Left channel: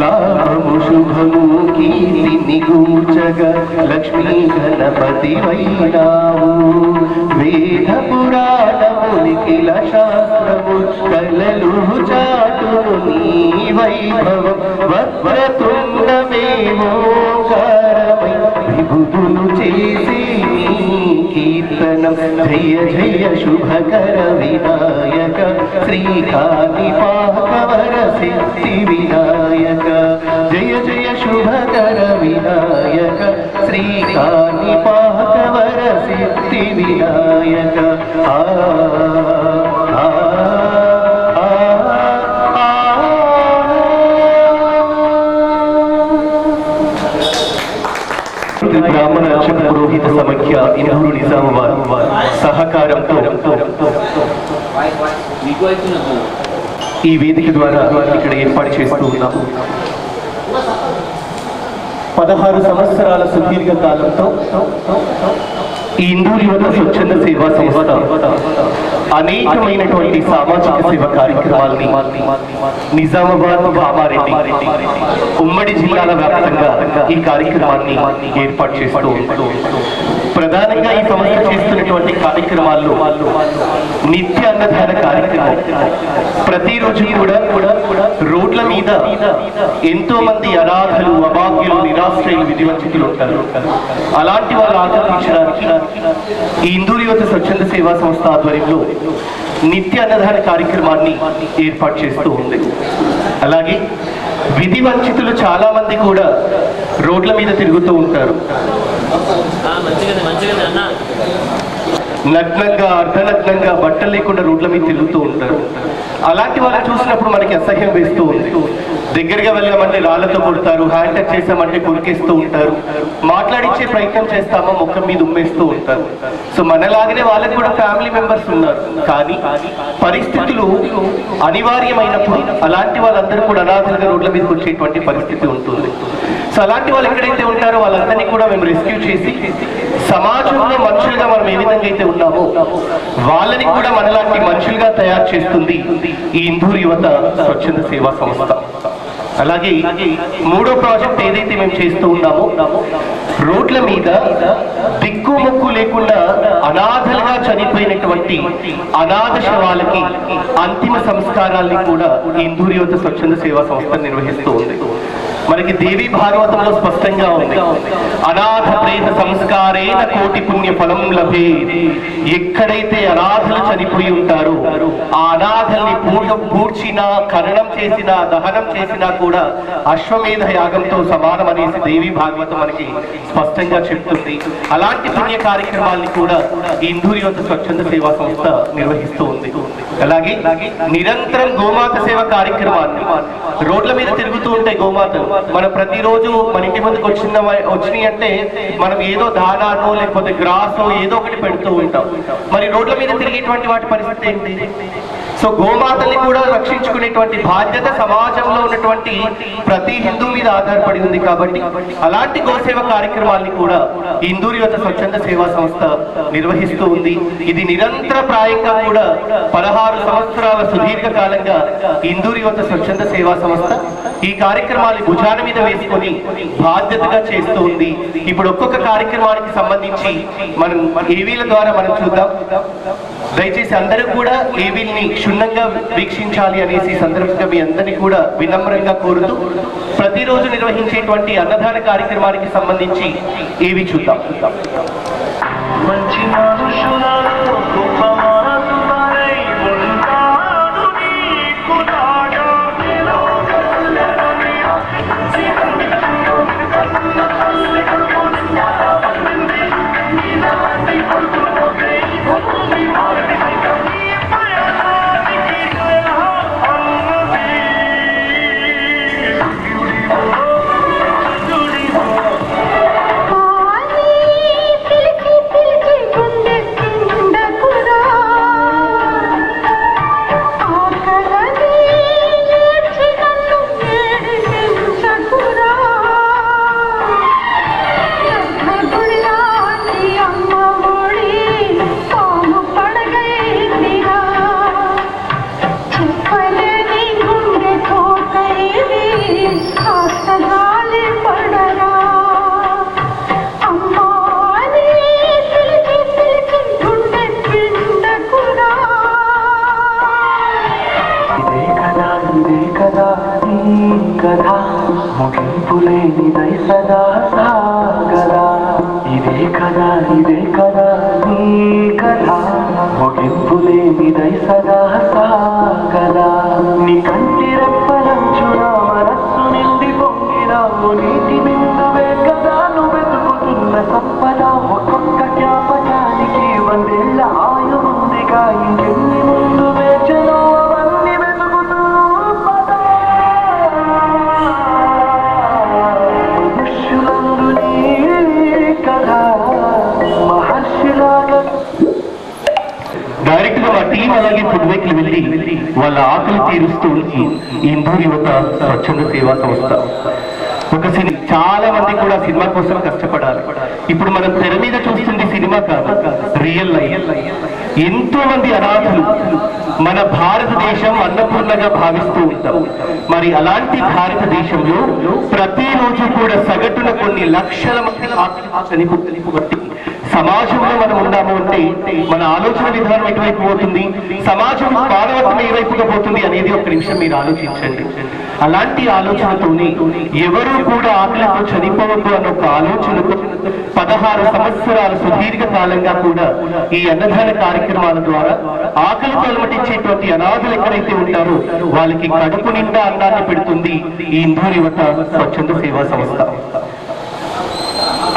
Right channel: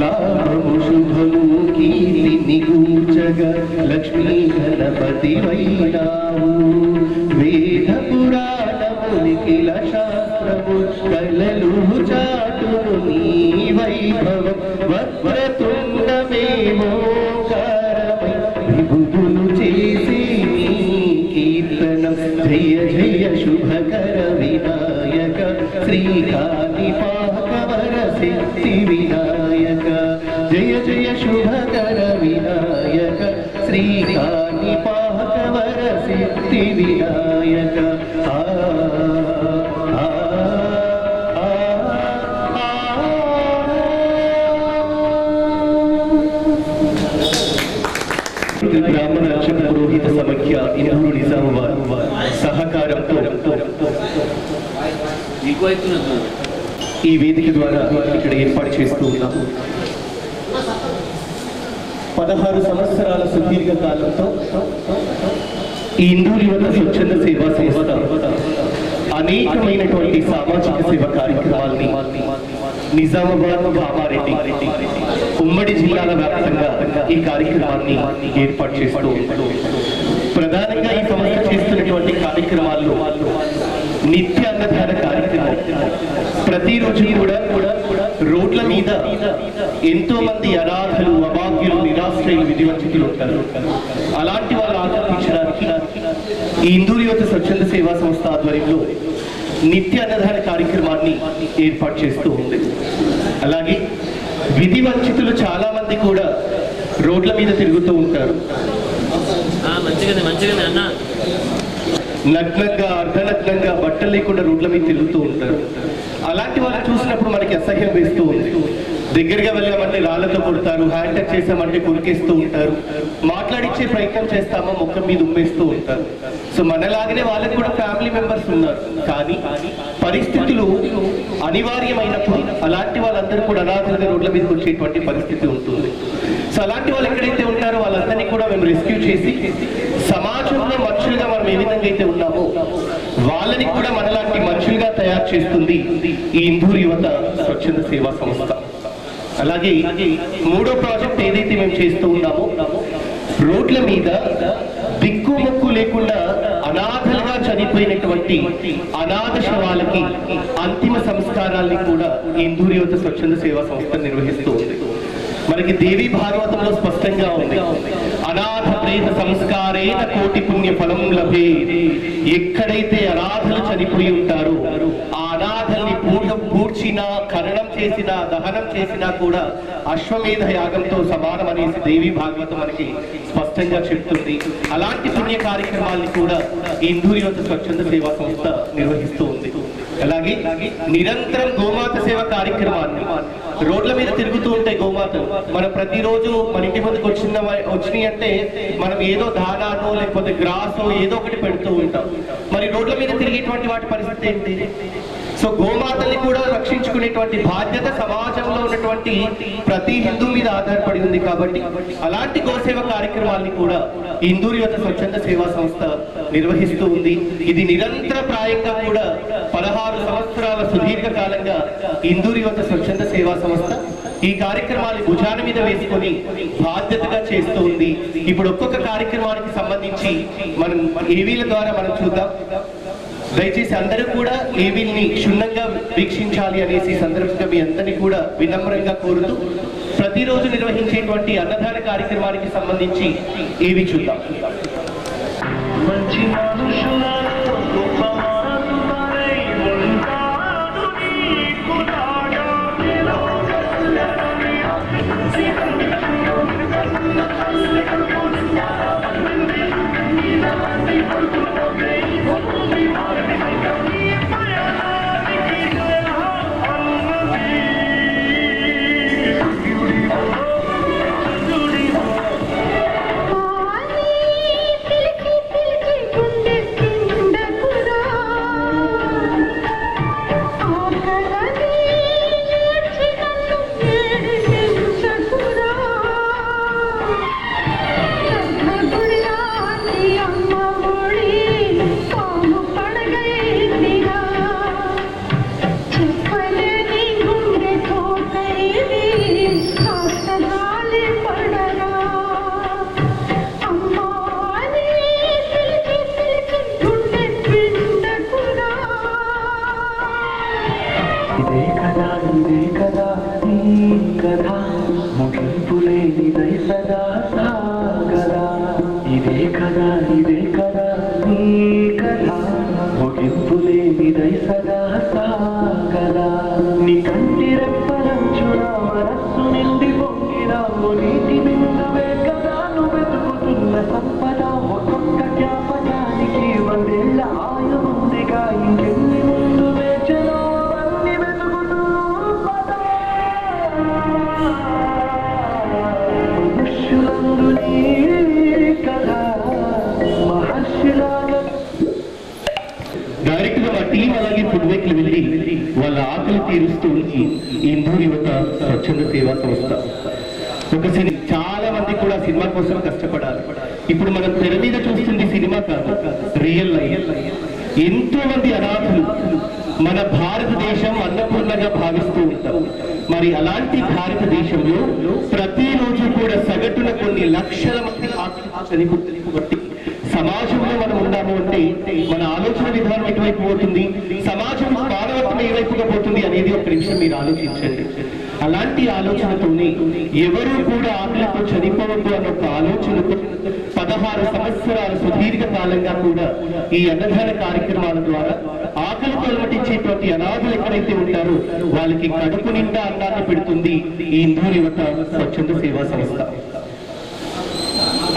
లాభము శుభము కీర్తిని గూర్చగా లక్ష్మీ గణపతి వైనావు వేద పురాణమునికిల శాస్త్రము కలలు చాటును నీ వైభవం వక్రతుండమేమోకారమై విభుదులు చేసి కీర్తనం జయ జయ శుభకర వినాయక శ్రీకాణిపాకవర సిద్ధి వినాయక జయ జయ శుభకర వినాయక శ్రీకాణిపాకవర సిద్ధి వినాయక బ్రాహ్మణ అర్చక పురోహిత సమైక్య ఇందూరు నిజామాబాద్ సహకారంతో ఈ వేదిక ద్వారా ఇక్కడ ఏర్పాటు చేస్తూ ఉన్నాము. 16 సంవత్సరాల సుదీర్ఘ కాలంతో ఈ ఇందూరు యువత స్వచ్ఛంద సేవా సంస్థ అనేకమైనటువంటి సామాజిక సేవ కార్యక్రమాలని నిజామాబాద్, కామారెడ్డి ఉమ్మడి జిల్లాల వ్యాప్తంగా ఈ కార్యక్రమాన్ని ఏర్పాటు చేస్తూ ఉంటారు. ప్రధానంగా ఈ సంస్థ చేస్తున్నటువంటి కార్యక్రమాల్లో నిత్య అన్నదాన కార్యక్రమం. ప్రతిరోజు కూడా రోడ్ల మీద ఎంతో మంది అనాథలు, అభాగ్యులు, నిరాశ్రయులు, విధివంచితులు ఉంటారు. అలాంటి వాళ్ళు ఆకర్షించడానికి ఈ ఇందూరు యువత స్వచ్ఛంద సేవా సంస్థ ఆధ్వర్యంలో నిత్య అన్నదాన కార్యక్రమాన్ని ఏర్పాటు చేస్తూ ఉంది. అలాగే విధి వంచితులు చాలా మంది కూడా రోడ్ల మీద తిరుగుతూ ఉంటారు. నగ్నంగా, అర్ధనగ్నంగా, బట్టలు లేకుండా రోడ్ల మీద తిరుగుతూ ఉంటారు. అలాంటి వాళ్ళని చూసినప్పుడు మనకి అసహ్యం వేస్తూ ఉంది. దగ్గరగా వెళ్ళామంటే రాళ్లతో కొడతారు, హ్యాండ్ టచ్ చేసామంటే కొరికేస్తూ ఉంటారు, మాట్లాడించే ప్రయత్నం చేస్తామో ముఖం మీద ఉమ్మేస్తూ ఉంటారు. సో మనలాగనే వాళ్ళకి కూడా ఫ్యామిలీ మెంబర్స్ ఉన్నారు. కానీ పరిస్థితులు అనివార్యమైనప్పుడు అలాంటి వాళ్ళందరూ కూడా అనాథలుగా రోడ్ల మీదకి వచ్చేటువంటి పరిస్థితి ఉంటుంది. సో అలాంటి వాళ్ళు ఎక్కడైతే ఉంటారో వాళ్ళందరినీ కూడా మేము రెస్క్యూ చేసి సమాజంలో మనుషులుగా మనం ఏ విధంగా అయితే ఉన్నామో వాళ్ళని కూడా మనలాంటి మనుషులుగా తయారు చేస్తుంది ఈ ఇందూరు యువత స్వచ్ఛంద సేవా సంస్థ. అలాగే 3వ ప్రాజెక్ట్ ఏదైతే మేము చేస్తూ ఉన్నామో, రోడ్ల మీద దిక్కు మొక్కు లేకుండా అనాథలుగా చనిపోయినటువంటి అనాథ శవాలకి అంతిమ సంస్కారాల్ని కూడా ఇందూరు యువత స్వచ్ఛంద సేవా సంస్థ నిర్వహిస్తూ ఉంది. మనకి దేవి భాగవతంలో స్పష్టంగా ఉంది, అనాథ ప్రేత సంస్కారేణ కోటి పుణ్య ఫలం లభే. ఎక్కడైతే అనాథలు చనిపోయి ఉంటారో ఆ అనాథల్ని పూడ్చినా, ఖననం చేసినా, దహనం చేసినా కూడా అశ్వమేధ యాగంతో సమానం అనేసి దేవి భాగవతం మనకి స్పష్టంగా చెప్తుంది. అలాంటి పుణ్య కార్యక్రమాల్ని కూడా ఈ ఇందూరు యువత స్వచ్ఛంద సేవా సంస్థ నిర్వహిస్తూ ఉంది. అలాగే నిరంతరం గోమాత సేవ కార్యక్రమాన్ని, రోడ్ల మీద తిరుగుతూ ఉంటాయి గోమాతలు. మనం ప్రతిరోజు మన ఇంటి ముందుకు వచ్చినాయి అంటే మనం ఏదో దానానో లేకపోతే గ్రాసో ఏదో ఒకటి పెడుతూ ఉంటాం. మరి రోడ్ల మీద తిరిగేటువంటి వాటి పరిస్థితి ఏంటి? సో గోమాతల్ని కూడా రక్షించుకునేటువంటి బాధ్యత సమాజంలో ఉన్నటువంటి ప్రతి హిందూ మీద ఆధారపడి ఉంది. కాబట్టి అలాంటి గోసేవ కార్యక్రమాల్ని కూడా ఇందూరు యువత స్వచ్ఛంద సేవా సంస్థ నిర్వహిస్తూ ఉంది. ఇది నిరంతర ప్రాయంగా కూడా 16 సంవత్సరాల సుదీర్ఘ కాలంగా ఇందూరు యువత స్వచ్ఛంద సేవా సంస్థ ఈ కార్యక్రమాన్ని భుజాన మీద వేసుకొని బాధ్యతగా చేస్తూ ఉంది. ఇప్పుడు ఒక్కొక్క కార్యక్రమానికి సంబంధించి మనం ఏవీల ద్వారా మనం చూద్దాం. దయచేసి అందరూ కూడా ఏవీల్ని క్షుణ్ణంగా వీక్షించాలి అనేసి సందర్భంగా మీ అందరినీ కూడా వినమ్రంగా కోరుతూ ప్రతిరోజు నిర్వహించేటువంటి అన్నదాన కార్యక్రమానికి సంబంధించి ఏవి చూద్దాం. పిలిచి ఇదే కదా నీ కథ ముగింపు లేనిదై సదా సాగదా ఇదే కదా నీ కథ ముగింపు లేనిదై సదా సాగదా నీ కంటి రెప్పలంచున మనస్సు నిండి పొంగిన నీటి బిందువే కదా నువ్వు వెతుకుతున్న సంపద ఒక్కొక్క జ్ఞాపకానికి వందేళ్ల ఆయువుందిగా ఇంకెన్ని ముందు వేచనో అవన్నీ వెతుకుతూ మనుష్యులందు నీ కథ మహర్షిలాగా. డైరెక్ట్ గా మా టీం అలాగే ఫుడ్ వేక్ వెళ్ళి వాళ్ళ ఆకలి తీరుస్తూ ఇందూరు యువత స్వచ్ఛంద సేవా సంస్థ ఒక సినిమా చాలా మంది కూడా సినిమా కోసం కష్టపడాలి. ఇప్పుడు మనం తెర మీద చూస్తుంది సినిమా కాదు, రియల్ లైఫ్. ఎంతో మంది అనాథులు మన భారతదేశం అన్నపూర్ణగా భావిస్తూ ఉంటాం. మరి అలాంటి భారతదేశంలో ప్రతిరోజు కూడా సగటున కొన్ని లక్షల మంది చనిపోతుంది. సమాజంలో మనం ఉన్నాము అంటే మన ఆలోచన విధానం ఎటువైపు పోతుంది, సమాజం మానవత్వం ఏ వైపుగా పోతుంది అనేది ఒక నిమిషం మీరు ఆలోచించండి. అలాంటి ఆలోచనతోనే ఎవరు కూడా ఆకలితో చనిపోవద్దు అన్న ఒక ఆలోచనతో 16 సంవత్సరాల సుదీర్ఘ కాలంగా కూడా ఈ అన్నదాన కార్యక్రమాల ద్వారా ఆకలితో అలమటించేటువంటి అనాథులు ఎక్కడైతే ఉంటారో వాళ్ళకి కడుపు నిండా అన్నాన్ని పెడుతుంది ఈ ఇందూరు యువత స్వచ్ఛంద సేవా సంస్థ.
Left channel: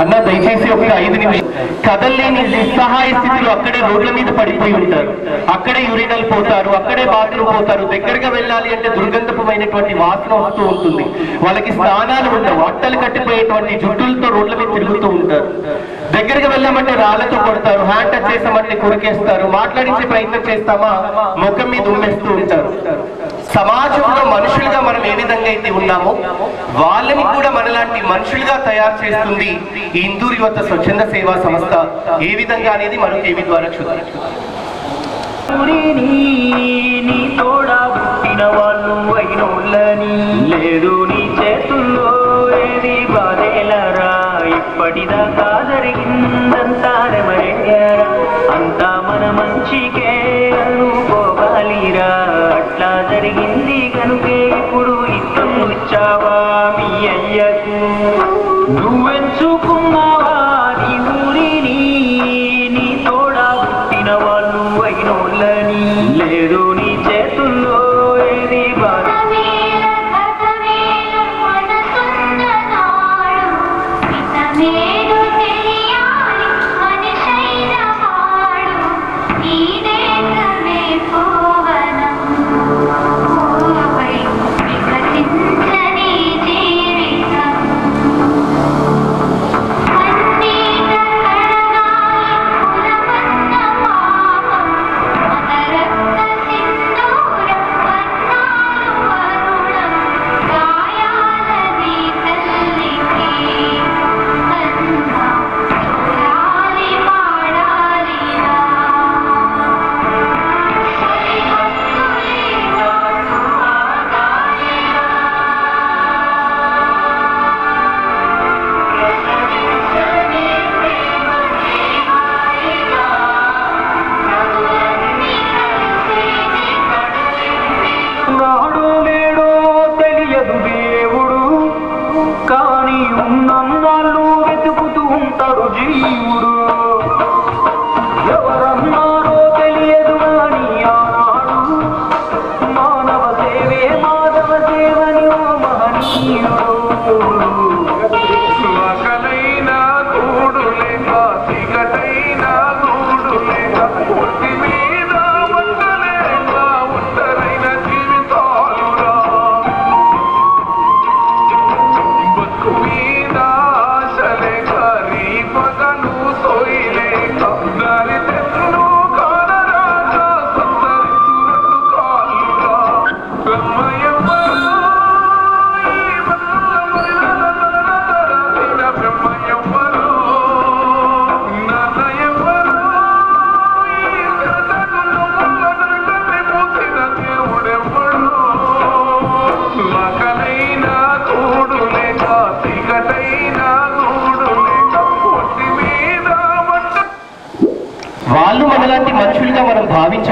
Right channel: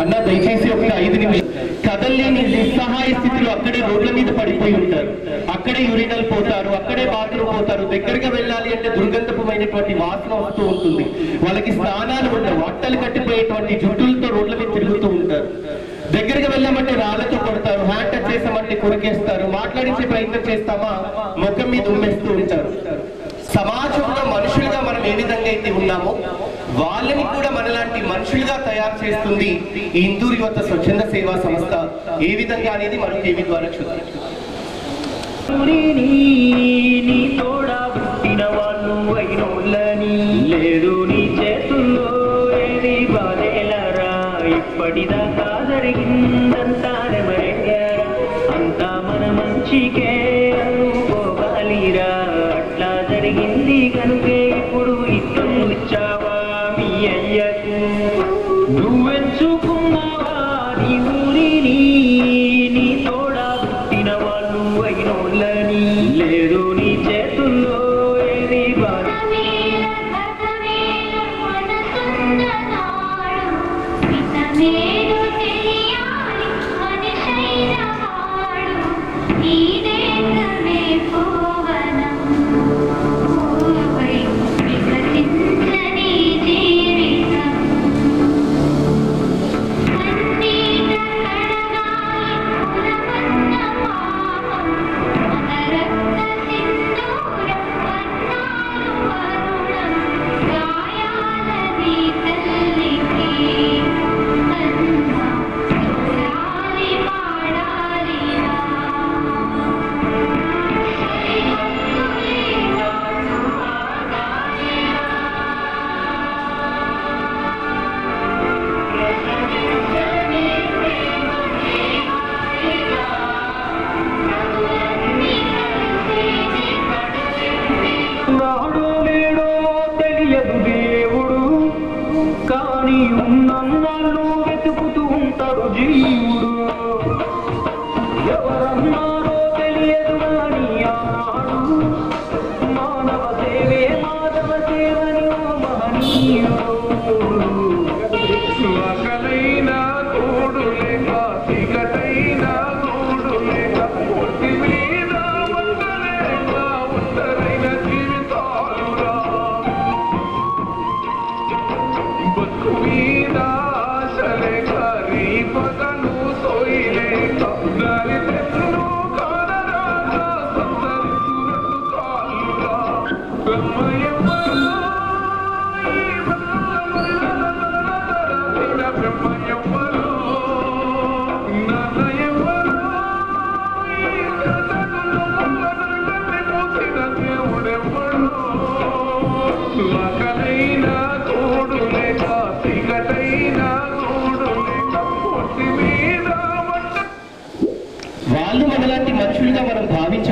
అన్న దయచేసి ఒక 5 నిమిషాలు. కదల్లేని నిస్సహాయ స్థితిలో అక్కడే రోడ్ల మీద పడిపోయి ఉంటారు, అక్కడే యూరినల్ పోతారు, అక్కడే బాత్రూమ్ పోతారు. దగ్గరగా వెళ్ళాలి అంటే దుర్గంధమైనటువంటి వాసన వస్తూ ఉంటుంది. వాళ్ళకి స్నానాలు ఉండవు, అట్టలు కట్టిపోయేటువంటి జుట్టులతో రోడ్ల మీద తిరుగుతూ ఉంటారు. దగ్గరగా వెళ్ళామంటే రాళ్లతో కొడతారు, హ్యాండ్ టచ్ చేసామంటే కొరికేస్తారు, మాట్లాడించే ప్రయత్నం చేస్తామా ముఖం మీద ఉమ్మేస్తూ ఉంటారు. సమాజంలో మనుషులుగా మనం ఏ విధంగా అయితే ఉన్నామో వాళ్ళని కూడా మనలాంటి మనుషులుగా తయారు చేస్తుంది ఈ ఇందూరు యువత స్వచ్ఛంద సేవా సంస్థ. ఏ విధంగా అనేది మనకు ఏమి ద్వారా చూద్దాం. నీ తోడా పుట్టిన వాళ్ళు అయినోళ్ళని లేదు నీ చేతుల్లో ఏది బాధేలరా ఇప్పటిదాకా జరిగిందంతా మరేరా అంతా మన మంచికే అనుకోవాలిరా అట్లా జరిగింది కనుకే ఇప్పుడు ఇష్టం ఇచ్చావా మీ అయ్యకు నువ్వెంచుకున్నావా నీ ఊరిని నీ తోడా పుట్టిన వాళ్ళు అయినోళ్ళని లేదు నీ చేతుల్లో ఏది బాధ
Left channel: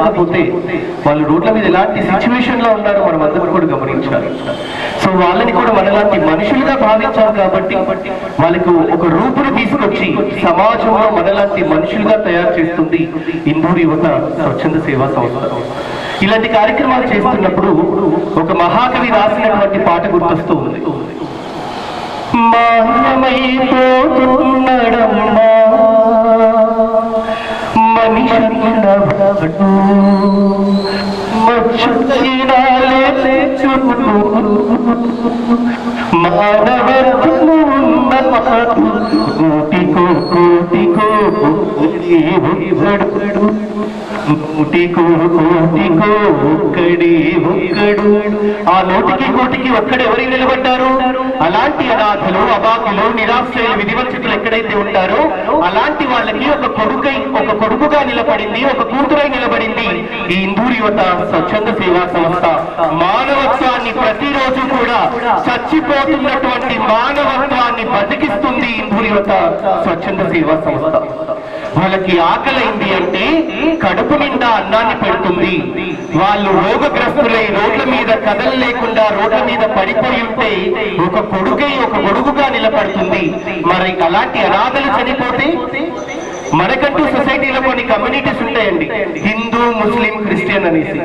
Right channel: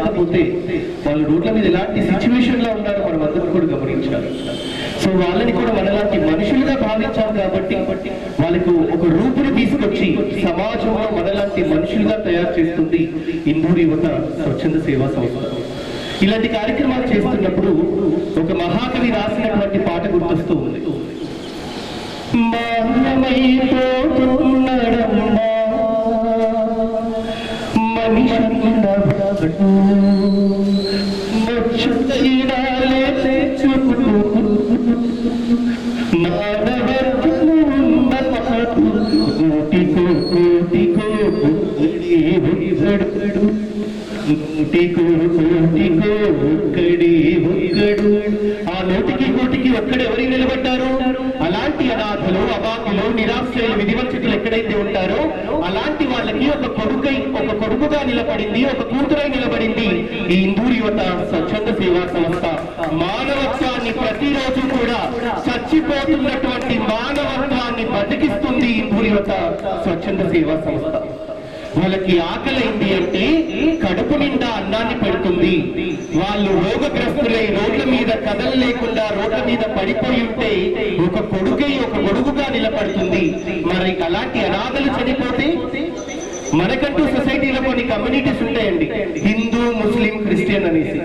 భావించకపోతే వాళ్ళు రోడ్ల మీద ఎలాంటి సిచ్యువేషన్ లో ఉన్నారో మనం అందరం కూడా గమనించాలి. సో వాళ్ళని కూడా మనలాంటి మనుషులుగా భావించాలి కాబట్టి వాళ్ళకు ఒక రూపును తీసుకొచ్చి సమాజంలో మనలాంటి మనుషులుగా తయారు చేస్తుంది ఇందూరు యువత స్వచ్ఛంద సేవా సంస్థ. ఇలాంటి కార్యక్రమాలు చేస్తున్నప్పుడు ఒక మహాకవి రాసినటువంటి పాట గుర్తొస్తూ ఉంది. మాయమైపోతున్నడమ్మా మనిషి మానవర్గము కోటికో కోటికో నూటికో కోటికో ఒక్కడే ఒక్కడు. ఆ నూటికి కోటికి ఒక్కడు ఎవరికి నిలబడ్డారు? అలాంటి అనాథలు, అభాగ్యులు, నిరాశ్రయులు, విధివంచితులు ఎక్కడైతే ఉంటారో అలాంటి వాళ్ళకి ఒక కొడుకుగా నిలబడింది, ఒక కూతురై నిలబడింది ఈ ఇందూరు యువత స్వచ్ఛంద సేవా సంస్థ. మానవత్వాన్ని ప్రతిరోజు కూడా చచ్చిపోతున్నటువంటి మానవత్వాన్ని బతికిస్తుంది ఇందూరు యువత స్వచ్ఛంద సేవా సంస్థ. వాళ్ళకి ఆకలైంది అంటే కడుపు నిండా అన్నాన్ని పెడుతుంది. వాళ్ళు రోగగ్రస్తులై రోడ్ల మీద కదలలేకుండా రోడ్ల మీద పడిపోయి ఉంటే ఒక గొడుగుగా నిలబడుతుంది. మరి అలాంటి అనాథలు చనిపోతే మనకంటూ సొసైటీలో కొన్ని కమ్యూనిటీస్ ఉంటాయండి, హిందూ, ముస్లిం, క్రిస్టియన్ అనేసి.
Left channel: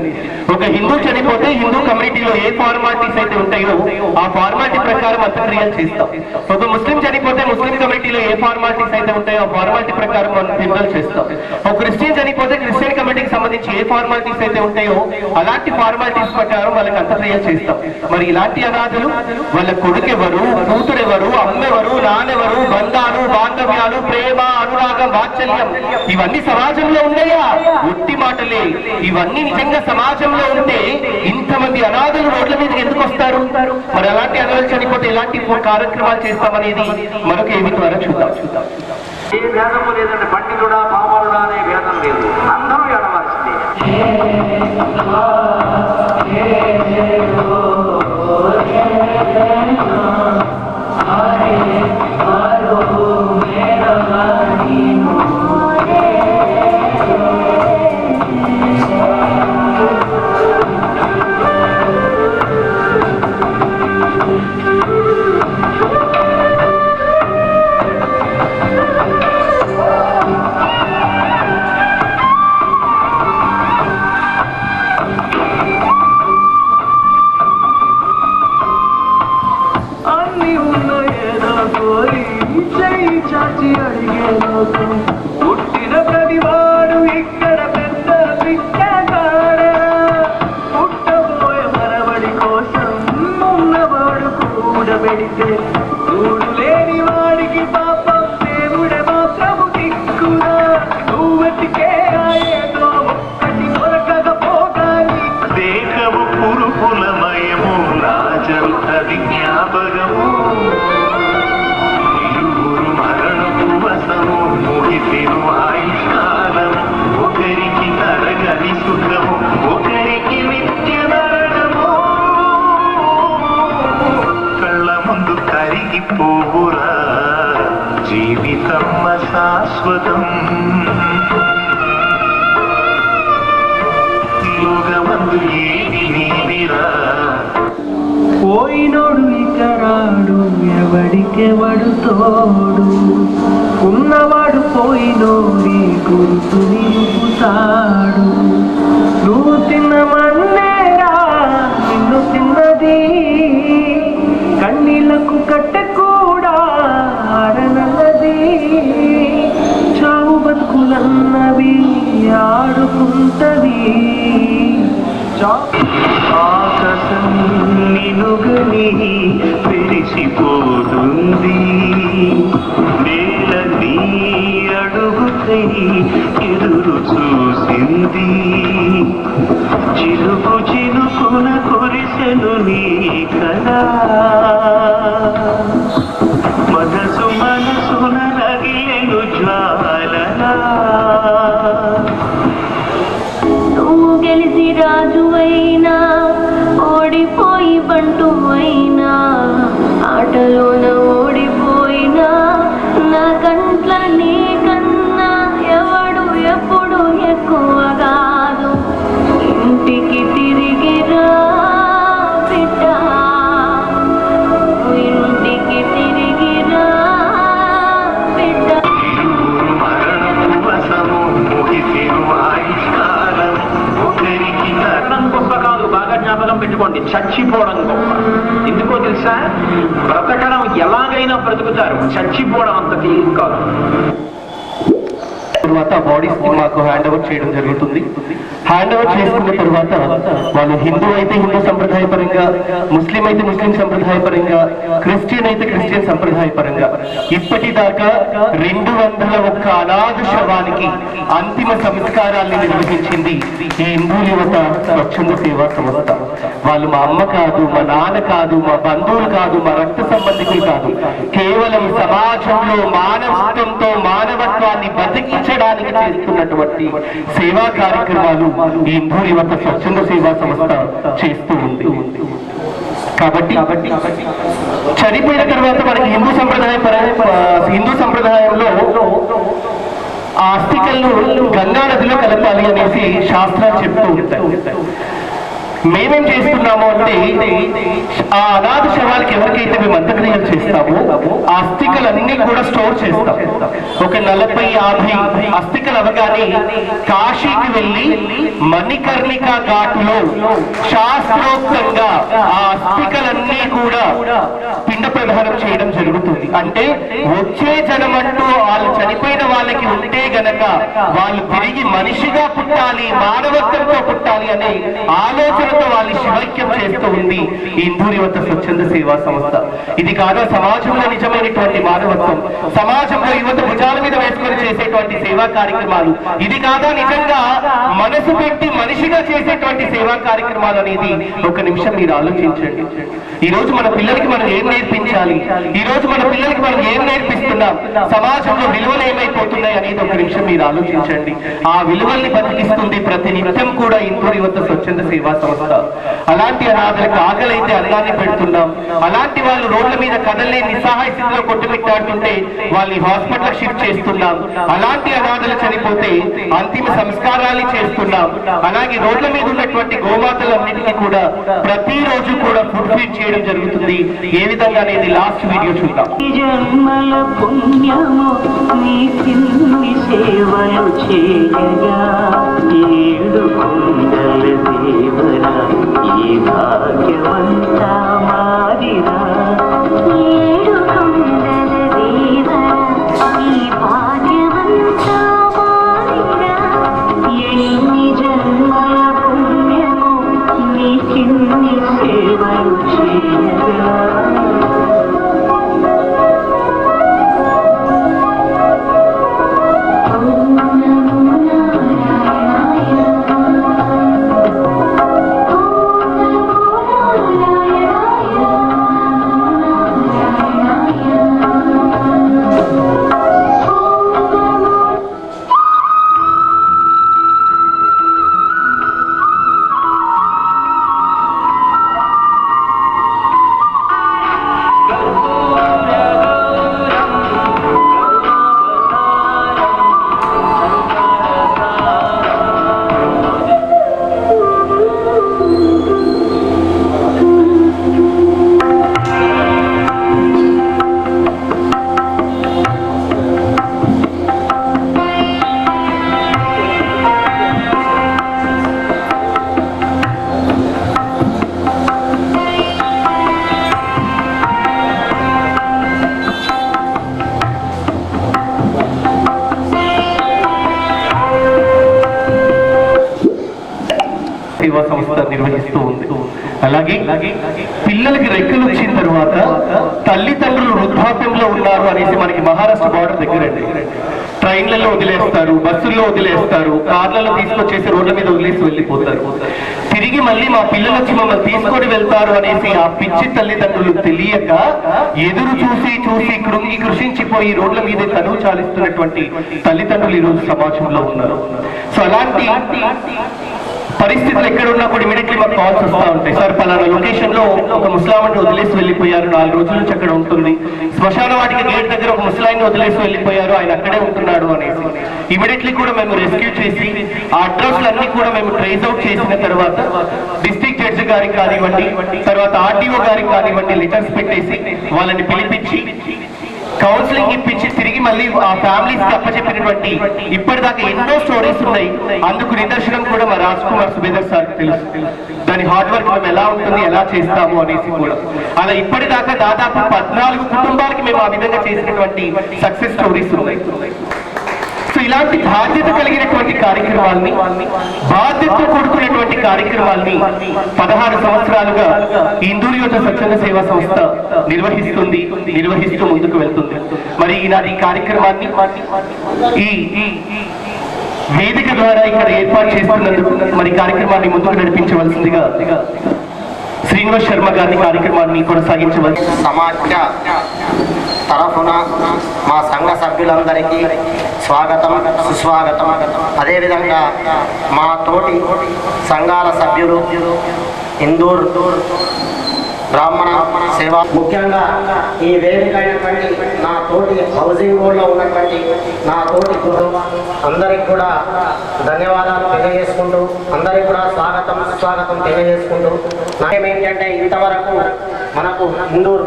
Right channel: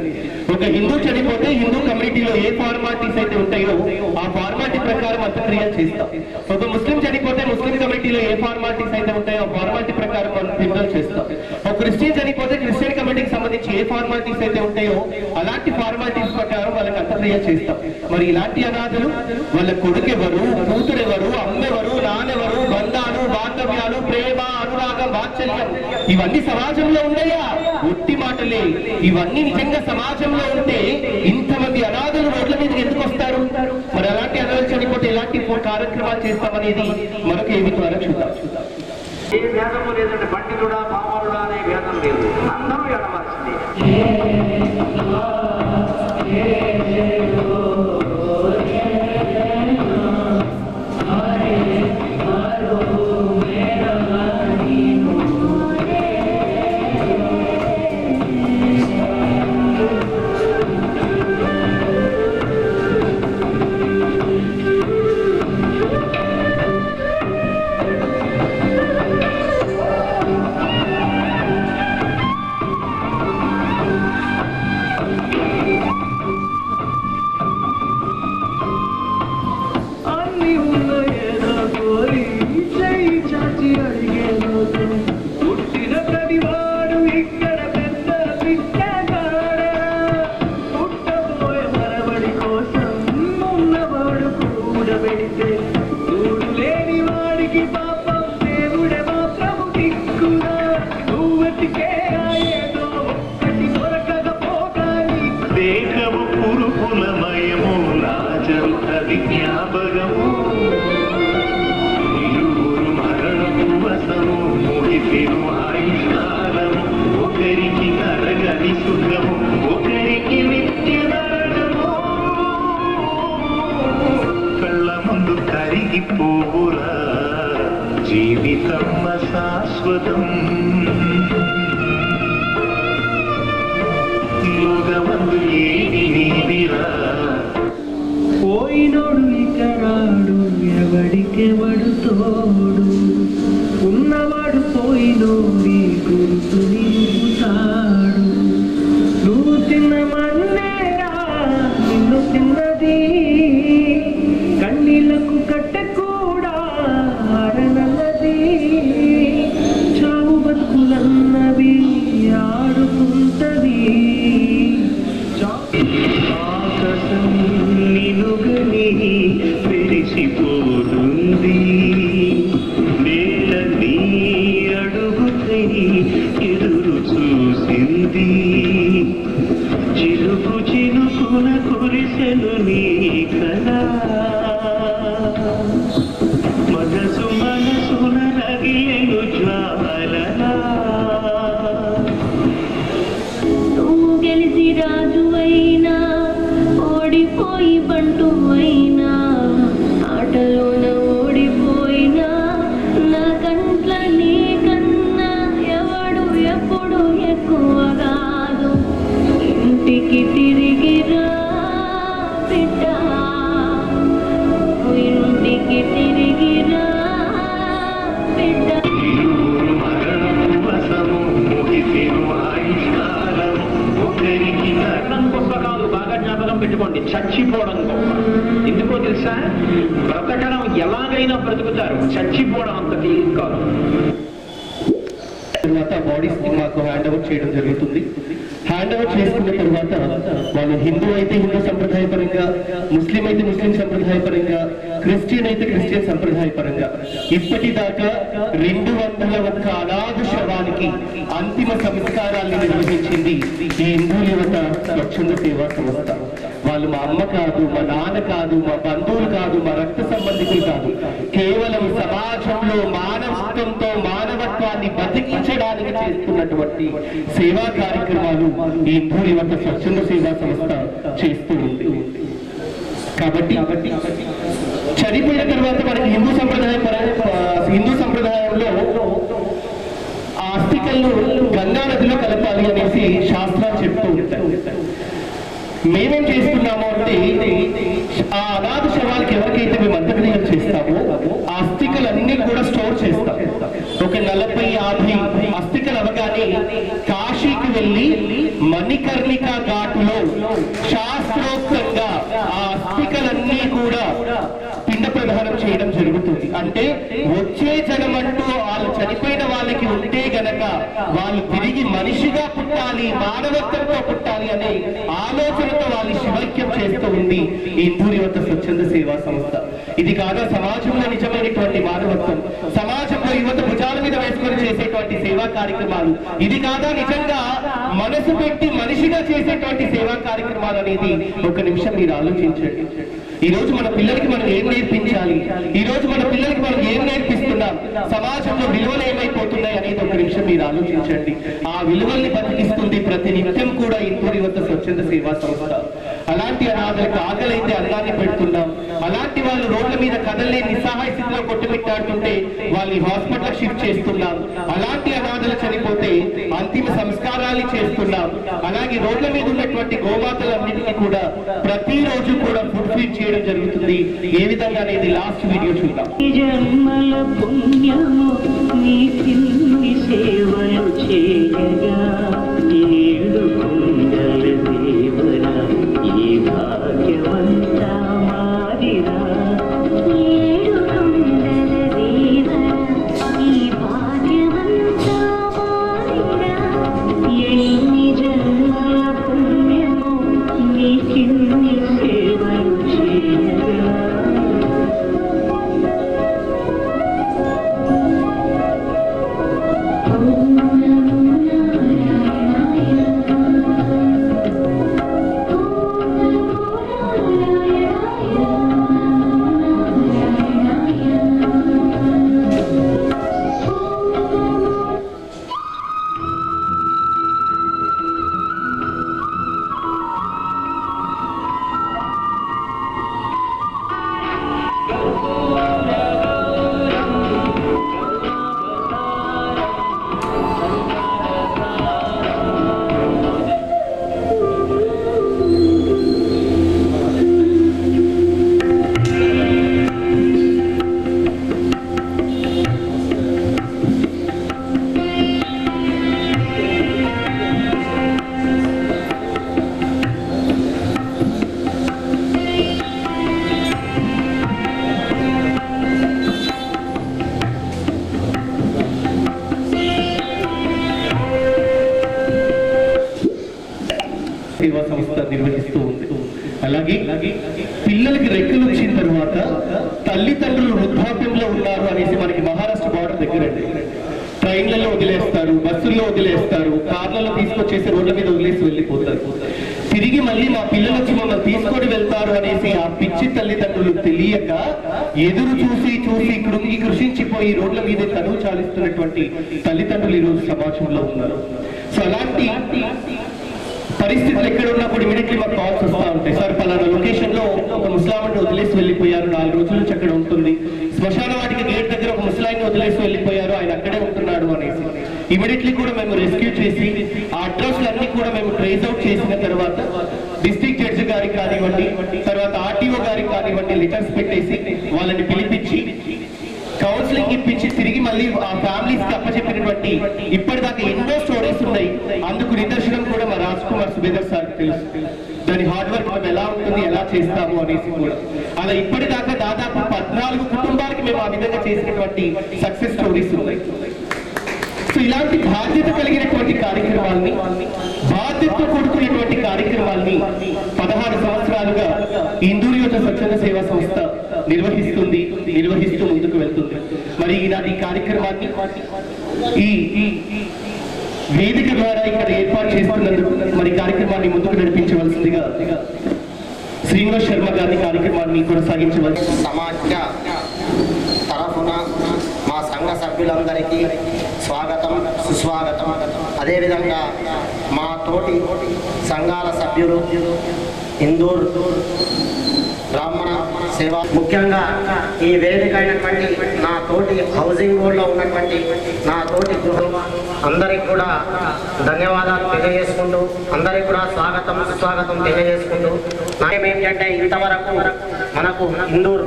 ఒక హిందూ చనిపోతే హిందూ కమ్యూనిటీలో ఏ ఫార్మాలిటీస్ అయితే ఉంటాయో ఆ ఫార్మాలిటీ ప్రకారం అంత్యక్రియలు చేస్తాం. ఒక ముస్లిం చనిపోతే ముస్లిం కమ్యూనిటీలో ఏ ఫార్మాలిటీస్ అయితే ఉంటాయో ఆ ఫార్మాలిటీ ప్రకారం మనం ఫిందలు చేస్తాం. ఒక క్రిస్టియన్ చనిపోతే క్రిస్టియన్ కమ్యూనిటీకి సంబంధించి ఏ ఫార్మాలిటీస్ అయితే ఉంటాయో అలాంటి ఫార్మాలిటీస్ ప్రకారం వాళ్ళకి అంత్యక్రియలు చేస్తాం. మరి ఇలాంటి అనాథలు వాళ్ళ కొడుకెవరు, కూతురెవరు, అమ్మెవరు, నాన్నెవరు, బంధాలు, బాంధవ్యాలు, ప్రేమ, అనురాగం, వాత్సల్యం ఇవన్నీ సమాజంలో ఉన్నాయా? ఒట్టి మాటలే. ఇవన్నీ నిజంగా సమాజంలో ఉంటే ఇంతమంది అనాథలు రోడ్ల మీదకి ఎందుకు వస్తారు? మరి అలాంటి అనాథలు చనిపోతే ఎలాంటి కార్యక్రమాలు చేస్తామనేది మరొక ఏమి ద్వారా చూద్దాం. ఏ భేదము లేదండి, పండితుడా పామరుడా అనే భేదం లేదు, అందరూ ఎడవలసిందే. పుట్టిన ప్రతివాడు ఇక్కడ పెద్ద పిచ్చగాడ, పుట్టబోయే మనవడి కోసం ఉన్నవాడు కూడబెడితే చూడు లేని వాడికి పాపం దేవుడే మాత్రము దిక్కుగా. నువ్వెతికే ఏదో ఒక్కటి దొరకకపోగాని దేహము పురుకులమయము రాజంత విజ్ఞాపకము ఆయుష్కాలము ఒకరికి తరగని సుఖము ఒకరికి నిత్య మరణము. కళ్ళ ముందు కరిగిపోవురా జీవితం శాశ్వతం. యోగమందు ఏది నీదిరా, పోయినోడు ఇక రాడు, ఎవడికెవడు తోడు. ఉన్నవాడు పోయినోడి గుర్తు నిలుపుతాడు. నువ్వు తిన్న మన్నేరా నిన్ను తిన్నది, కన్నీళ్లకు కట్టె కూడా ఆరనన్నది. చావు బతుకులన్నవి ఆడుకుంటది. ఆకాశం నిలుగని పెరిసిపోతుంది, నేల నీ అడుగుకై ఎదురు చూసింది. చిలుకు చిలుకున కురిసెను నీ కదా, మనసున రగిలెను జ్వాలలా. నువ్వు గెలిచి రాజు అయినా ఓడిపోయి బంటు అయినా, ఆటలోన ఓడిపోయినా నా కంట్ల నీ కన్నా ఎవడు ఎప్పుడు ఎక్కువ కాదు. జ్ఞాపకం పెట్టుకోండి, చచ్చిపోవడం గొప్ప. ఎందుకో తెలుసా? బ్రతకడం ఎలాగైనా బ్రతుకుతారు, చచ్చిపోవడం అంత తేలిక కాదు. తర్వాత బాడీస్ కి మాకు హ్యాండ్ ఓవర్ చేయడం జరుగుతుంది. హ్యాండ్ ఓవర్ చేసుకున్న తర్వాత వాళ్ళు హిందూ అయితే హిందూ సంప్రదాయ పరంగా, ముస్లిం అయితే ముస్లిం సంప్రదాయ పరంగా, క్రిస్టియన్ అయితే క్రిస్టియన్ సంప్రదాయ పరంగా ఇప్పటిదాకా 201 అనాథ శవానికి అంతిమ సంస్కారాన్ని నిర్వహించింది ఈ హిందూ యువత స్వచ్ఛంద సేవా సంస్థ. వాళ్ళు మా అమ్మ కాదు, మా నాన్న కాదు, మా బంధువులు కాదు, మా రక్త సంబంధికులు కాదు, కేవలం సమాజంలో మానవత్వంతో మానవత్వాన్ని బతికించడానికి చేస్తున్నటువంటి సేవా కార్యక్రమాలు ఈ హిందూ యువత స్వచ్ఛంద సేవా సంస్థ చేస్తూ ఉంది. కాబట్టి చనిపోయిన తర్వాత మనకి హిందూ సంప్రదాయంలో ఆ అస్థికలను గంగా నదిలో కలపాలి అనేసి శాస్త్రాలు చెప్తూ ఉంటాయి. మేమేం చేస్తున్నాము అంటే ఆ అనాథ శవాలకి ఎవరికైతే మేము అంత్యక్రియలు చేస్తామో ఆ అస్థికలన్నీ కూడా స్టోర్ చేస్తాం. ఒక 40-50 అస్థికలు అవగానే కాశీకి వెళ్ళి మణికర్ణిక ఘాటులో శాస్త్రోక్తంగా ఆ అస్థికలన్నీ కూడా పిండ ప్రదానం చేయడం జరుగుతుంది. అంటే వచ్చే జనమంటూ వాళ్ళు చనిపోయిన వాళ్ళకి ఉంటే గనక వాళ్ళు తిరిగి మనిషిగా పుట్టాలి, మానవత్వంతో పుట్టాలి అనే ఆలోచనతో వాళ్ళు శివైక్యం చేస్తూ ఉంది ఈ హిందూ యువత స్వచ్ఛంద సేవా సంస్థ. ఇది కాదా సమాజంలో నిజమైనటువంటి మానవత్వం, సమాజంలో యువత భుజాల మీద వేసుకొని చేసేటువంటి సేవా కార్యక్రమాలు, ఇది కాదా నిజంగా మనసు పెట్టి మనిషిగా చేసేటువంటి సేవా కార్యక్రమాలు అనేది ఒక నిమిషం మీరు ఆలోచించండి. ఈ రోజు మన పిల్లలకి మనం ఏం నేర్పించాలి, ఈ రోజు మన పిల్లలకి మనం ఏం నేర్పిస్తున్నాం, సమాజంలో విలువలు ఏమైపోతున్నాయి అనేది ఒక నిమిషం మీరు ఆలోచించండి. ఆ విలువల్ని బతికిస్తుంది ప్రతి నిత్యం కూడా హిందూ యువత స్వచ్ఛంద సేవా సంస్థ. అలాంటి అనాథలకు ఆకలైతే అన్నాన్ని పెడుతున్నాం, అలాంటి వాళ్ళు రోడ్ల మీద కదలే నిస్సహాయ స్థితిలో కొట్టుమిట్టాడుతుంటే వాళ్ళని హాస్పిటల్ షిఫ్ట్ చేస్తున్నాం, అలాంటి అనాథలు చనిపోతే అంతిమ సంస్కారాలు చేస్తున్నాం. అలాగే రోడ్ల మీద ఉన్నటువంటి గోమాతలన్నిటికీ కూడా ప్రతిరోజు కూడా ఫుడ్ ఫీడ్ చేయడం జరుగుతుంది. ఏ విధంగా అనేది లాస్ట్ వీడియో చూద్దాం. జన్మల పుణ్యము నీకిన్ని సేవలు చేయగా ఏడు కొండల దేవరా ఈ భాగ్యవంతా మాదిరా. ఏడు కొండల దేవరా ఈ భాగ్యవంతా మాదిరా. ఎన్ని జన్మల పుణ్యము నీకిన్ని సేవలు చేయగా సేవా సంస్థ నిర్వహిస్తూ ఉంది. అలాగే పిల్లలకి రెక్కలు వచ్చిన తర్వాత తల్లిదండ్రులు వృద్ధాప్యంలో ఉన్నారు అనేసి మనకి మహారాష్ట్ర బార్డర్ దగ్గరండి. ట్రైన్లలో వదిలేస్తారు, బస్సుల్లో వదిలేస్తారు, కార్లలో తీసుకొచ్చేసి రోడ్ల మీద వదిలేసి వెళ్ళిపోతారు. తిరిగి మళ్ళీ మా పిల్లలు వచ్చి మమ్మల్ని తీసుకొని వెళ్తారు అనేసి ఆ పిచ్చి తల్లిదండ్రులు తెలియక ఎదురు చూసి చూసి కృంగి కృషించిపోయి రోడ్ల మీద తనువు చాలిస్తున్నటువంటి తల్లిదండ్రులు ఈ రోజు సమాజంలో ఉన్నారు. సో అలాంటి పరిస్థితులు ఎక్కడ ఉన్నప్పుడు ఇమీడియట్లీ మాకు కాల్స్ వస్తూ ఉంటాయి. సార్ పలానా లొకేషన్ లో ఒక ముస్లాంని వదిలేసి వెళ్ళిపోయారు, 4 రోజుల నుంచి అక్కడ ఉంటుంది. శ్మశాన వాటికి గేట్ దగ్గర ఒక ముస్లాంని వదిలేసి వెళ్ళిపోయారు, ఆయన అక్కడే ఉంటున్నాడు అనేసి ఇమీడియట్లీ కూడా మేము రెస్క్యూ చేసి ఆ అడ్రస్లన్నీ కూడా మేము ట్రేస్ అవుట్ చేసిన తర్వాత డిస్ట్రిక్ట్ జడ్జి గారికి కానివ్వండి, తర్వాత ఆర్టీఓ గారికి కానివ్వండి లెటర్స్ పెట్టేసి వాళ్ళని పిలిపించి కౌన్సిలింగ్ ఇప్పించి తిరిగి మళ్ళీ ఆ ఫ్యామిలీస్ కి అప్పచెప్పినటువంటి ఇప్పటిదాకా ఎన్నో స్టోరీస్ ఉన్నాయి. అందుకు నిదర్శనం కూడా మా రాజ్ కుమార్ సుబేదర్ సార్ తెలుసు. దాని హార్డ్ వర్క్ మేము ఎలా ఉంటుంది, ఎలా చేస్తాము అనేసి కూడా. అలా ఇప్పటిదాకా దాదాపు 14 కుటుంబాలకి మేము ఆ విధంగా చేసినటువంటి సక్సెస్ స్టోరీస్ ఉన్నాయి. సో ఇలాంటి బాధ్యత కలిగినటువంటి కార్యక్రమాల్ని, బాధ్యతతో కూడుకున్నటువంటి కార్యక్రమాల్ని 16 సంవత్సరాలుగా ఇందూరు యువత స్వచ్ఛంద సేవా సంస్థ నిర్వహిస్తూ ముందుకు వెళ్తుంది. మరి ఈనాటి కార్యక్రమాన్ని ఈ వేదిక ద్వారా ఇక్కడ ఏర్పాటు చేస్తున్నందుకు మరి కార్యక్రమాన్ని ముందుకు నడిపించవలసిందిగా శ్రీనివాస్ శర్మ గారిని కార్యక్రమాన్ని కొనసాగించవలసి. సమాఖ్య తరఫున మా సంఘ సభ్యులందరికీ స్వాగతం, సుస్వాగతం. అదేవిధంగా మా తోటి సంఘాల సభ్యులు ఇందూర్ బ్రాహ్మణ సేవ, ముఖ్యంగా ఈ వేదిక అయినటువంటి నా తోటి హౌసింగ్ బోర్డులో ఉన్నటువంటి నా తోటి గృహం అందరికి కూడా ధన్యవాదాలు తెలియజేసుకుంటూ, అందరికి కూడా స్వాగతం సుస్వాగతం తెలియజేసుకుంటూ, నాకేమేంటంటే ఇంతవరకు మనకు ఇందూర్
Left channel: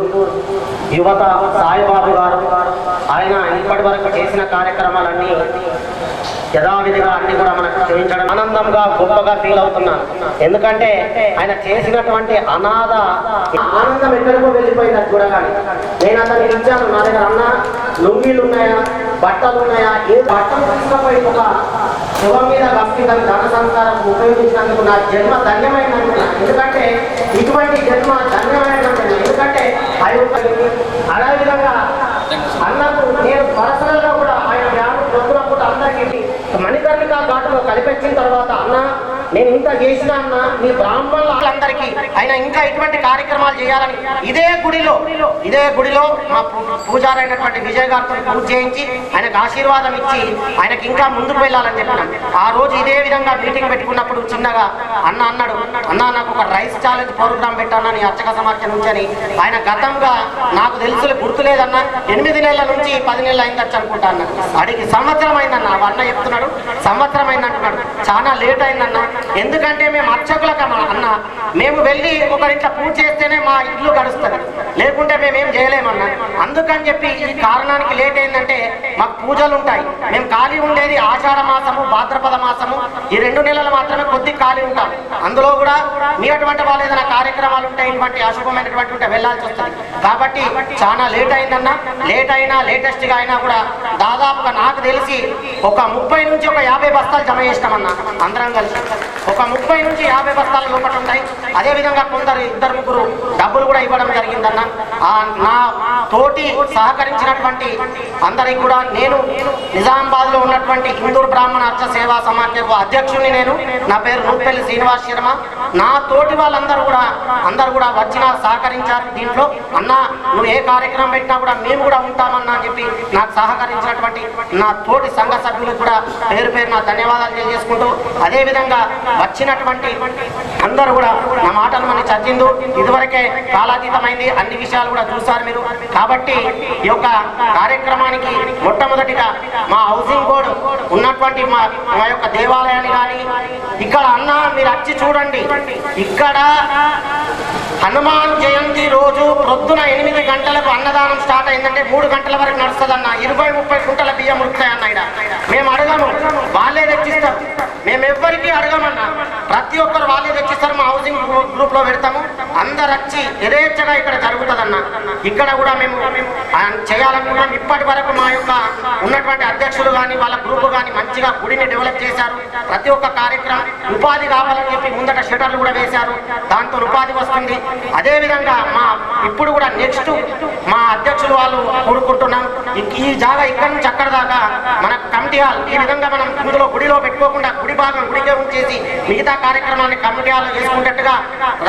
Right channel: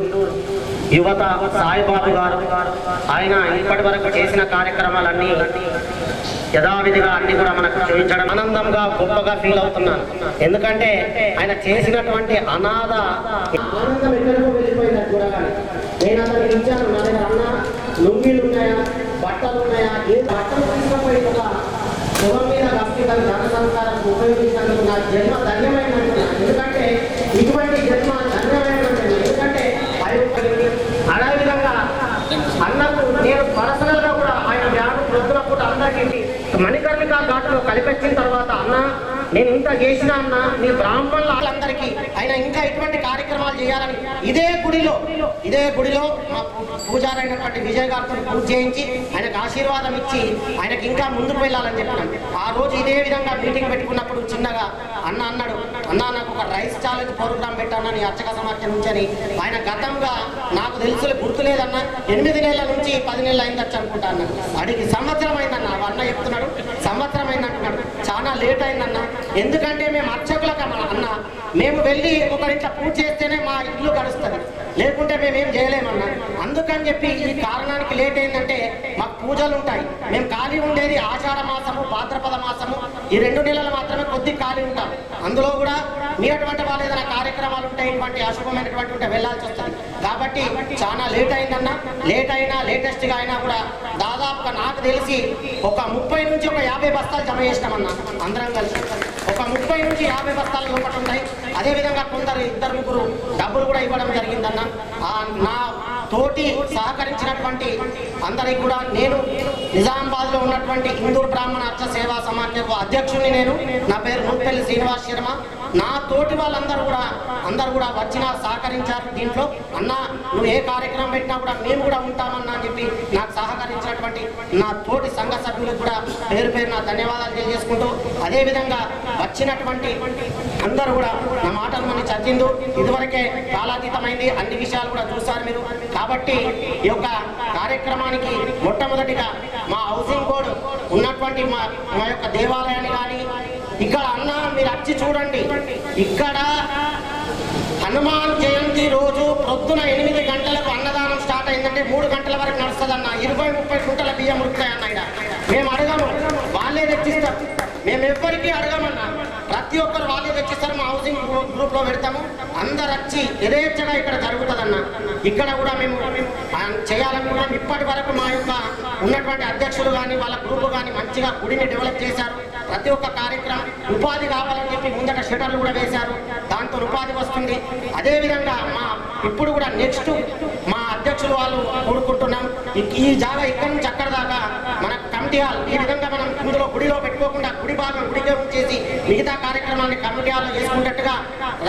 యువత సాయిబాబు గారు ఆయన ఇప్పటి వరకు చేసిన కార్యక్రమాలన్నీ యథావిధిగా అన్ని కూడా మనకు చేయించడం ఆనందంగా గొప్పగా ఫీల్ అవుతున్నాను. ఎందుకంటే ఆయన చేసినటువంటి అనాథ ఆనందం ఎక్కడికో వెళ్ళిపోయింది కూడా. కానీ నేను అతనికి ఇచ్చాను, నా దగ్గర అన్న లుంగీలు ఉన్నాయా, బట్టలు ఉన్నాయా, ఏ బట్టలు తీసుకుపోయి ఒక శవం మీద భక్తి ధన సంస్కారం ఉపయోగించినందుకు నా జన్మ ధన్యమైన అనుకున్నాను. ఎందుకంటే ఇటువంటి జన్మ ధన్యమైన ఎందుకంటే అదేవిధంగా అన్నకు నేను పర్సనల్ గా కూడా ఆయన వ్యాధి ప్రొద్దున పూట అందరికీ మణికర్ణిక ఘాటులో కలిపెచ్చిన తర్వాత అన్న నేను ఇంత చేసిన అన్న మీ బ్రాహ్మణులందరికీ ఆయన ఇంకా ఇటువంటి కార్యక్రమాలు చేయాలని ఇదే గుడిలో మా పూజారైనటువంటి విజయ్ గారితో పూజ చేయించి ఆయనకు ఆశీర్వాదం ఇచ్చి ఆయనకి ఇంకా ముందుకు వెళ్ళాలని చెప్పినాం. ఆ రోజు ఇదే విధంగా మీటింగ్ పెట్టుకున్నప్పుడు చిన్నగా అన్న అన్నాడు, అన్న నాకు ఒక రైస్ ఛాలెంజ్ ప్రోగ్రామ్ పెట్టానని అర్చక సమాఖ్య నుంచి అని. ఆయన గతంగా నాకు తెలుసు గుర్తులేదన్న 8 నెలల నుంచి 10 నెలలు అయిందచ్చు అనుకుంటా అన్న. అడిగి సంవత్సరం అయిందన్న, అన్న చెప్తున్నాడు సంవత్సరం అయిందంటున్నాడు. చాలా లేట్ అయిందన్న, ఎందుకంటే మేము అర్చకులకు అన్న మేము వెళ్ళి ఒకరింట్లో పూజ చేస్తేనే మా ఇల్లు గడుస్తుంది, లేకుంటే మేమేం చేయలేమన్నా. అందుకని చెప్పి ఈ కారణానికి లేట్ అయిందంటే మాకు పూజలు ఉంటాయి, మేము ఖాళీ ఉండేది ఆషాఢ మాసము భాద్రపద మాసము, ఈ 2 నెలలు మాత్రమే కొద్ది ఖాళీ ఉంటాం. అందులో కూడా మీ అటువంటి వాళ్ళు ఏదైనా కార్యక్రమాలు ఉంటాయి, ఇటువంటి అశుభమైనటువంటి ఉంటే వెళ్ళాల్సి వస్తుంది. కాబట్టి చాలా లేట్ అయిందన్నా. లేట్ అయినా లేటెస్ట్ గా అయినా కూడా దాదాపుగా నాకు తెలిసి ఒక 30 నుంచి ఒక 50 బస్తాలు జమ చేసినామన్నా అందరం కలిసి. ఒక 30 నుంచి 50 బస్తాలు లోపల ఉంటాయి. అదేవిధంగా కొందరు 2-3 డబ్బులు కూడా ఇవ్వడం జరిగిందన్న. నా తోటి సహకరించినటువంటి అందరికి కూడా నేను నిజామాబాద్ లో ఉన్నటువంటి ఇందూర్ బ్రాహ్మణ అర్చ సేవా సమాఖ్యకు అధ్యక్షుడిని. నేను నా పేరు నూపెల్లి శ్రీనివాస్ శర్మ. నా తోటి వాళ్ళందరూ కూడా వచ్చిన సహకరించారు. దీంట్లో అన్న నువ్వు ఏ కార్యక్రమం పెట్టినా కూడా మేము కూడా ఉంటామన్నా అని చెప్పి నాకు సహకరించినటువంటి నా తోటి సంఘ సభ్యులకు కూడా పేరు నా ధన్యవాదాలు తెలియజేసుకుంటూ, అదేవిధంగా వచ్చినటువంటి అందరూ కూడా నా మాటలు మనం చర్చిందు. ఇదివరకే కాలాతీతమైంది, అన్ని విషయాలు కూడా చూశారు మీరు. కాబట్టి ఈ యొక్క కార్యక్రమానికి మొట్టమొదటిగా మా హౌసింగ్ బోర్డు ఉన్నటువంటి మా యొక్క దేవాలయాన్ని కానీ ఇక్కడ అన్న మీరు వచ్చి చూడండి. ఇక్కడ హనుమాన్ జయంతి రోజు ప్రొద్దున 8 గంటలకు అన్నదానం స్టార్ట్ అయిందంటే 3 గంటల వరకు నడుస్తుంది అన్న. 20-30 కుంటల బియ్యం ఉడుకుతాయన్న. ఇక్కడ మేము అడగము, వాళ్ళే తెచ్చిస్తారు. మేము ఎవ్వరికీ అడగమన్నా, ప్రతి ఒక్కరు వాళ్ళే తెచ్చిస్తారు. మా హౌసింగ్ గ్రూప్ లో పెడతాము, అందరు వచ్చి యథేచ్ఛగా ఇక్కడ జరుగుతుందన్న. ఇక్కడ కూడా మేము చేయాలనుకుంటున్నాం. ఇప్పటి వరకు మా యొక్క ఉన్నటువంటి అధ్యక్షులు కానీ వాళ్ళ గ్రూప్ కానీ మంచిగా గుడిని డెవలప్ చేశారు. ప్రతి ఒక్క కార్యక్రమం ఉపాధి కావాలని చెప్పి ముందట షటర్లు కూడా వేశారు, దాంతో ఉపాధి వస్తుంది. అదేవిధంగా ఇప్పుడు కూడా నెక్స్ట్ మా అధ్యక్షులు వాళ్ళు కూడుకుంటున్నాం. ఈ జాగా ఇక్కడి నుంచి అక్కడ దాకా మన కమిటీ హాల్ ఈ విధంగా మనం ఇందులో గుడిలో పెట్టుకోకుండా గుడి భాగం గుడికే ఉంచేసి మిగతా కార్యక్రమాన్ని కమిటీ హాల్లో చేసుకున్నట్టుగా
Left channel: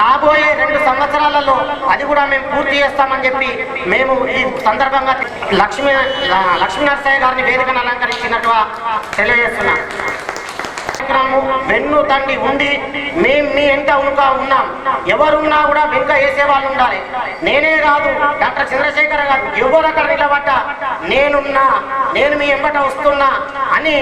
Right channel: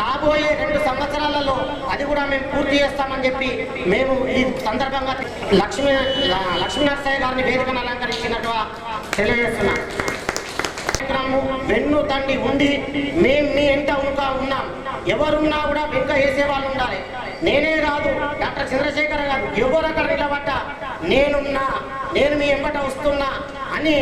రాబోయే 2 సంవత్సరాలలో అది కూడా మేము పూర్తి చేస్తామని చెప్పి మేము ఈ సందర్భంగా లక్ష్మీ నరసయ్య గారిని వేదికను అలంకరించినట్టుగా తెలియజేస్తున్నాం. వెన్ను తండి ఉండి మేము మీ ఎంట ఉన్నాం. ఎవరున్నా కూడా వెనుక వేసే వాళ్ళు ఉండాలి. నేనే కాదు, డాక్టర్ చంద్రశేఖర్ గారు ఎవరు అక్కడ నిలబడ్డా నేను మీ ఎంబట వస్తున్నా అని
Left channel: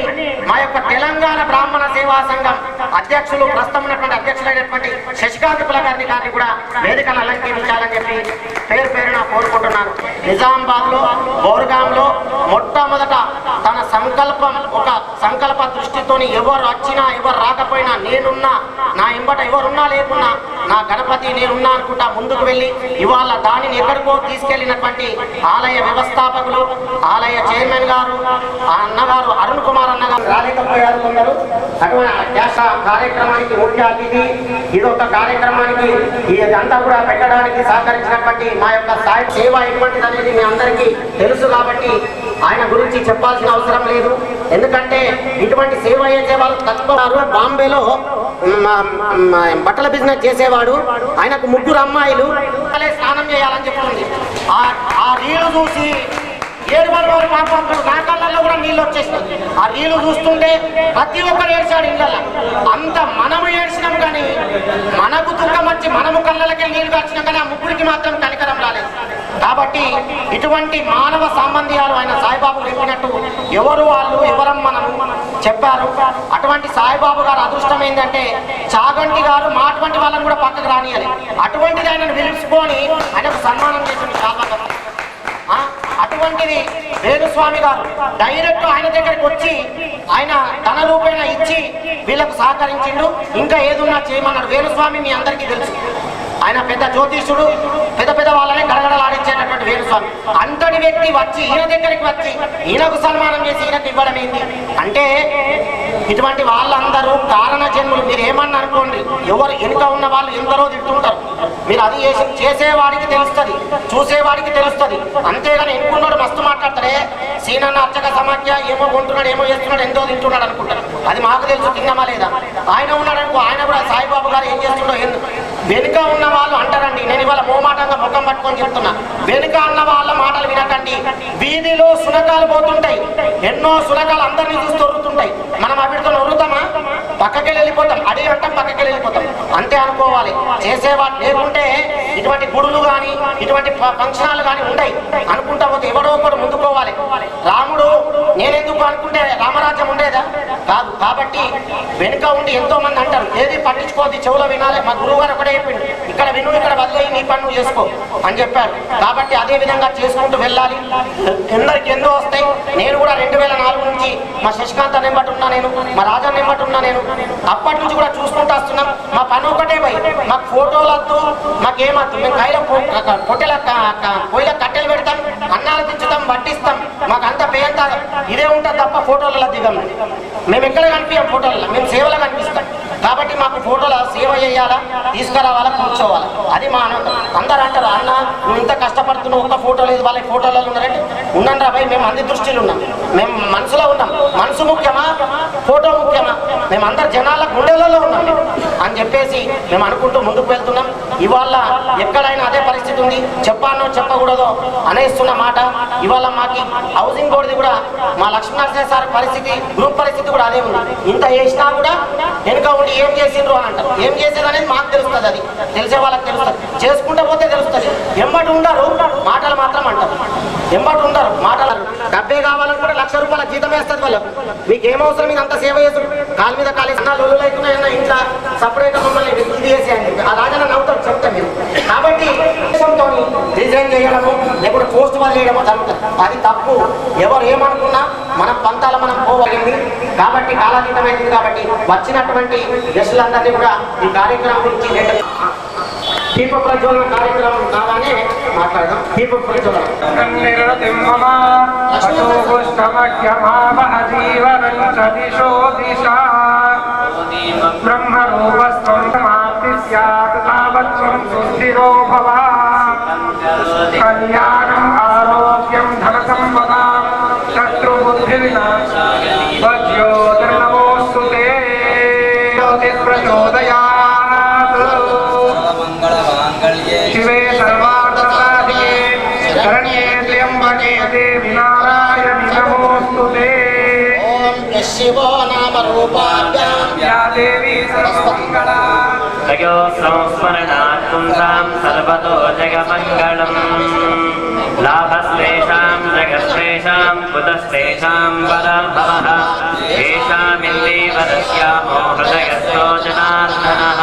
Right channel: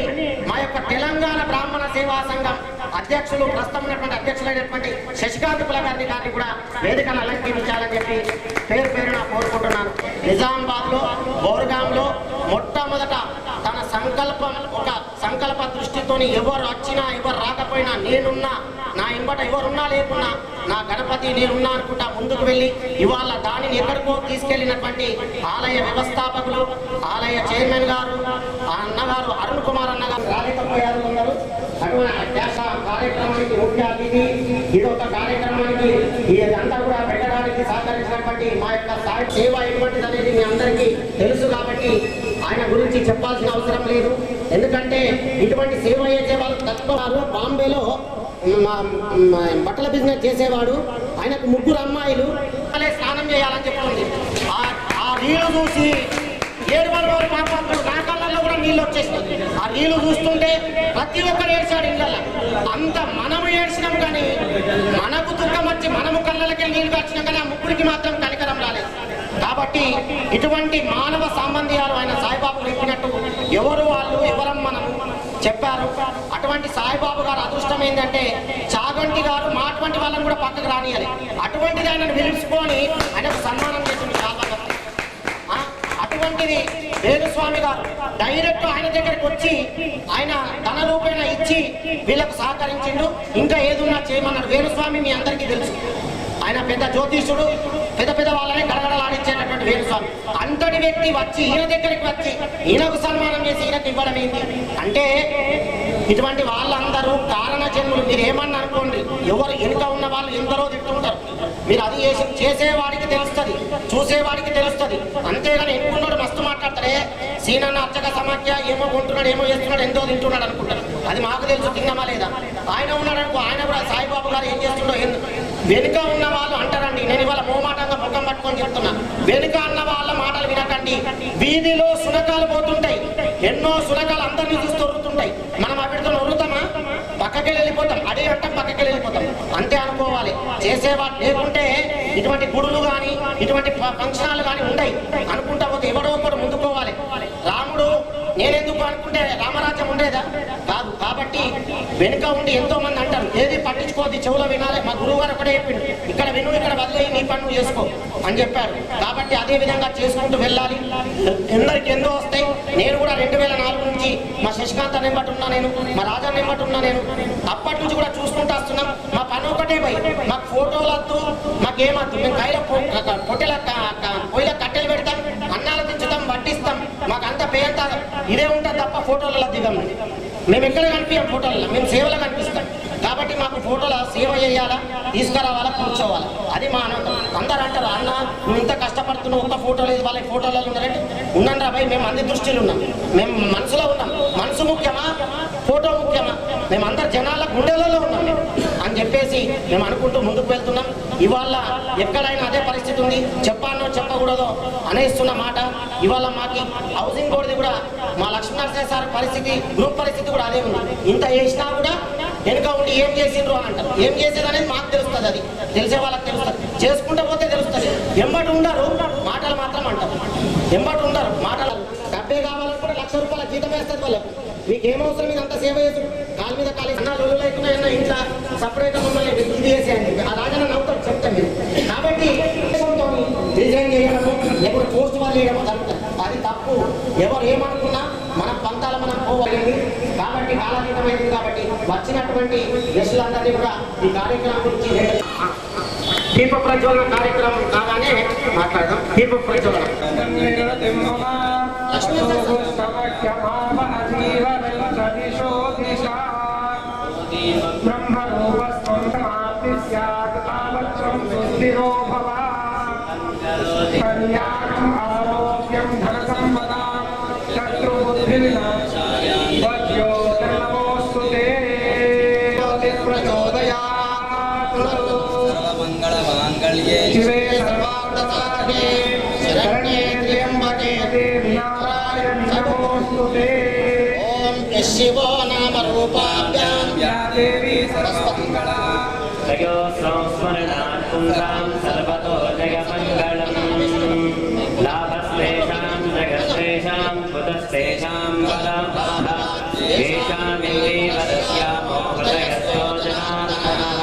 మా యొక్క తెలంగాణ బ్రాహ్మణ సేవా సంఘం అధ్యక్షులు ప్రస్తుతం ఉన్నటువంటి అధ్యక్షులైనటువంటి శశికాంత్ కుల గారిని కూడా వేదికను అలంకరించాలని చెప్పి పేరున కోరుకుంటున్నాను. నిజామాబాద్ లో బోర్గాంలో మొట్టమొదట తన సంకల్ప దృష్టితోని ఎవరు వచ్చి వచ్చినా ఎవరు రాకపోయినా నేనున్నా, నా ఎంబట ఎవరున్నా లేకున్నా నా గణపతి నేనున్నా అనుకుంటా ముందుకు వెళ్ళి ఇవాళ దానిని ఎక్కడికో తీసుకెళ్లినటువంటి ఆలయ వ్యవస్థాపకులు, ఆలయ చైర్మన్ గారు, ఆ అన్నగారు అరుణ్ కుమార్ అన్నగారు రాలేకపోయారు కొందరు. అటువంటి కార్యక్రమానికి ముఖ్య అతిథి, ఇదొక కార్యక్రమానికి ఇదంతా కూడా పెట్టడానికి సహకరించినటువంటి మా యొక్క సాయి సేవ ఎటువంటిది అనేది మీ అందరికీ తెలుసు కాబట్టి ఆయన గురించి చెప్పాల్సిన అవసరం లేదు. ఎందుకంటే ఇటువంటి సేవ చేసే వాళ్ళు తక్కువ. బాంబేలో బట్టల బిజినెస్ చేసేవాడు, ఆయనకు 3 అమ్మాయిలు స్నానం చేయాలని చెప్తుంది. ఆ రీలు చూసి 7 వారు పాపం నా కళ్ళల్లో కూడా నీళ్ళు వచ్చేసినాయి. ఆ రీలు చూస్తుంటే ప్రతి ఒక్కరు ఏడ్చాడు ఇళ్ళల్లో. అంత మనము ఏడ్చినాం కానీ మనకు దుఃఖం వచ్చి మనము కళ్ళకి నీళ్ళు వచ్చినాం కానీ ఆ ముగ్గురికి మాత్రం కనికరం రాలేదు. కాబట్టి ఇటువంటి మానవ సంబంధాలు ఆయన సాయిబాబు చెప్పినట్టు ఎవరు వాళ్ళు ఎవరం మనము చెప్పారు. అటువంటి సాయిబాబు గారు అదృష్టం ఏంటంటే చాగంటి గారు మా అటువంటి వాళ్ళని కూడా పక్కకు రానియాలి. అటువంటిది ఆయనను పిలుచుకొని ఆయనకు సన్మానం చేసింది చాలా. అటువంటిది వేణుస్వామి గారు డైరెక్ట్ ఆయన దగ్గరికి వచ్చి ఆయన ధన రూపేణ ఇచ్చి వీళ్ళకు సహకరించిండు. ఇంకా ఏదున్నా చేయమన్నాడు. వేణుస్వామి మీ అందరికీ తెలుసు, ఆయన పెద్ద జ్యోతిష్యుడు, పెద్ద వాళ్ళని గడగడలాడించేటటువంటి వేణుస్వామి. అంతటి వ్యక్తి వచ్చి ఈయన దగ్గరికి వచ్చి ఈయనకు సన్మానం చేసి ఈయనకు ఇవ్వడం ఏంటి అంటే ఇటువంటి వాళ్ళందరూ కారణ జన్ములు. మీరు ఏమన్నా అనుకోండి, ఎవరు వెనుక ఉన్న వాళ్ళు ఎందరో తింటుంటారు. మీరు అది చేసేవాడికి తెలుస్తుంది, చూసేవాడికి తెలుస్తుంది. అంతేగాని ఎన్నుకున్నాడు మస్తు మాట్లాడతారే సీనన్న అర్చక సమాఖ్య ఏమో కొంటున్నాడు, ఏమో చేస్తున్నాడు, ఎంతో తింటున్నాడు అనుకుంటారు. అది మాకు తెలుసు, తిన్నామా లేదా. ఆయన ఉన్నాడు అనుకో, ఆయన కూడా సాయిబాబు గారు ఏం చేస్తుండో వెనుక ఉన్న వాళ్ళు అంటారండి. నేను ఇవాళ మోమాటంగా ముఖం పట్టుకొని చెప్తున్నా, వెనుక అన్న వాళ్ళ మాటలు వినకండి. వీధిలో సునకాలు పోతుంటాయి, ఎన్నో సునకాలు అందరినీ చూస్తూ ఒరుతుంటాయి. మనం అవిడితో ఒరుతామా? పక్కకెళ్ళి వెళ్ళిపోతాం, అడిగి అంటాం, పక్కకెళ్ళి వెళ్ళిపోతాం. అంతే అనుకోవాలి. చేసేవాడు లేకుంటే ఇటువంటి గుడులు కానీ ఇటువంటి ఫంక్షనాలు కానీ ఉండయి. అనుకుంటా పోతే ఎవడో ఒకడు ముందుకోవాలి. రాముడు నేనెందుకు అనుకుంటే రామరాజ్యం ఉండేదా? కాదు. కాబట్టి వెనుక ఉండి ఎంతో మంది అంటారు, ఏది పట్టించుకోవద్దు, చెవులో వినాలి. మా గురువు గారు ఒకటే చెప్పిండు, ఇక్కడ విను, ఇక్కడ వదిలేయి, నీ పని నువ్వు చేసుకో అని చెప్పాడు. కాబట్టి అదే విధంగా చేసుకుంటూ వెళ్ళాలి. ఎందరికి ఎందో వస్తాయి. నేను కూడా 2004 నుంచి మా శశికాంత్ నెంబటి ఉన్నా, నేను మా రాజా నెంబటి ఉన్నా. నేను అప్పటి నుంచి కూడా చూసుకుంటూ వస్తున్నాం. మా పని ఒకటే పోయి మాకు ఫోటోలు వద్దు, మాకేమద్దు. మేము కైలో పొయ్యిల కట్టెలు పెడతాం, అన్నాలు దించుతాం, వడ్డిస్తాం. మాకు అంత పేంత ఇదే ఉంటుంది తప్ప ఫోటోలలో దిగం. మేము ఎక్కడ కనిపించాం ఫోటోలలో, మేము సేవలో కనిపిస్తాం. కాబట్టి మాకు ఫోటోల సేవ చేయాలా, తీసుకురావాలా, కూర్చోవాలా, అది మా అనవతం. అందరూ అంటారు, అన్న నువ్వు ఇంత కష్టపడుతున్నావు, ఒక్క ఫోటో లేదు, వాళ్ళ ఫోటోలలో ఉన్నారంటే ఉన్నాను రా భయ్, మేము అన్ని దృష్టిలో ఉన్నాం, మేము మనసులో ఉన్నాం. మనసు ముఖ్యమా, ఫోటో ముఖ్యమా? మేము అందరు జనాల గుండెలలో ఉన్నాం అని చెప్పేసి మేము అనుకుంటూ ముందుకు వెళ్తున్నాం. ఇవాళ ఎక్కడైనా అదే పరిస్థితి ఉంది. చెప్పానో చెప్పకూడదో అనేస్తున్న మాట. ఇవాళ మాకు హౌసింగ్ బోర్డుది కూడా మా లక్ష్మీనరసింహ సార్ పరిస్థితి, గ్రూప్ పరిస్థితి కూడా అదే ఉంది. ఇంత చేసినా కూడా వెనుక ఉండి ఏం చేసిండ్రు అని అంటారు. ఏం చేసేది అనేది మాకు తెలుస్తుంది, అది తెలిసే వాళ్ళకి తెలుస్తుంది. చేసుకుంటే పోతే తెలుస్తుంది. ఎంబటి ఉండరు, మాటలు మాత్రం అంటారు. ఎంబటి ఉండరు, మాటలు. డబ్బే కావాలనుకుంటే ₹1,00,000 జీతం వేస్తుంది వాళ్ళకు. మీకు ఏమవసరం, మీకు అంత సేవ చేస్తారు. కాలు మీద కాలు అన్న లొల్లులు అవుతున్నాయన్న ఇంట్లో సపరేట్ మమ్మల్ని ఇది చేసేయండి. ఆ రాజన్న నవ్వుతారు చెప్తాం మీరు. కాబట్టి డిజైన్ చేయడము లేకపోతే పోస్ట్ వాళ్ళు చేయడమో జరుగుతుంది. అది తప్పు. ఎవరు ఏమనుకున్నా మన పంతాల మనం పోవలింది. కాబట్టి కాలాతీతమైంది. కాబట్టి వచ్చినటువంటి గెస్టులందరినీ కూడా ఈ కార్యక్రమం గురించి దీప ప్రజ్వలన కార్యక్రమం కాగానే మాట్లాడదాం. దీప ప్రజ్వలన కళ్యాణం ఆరోగ్యం ధన సంపద శత్రు బుద్ధి వినాశాయ జ్యోతిర్నమోస్తుతే ప్రచోదయాత్ శివే సర్వార్థసాధికే శరణ్యే త్ర్యంబకే దేవి నారాయణి నమోస్తుతే. ఓం శివో నామ రూపాభ్యాం యా దేవి సర్వమంగళ జగో సంస్మరణాత్పుంసాం సర్వతో జగమంగళం. లాభస్తేషాం జగత్తేషాం కుతస్తేషాం పరాభవః ఏషామిందేవదస్యామో హృదయస్థో జనార్దనః.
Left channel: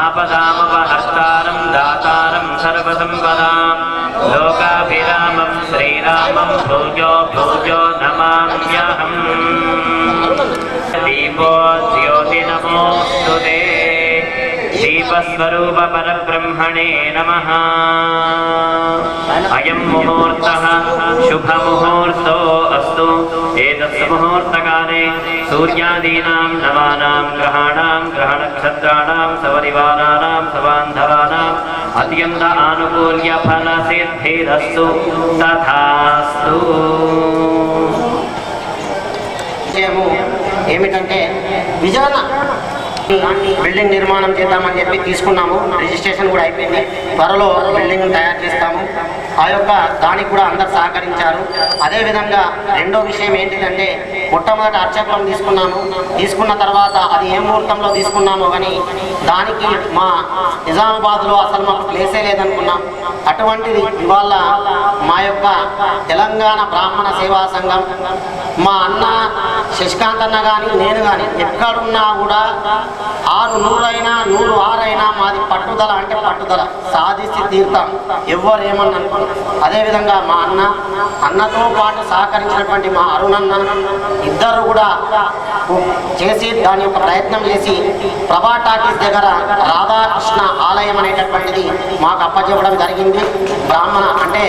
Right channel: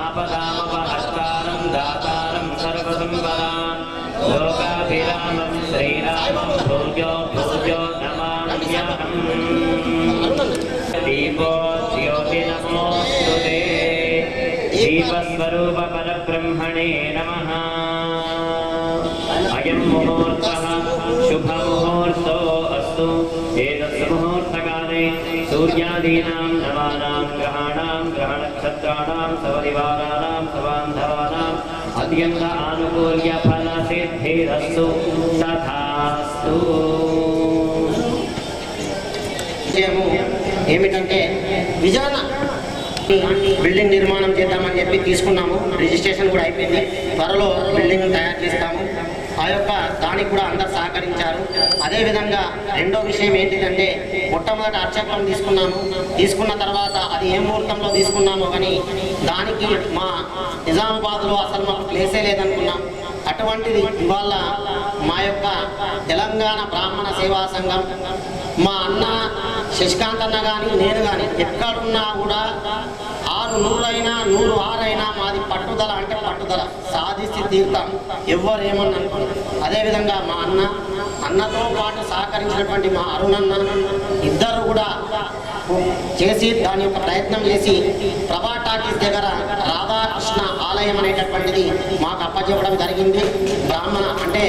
ఆపదామపహర్తారం దాతారం సర్వసంపదాం లోకాభిరామం శ్రీరామం భూయో భూయో నమామ్యహం. దీపో दीपस्वरूप परब्रह्मणे नमः। अयं मुहूर्तः शुभमुहूर्तो अस्तु। एतत् मुहूर्तकाले सूर्यादीनां नवानां ग्रहाणां ग्रहनक्षत्राणां सपरिवाराणां सबान्धवानाम् अत्यन्त आनुकूल्य फलसिद्धिरस्तु तथास्तु। ఏమిటంటే విజయన బిల్డింగ్ నిర్మాణం చేద్దామని చెప్పి తీసుకున్నాము. రిజిస్ట్రేషన్ కూడా అయిపోయింది. త్వరలో బిల్డింగ్ తయారు చేస్తాము. ఆ యొక్క దానికి కూడా అందరు సహకరించారు. అదేవిధంగా రెండో విషయం ఏంటిదంటే మొట్టమొదటి అర్చకం తీసుకున్న తర్వాత అది ఏ ముహూర్తంలో తీసుకున్నామో కానీ దానికి మా నిజామాబాద్లో అసలు మాకు ప్లేసే లేదనుకున్నాం. అటువంటిది ఇవాళ మా యొక్క తెలంగాణ బ్రాహ్మణ సేవా సంఘం మా అన్న శశికాంత్ అన్న కానీ నేను కానీ ఎక్కడున్నా కూడా 600 అయినా 106 అయినా మాది పట్టుదల అంటే పట్టుదల సాధించి తీరుతాం. ఎవరు ఏమన్నా అనుకున్నాం. అదేవిధంగా మా అన్నతో పాటు సహకరించినటువంటి మా అరుణన్న ఇద్దరు కూడా చేసి దాని యొక్క ప్రయత్నం చేసి ప్రభా టాకీస్ దగ్గర రాధాకృష్ణ ఆలయం అనేటటువంటిది మాకు అప్పచెప్పడం జరిగింది. బ్రాహ్మణ అంటే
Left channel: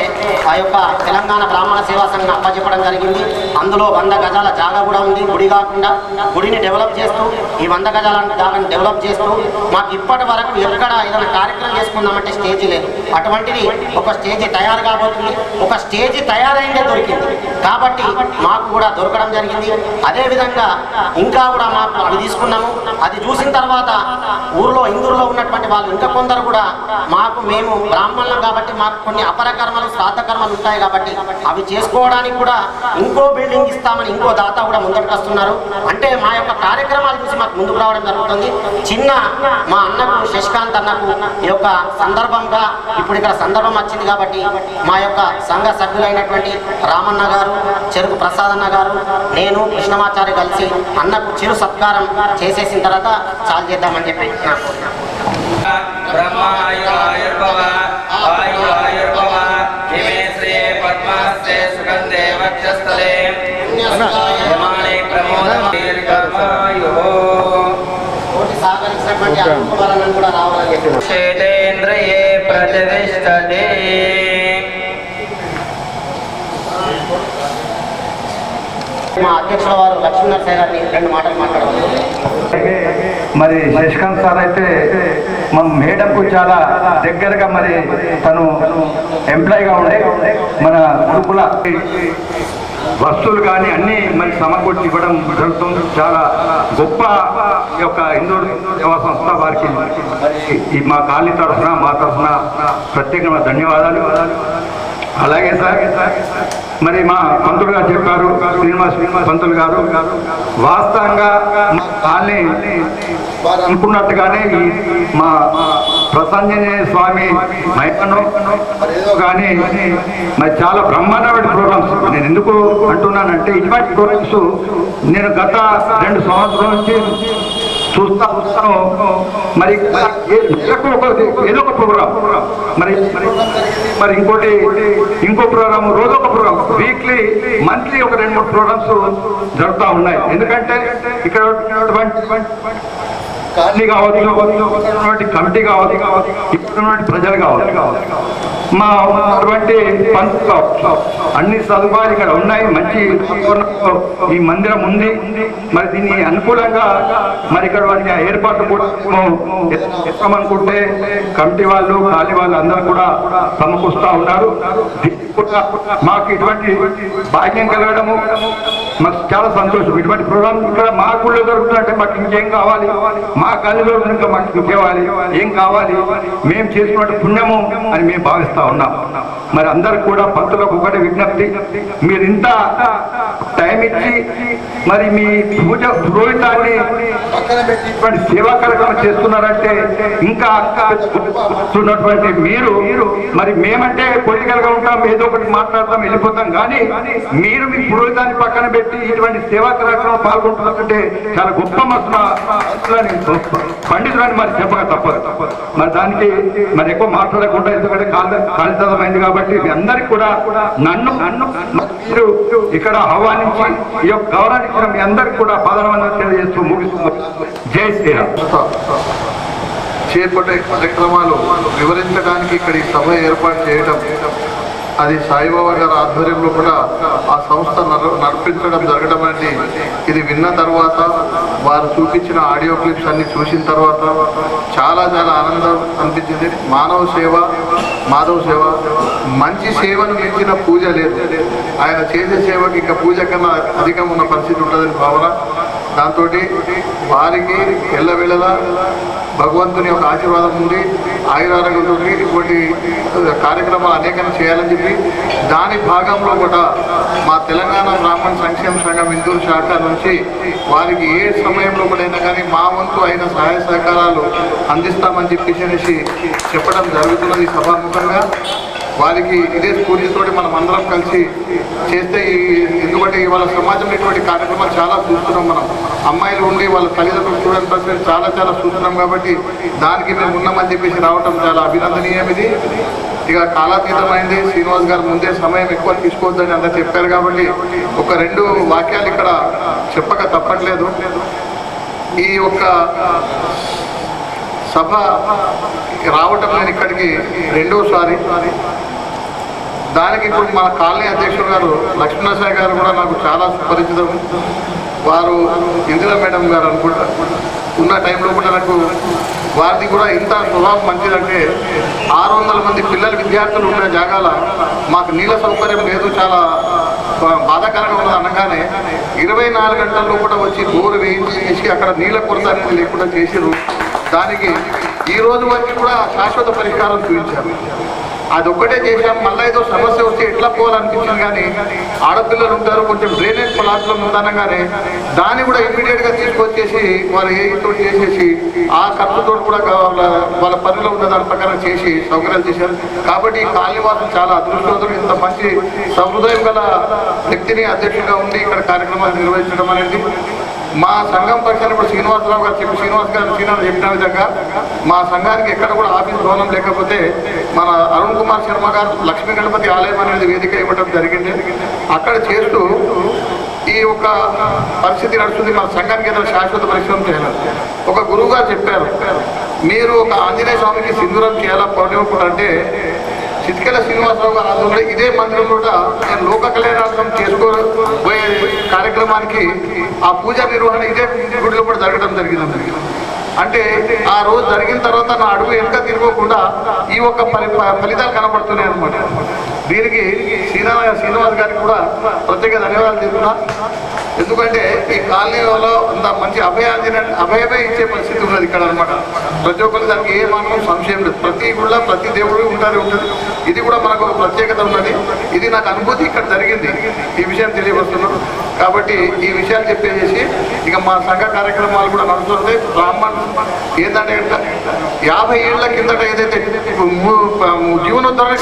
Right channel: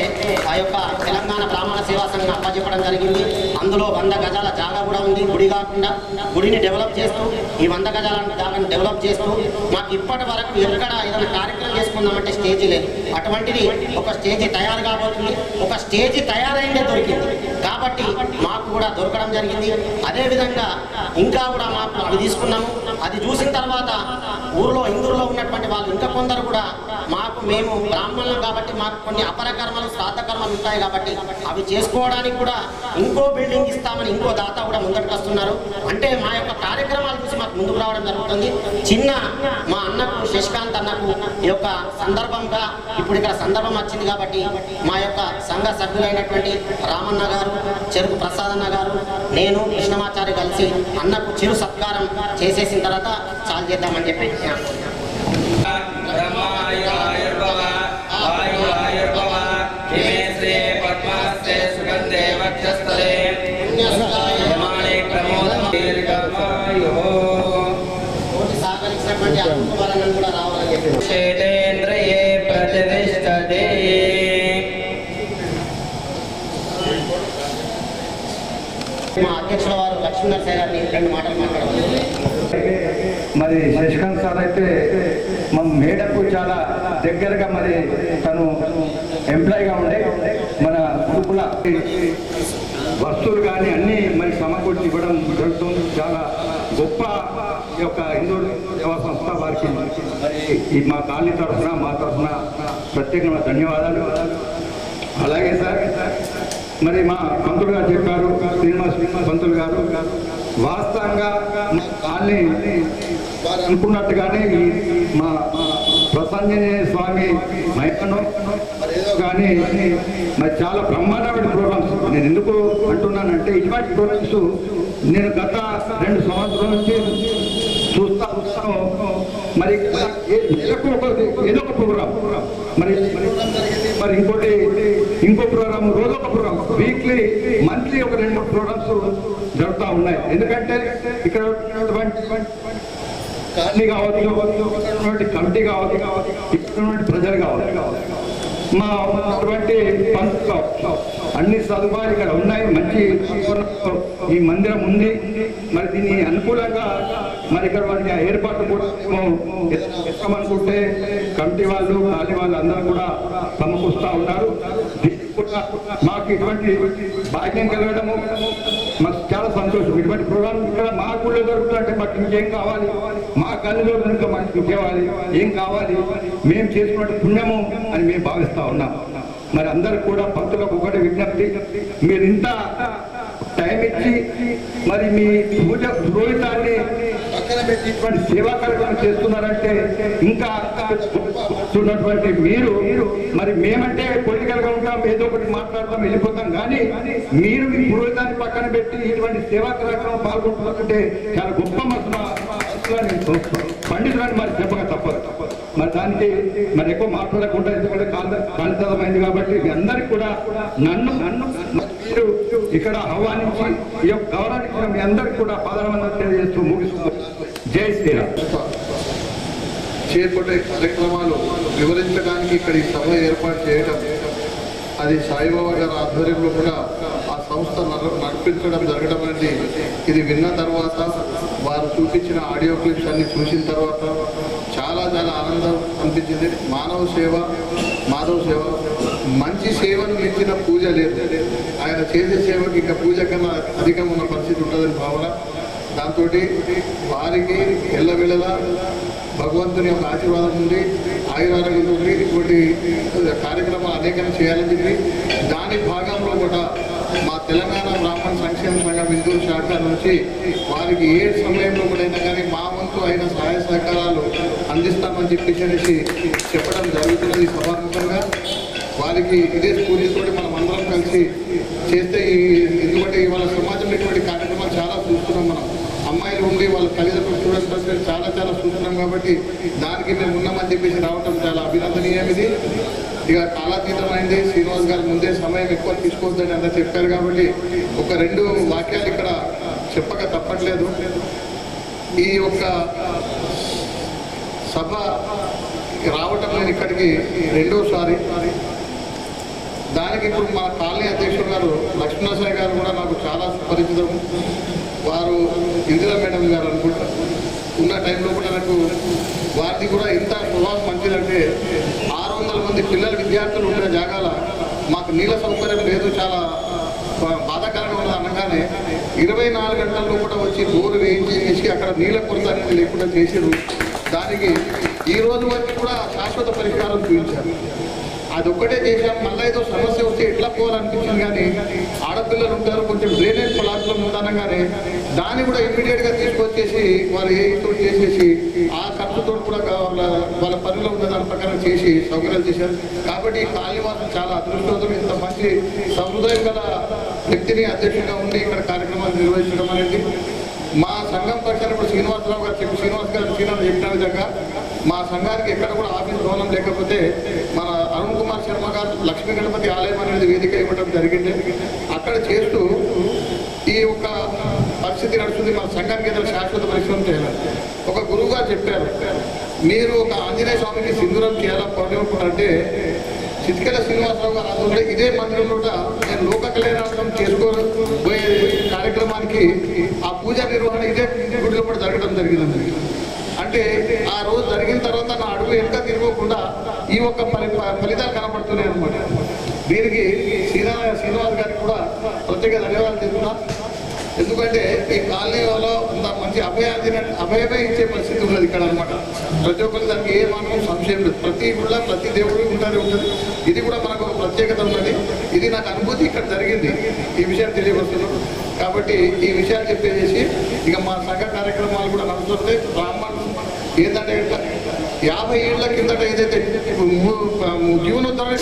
ఆ యొక్క తెలంగాణ బ్రాహ్మణ సేవా సంఘం అప్పచెప్పడం జరిగింది. అందులో 100 గజాల జాగా కూడా ఉంది. గుడి కాకుండా గుడిని డెవలప్ చేస్తూ ఈ 100 గజాల జాగాని డెవలప్ చేస్తూ మాకు ఇప్పటి వరకు ఎక్కడ ఏదైనా కార్యక్రమం చేసుకుందామంటే స్టేజీ లేదు. అటువంటిది ఒక స్టేజీ తయారు కాబోతుంది. ఒక స్టేజీ తయారైందే దొరికింది కాబట్టి మాకు కూడా దొరకడం జరిగింది. అదేవిధంగా ఇంకా కూడా మాకు అవి తీసుకున్నాము. అది చూసిన తర్వాత ఇందూరులో ఉన్నటువంటి వాళ్ళు ఇంకా కొందరు కూడా మేము బ్రాహ్మణులం కాబట్టి మాకు కొన్ని అపరకర్మలు శ్రాద్ధ కర్మలు ఉంటాయి కాబట్టి అవి చేసుకోవడానికి కూడా ఇంకో బిల్డింగ్ ఇస్తామని ఇంకో దాత కూడా ముందరికి వస్తున్నారు. అంటే మా యొక్క కార్యక్రమాలు చూసి మాకు ముందుకు రావడం జరుగుతుంది. చిన్న మా అన్నకు శశికాంత్ అన్నకు ఈ యొక్క సందర్భంగా ఇప్పుడు ఇక్కడ సందర్భం వచ్చింది కాబట్టి మా యొక్క సంఘ సభ్యులైనటువంటి రామన్న గారు, చెరుకు ప్రసాద్ అన్న గారు, నేను కృష్ణమాచారి కలిసి అన్నకు చిరు సత్కారం చేసేసిన తర్వాత చాలు చేద్దామని చెప్పి బ్రహ్మాయుర్భవ ఆయుర్భవ హిమే శ్రీ పద్మహస్తే సుగంధే వక్షస్థలే యమానే ప్రమోదం దీర్ఘమాయు సహకరించినటువంటి అరుణ్ కూడా రావాలని చెప్పి క్షేత్రేంద్రియే ప్రతిష్టతే. మా అధ్యక్షుల వారు లక్ష్మీనరసయ్య గారిని 2 మాటలు మాట్లాడవచ్చు. మరి శశికాంత్ సార్ అయితే మన మేడకు చాలా దగ్గరగా మరి తను ఎంప్లాయీగా ఉండే మన గ్రూపుల వస్తువులు కానీ అన్నీ మరి సమకూర్చి ఇవ్వడం జరుగుతుంది. చాలా గొప్ప యొక్క హిందూ సేవా సంస్థ వారికి ఈ మా కాలనీ తరఫున మా తరఫున ప్రత్యేకమైన ధన్యవాదాలు. అలాగే సార్ మరి మా పంతులు గారు చెప్పారు, శ్రీనివాస్ పంతులు గారు వాస్తవంగా కాలనీ అనుకున్నట్టుగానే ఈ మా ప్రసంజనేయ స్వామి మహిమను ఏదో కానీ మరి చాలా బ్రహ్మాండమైన ప్రోగ్రామ్స్. నేను ఎందుకు అంటున్నానంటే ఇటువంటి ప్రోగ్రామ్స్ నేను గత 2 సంవత్సరాల నుంచి చూస్తాను. మరి నెలకు ఏదో ఒక ప్రోగ్రామ్ మరి ఇంకో ప్రోగ్రామ్, రోజు ఒక ప్రోగ్రామ్, వీక్లీ మంత్లీ ఒక 2-3 ప్రోగ్రామ్స్ జరుగుతూ ఉన్నాయి. ఎందుకంటే ఇక్కడ కాలనీ కావచ్చు, కమిటీ కావచ్చు, ఇక్కడ ప్రజలు కావచ్చు, మా అటువంటి అన్ని సదుపాయాలు ఇక్కడ ఉన్నాయి. మంచి ఈ మందిరం ఉంది. మరి దీన్ని అనుకూలంగా మరి ఇక్కడ వారికి ఏర్పాటు కూడా చేస్తామనుకుంటే కమిటీ వాళ్ళు, ఖాళీ వాళ్ళు అందరూ కూడా సమకూరుస్తూ ఉన్నారు. మాకు ఇటువంటి భాగ్యం కలగడము మాకు చాలా సంతోషం. ఇటువంటి ప్రోగ్రామ్ ఇక్కడ మా గుళ్ళో దొరుకుతుందంటే మాకు ఇంకేం కావాలి, మా కాలేజీలో ఇంకా మాకు ఇంకేవాలి, ఏం కావాలి, మేము చేసుకున్న పుణ్యము అని మేము భావిస్తాం ఉన్నాం. మరి అందరికి కూడా పంతులకు ఒకటి విజ్ఞప్తి, మీరు ఇంత టైం ఇచ్చి మరి మీ పూజ పురోహితాన్ని పక్కన పెట్టి ఇటువంటి సేవా కార్యక్రమం చేస్తున్నారంటే ఇంకా ఉన్నటువంటి మీరు మరి మేమంటే పొలిటికల్ గా ఉంటాం, ఏదో ఒకటి మాట్లాడతాం, వెళ్ళిపోతాం. కానీ మీరు మీ పురోహితాన్ని పక్కన పెట్టి ఇటువంటి సేవా కార్యక్రమం పాల్గొంటున్నారంటే చాలా గొప్ప పండితులని మరి చెప్పక తప్పదు. మరి దానికి మరి ఎక్కువ మాట్లాడకుండా, ఎందుకంటే కాలితమైంది కాబట్టి మీ అందరికి కూడా నన్ను మీరు ఇక్కడ ఆహ్వానించి ఈ యొక్క గౌరవాన్ని ఇచ్చిన మీ అందరికి కూడా పాదవందనం తెలియజేస్తూ ముగిస్తుంది. జై శ్రీరామ్. చేపట్టే కార్యక్రమాలు వివరించడానికి ఇక్కడ ఈ సభ ఏర్పాటు చేయడం, అది సాయిబాబా గారి ఆధ్వర్యంలో కూడా ఆ సంస్థ నడిపించడం జరగడం అనేది ఇది విన్న తర్వాత, వారు చూపించిన ఆడియో క్లిప్స్ అన్ని చూసిన తర్వాత చాలా చాలా ఆనందం అనిపించింది. మానవ సేవ, మాధవ సేవ, మంచి సేవను మించిన పూజ లేదు. ఆయన చేసే సేవకి ఇంకా పూజ కన్నా అధికంగా ఉన్న పరిస్థితి ఉంటుందని భావన. దాంతో వారికి ఎల్లవేళలా భగవంతుని యొక్క ఆశీర్వాదం ఉంది, ఆయురారోగ్యంతో ఇటువంటి కార్యక్రమాలు అనేకం చేయాలని చెప్పి దాని భాగంలో కూడా మా తెలంగాణ బ్రాహ్మణ సంక్షేమ సంఘం ఇందూరు శాఖ నుంచి వారికి ఏ సమయంలో కూడా కానీ మా వంతు అయిన సహాయ సహకారాలు అందిస్తామని చెప్పేసి చెప్పడం జరుగుతున్నది సభాముఖంగా. వారికి ఇదే స్ఫూర్తితోటి మనం అందరం కలిసి చేస్తే ఎందుకంటే ఇవాళ సమాజంలో ఇటువంటి కార్యక్రమాలు చాలా చూస్తున్నాం. మనం అమ్మాయిలు ఉండి వాళ్ళ తల్లిదండ్రులు చూడని పరిస్థితి చాలా చాలా చూస్తున్నాం. కాబట్టి దానికి మేము ఉన్నామని చెప్పేసి రావటం చాలా అభినందనీయం. ఇది ఇక కాలాతీతమైంది. శ్రీనివాస్ గారు ముందే సమయం ఎక్కువ తీసుకోవద్దని అంతా చెప్పారు కాబట్టి ఒక 2 వాక్యాలు ఇక్కడ చెప్పక తప్పట్లేదు. ఈ యొక్క సభ రావటం నేను ఇక్కడికి 2వసారి. దానికి ఇప్పుడు మన కాలనీ అధ్యక్షుడు గారు లక్ష్మణసాయి గారు కూడా నాకు చాలా సుపరిచితం. వారు ఇందిరా మేడం గారు అనుకుంటా ఉన్న టైంలో కూడా నాకు వారిది కూడా ఇంత స్వభావం మంచిదంటే 600 మంది పిల్లలు విద్యార్థులు ఉన్న జాగాల మాకు నీళ్ళ సౌకర్యం లేదు, చాలా బాధాకరంగా ఉన్నది అనగానే 24 గంటల్లో కూడా వచ్చి బోరు వేయించి అక్కడ నీళ్ళ కొరత అనేది లేకుండా చేసారు. దానికి ఈ రోజు వరకు కూడా శాశ్వత పరిష్కారం చూపించారు. అదొక్కటే చేశాం. మళ్ళీ ఏదో సమస్య వస్తే ఎట్లా పోవాలనిపించింది కానీ ఆడపిల్లలు ఉంటారు, కొంచెం డ్రైనేజ్ ప్లాట్లో ఉందనగానే దాన్ని కూడా ఇమ్మీడియట్గా తీసుకొచ్చేసి వారు ఏతో చేసేసి ఆ ఖర్చుతో కూడా వాళ్ళ పనిలో ఉన్న దాని ప్రకారం చేసి సౌకర్యాలు చేశారు. కాబట్టి ఈ కాలనీవాసులు చాలా అదృష్టవంతులు. ఇంత మంచి సహృదయం గల వ్యక్తిని అధ్యక్షుడిగా ఉండి ఇక్కడ కార్యక్రమాలు నిర్వహించడం అనేది మా సంఘం పక్షాన్ని ఇప్పుడు శ్రీనివాసరావు గారు శ్రీనివాస్ గారు చెప్పిన విధంగా మా సంఘానికి ఎక్కడ కూడా ఆఫీస్ భవనం లేకపోతే మన అరుణ్ కుమార్ శర్మ గారు లక్ష్మీ గణపతి ఆలయం అనేది వేదిక ఇవ్వడం జరిగింది. అక్కడ చేస్తూ ఈ ఒక పరిస్థితి నడుస్తుంది. మన సంఘానికి ఏదైనా శాశ్వత పరిశ్రమ చేయాలి. ఒక గురువు గారు చెప్పారు, మీరు ఒక ఆంజనేయ స్వామికి సింధూరం చేయాలా పౌర్ణిమప్పుడు అంటే చితికెల శ్రీనివాసరావు గారు ఆధ్వర్యంలో ఇదే మందిరంలో నేను లోక కళ్యాణార్థం చేసుకోబోయే కార్యక్రమానికి ఆ పూజా నిర్వహణ ఇదే గుడిలో కూడా జరగడం జరిగింది. అంటే ఆ రోజు జరిగిన తర్వాత నా అడుగు వెనుక తిరగకుండా ఈ ఒక్క ఫలితాలు కనపడుతున్నాయి అనమాట. దీనికి శ్రీనివాస్ గారికి కూడా ప్రత్యేక ధన్యవాదాలు చెప్తున్నా. ఎందుకంటే ఈ కాలనీలో అంత మంచి అభయమే ఇచ్చే పరిస్థితి ఉన్నది ఇక్కడ అనమాట. ప్రతి ఒక్కరికి దానికి ఏ మాత్రం సంశయం లేదు. ప్రతి గుళ్ళ ప్రతి దేవుడు ఉంటుంది. ఇది కూడా మనకు ఒక ప్రత్యేకత ఉన్నది. ఇది నాకు అనుభూతి ఇక్కడ జరిగింది. ఈ విషయం తెలియవస్తున్నాం. కాబట్టి ఈ విషయాలు చెప్పేసి ఇక మా సంఘ కార్యక్రమాలు కూడా నడుస్తున్నాయి. బ్రాహ్మణ్ ఏంటంటే 50 ఏళ్ల కిందట ఏదైతే జీవనోద్ధరణ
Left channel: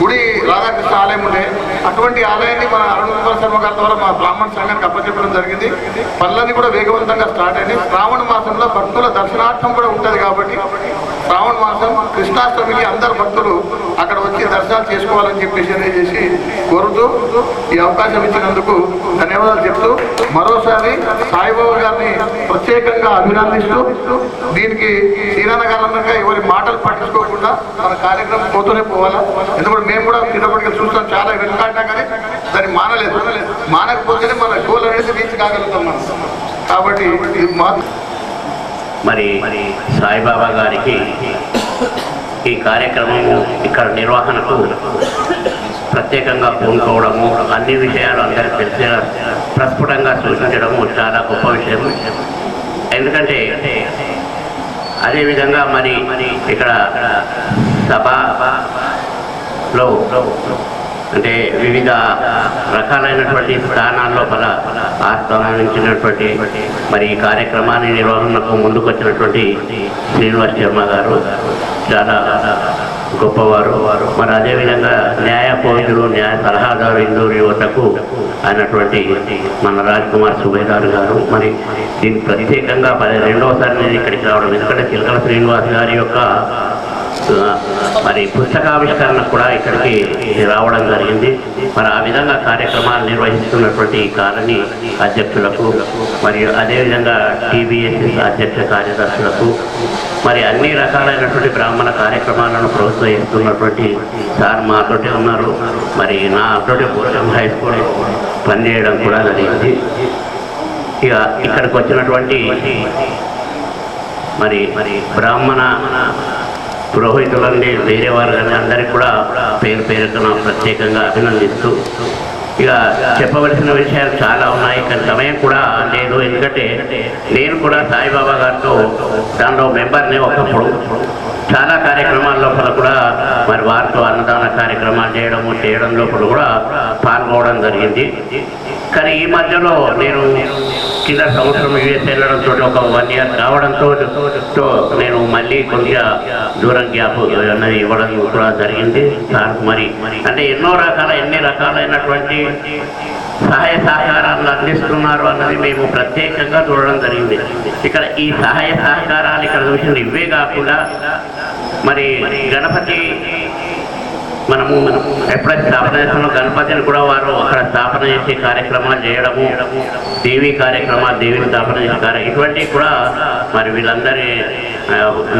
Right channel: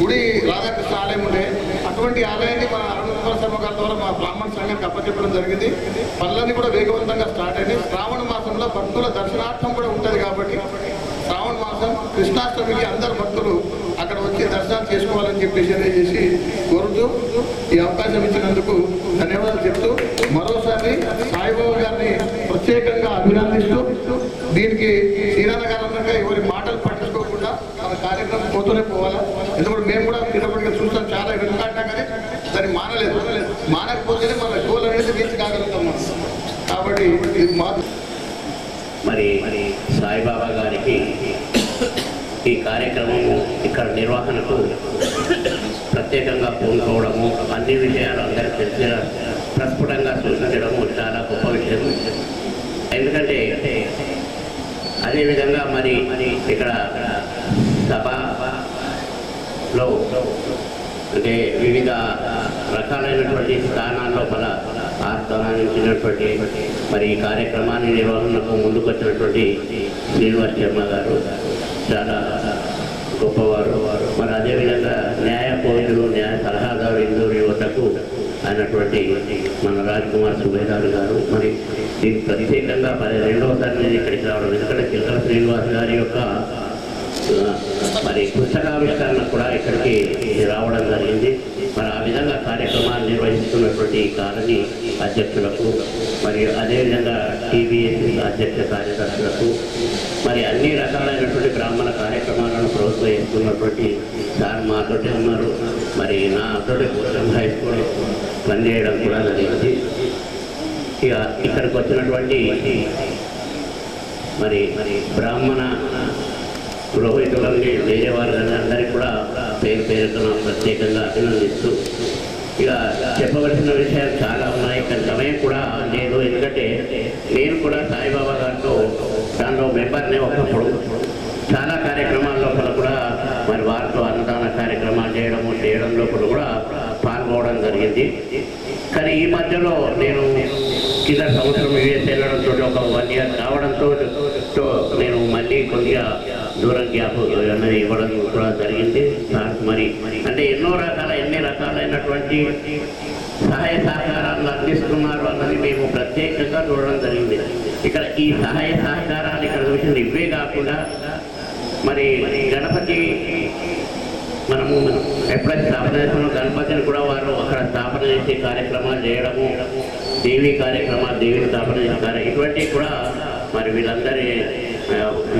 గుడి రాధాకృష్ణ ఆలయం ఉండే అటువంటి ఆలయాన్ని మన అరుణ్ కుమార్ శర్మ గారి ద్వారా మా బ్రాహ్మణ సంఘానికి అప్పచెప్పడం జరిగింది. పనులన్నీ కూడా వేగవంతంగా స్టార్ట్ అయింది. శ్రావణ మాసంలో భక్తుల దర్శనార్థం కూడా ఉంటుంది. కాబట్టి శ్రావణ మాసం కృష్ణాష్టమికి అందరు భక్తులు అక్కడ వచ్చి దర్శనాలు చేసుకోవాలని చెప్పేసి కోరుతూ ఈ అవకాశం ఇచ్చినందుకు ధన్యవాదాలు చెప్తూ మరోసారి సాయిబాబా గారిని ప్రత్యేకంగా అభినందిస్తూ దీనికి శ్రీరానగారంగా ఎవరి మాటలు పట్టించుకోకుండా మన కార్యక్రమం పోతూనే పోవాలా. ఎందుకంటే మేము కూడా తిరుపతిగా చూస్తాం, చాలా వెనుకాడినా కానీ దాన్ని మానకపోతేనే మన గోల్ అనేది రీచ్ కాగలుగుతాం మనం. కాబట్టి ఇది మరి సాయిబాబా గారికి ఈ కార్యక్రమం ఇక్కడ నిర్వహణకు ప్రత్యేకంగా పూనుకోవడము, అన్ని విషయాలు అందరికీ తెలిసిన ప్రస్ఫుటంగా సూచించడము చాలా గొప్ప విషయం. ఎందుకంటే అదేవిధంగా మరి ఇక్కడ సభలో అంటే వివిధ రకాలైనటువంటి స్థానాల్లో ఆహ్వానించినటువంటి మరి ఈ కార్యక్రమాన్ని నిర్వహణకు ముందుకొచ్చినటువంటి శ్రీనివాస్ శర్మ గారు చాలా గొప్పవారు. మరి అదేవిధంగా న్యాయ కోవిదులు, న్యాయ సలహాదారు ఇందూరు యువతకు అయినటువంటి మన రాజ్ కుమార్ సుబేదార్ గారు. మరి దీనికి ప్రత్యేకంగా 12వసారి నేను ఇక్కడికి రావడం, ఎందుకంటే చిలకల శ్రీనివాస్ గారి యొక్క మరి పుస్తకావిష్కరణ కూడా ఇక్కడికి రావడం జరిగింది. మరి ఆ విధంగా కార్యక్రమాలు నిర్వహిస్తున్నటువంటి కాలనీ అధ్యక్షులకు మరియు అదేవిధంగా టీబీఎస్ఎస్ అధ్యక్ష కార్యదర్శులకు మరి అన్ని రకాలైనటువంటి బ్రాహ్మణ కార్యక్రమాలను ప్రోత్సహిస్తున్నటువంటి సార్ మాతోటే ఉన్నారు. మరి నాతోటి పోషం హై స్కూల్ పనిచేయడం కూడా జరిగింది. ఇక ఇక్కడికి వచ్చినటువంటి మరి బ్రాహ్మణ పురోహితులని వేరే వారు కానీ అందరికీ కూడా పేరు పేరున ప్రత్యేకంగా అభినందిస్తూ ఇక చెప్పవలసిన విషయాలు చాలా ఉన్నాయి, కానీ సమయం కూడా లేదు. ఎందుకంటే నేను కూడా సాయిబాబా గారితో దానిలో మెంబర్ని ఒకప్పుడు చాలా కార్యక్రమాల లోపల కూడా మరి వారితో అన్నదాన కార్యక్రమాలు చేయడం లోపల కూడా పాల్గొనడం జరిగింది. కానీ ఈ మధ్యలో నేను కింద సంవత్సరం యూఎస్ వెళ్ళడంతో ఒక 1 year కావడంతో నేను మళ్ళీ కొద్దిగా దూరం గ్యాప్ అన్నది ఇవ్వడం కూడా జరిగింది. మరి అంటే ఎన్ని రకాలైనటువంటి సహాయ సహకారాలను అందిస్తున్నారు అన్నది మేము ప్రత్యేకంగా చూడడం జరిగింది. ఇక్కడ ఈ సహాయ సహకారాలు ఇక్కడ చూసింది ఇవే కాకుండా మరి గణపతి మనము ఎప్పుడైతే స్థాపన చేస్తున్నాం గణపతిని కూడా వారు అక్కడ స్థాపన చేసే కార్యక్రమాలు చేయడము, దేవీ కార్యక్రమాలు, దేవి స్థాపన చేసే ఇటువంటివి కూడా మరి వీళ్ళందరి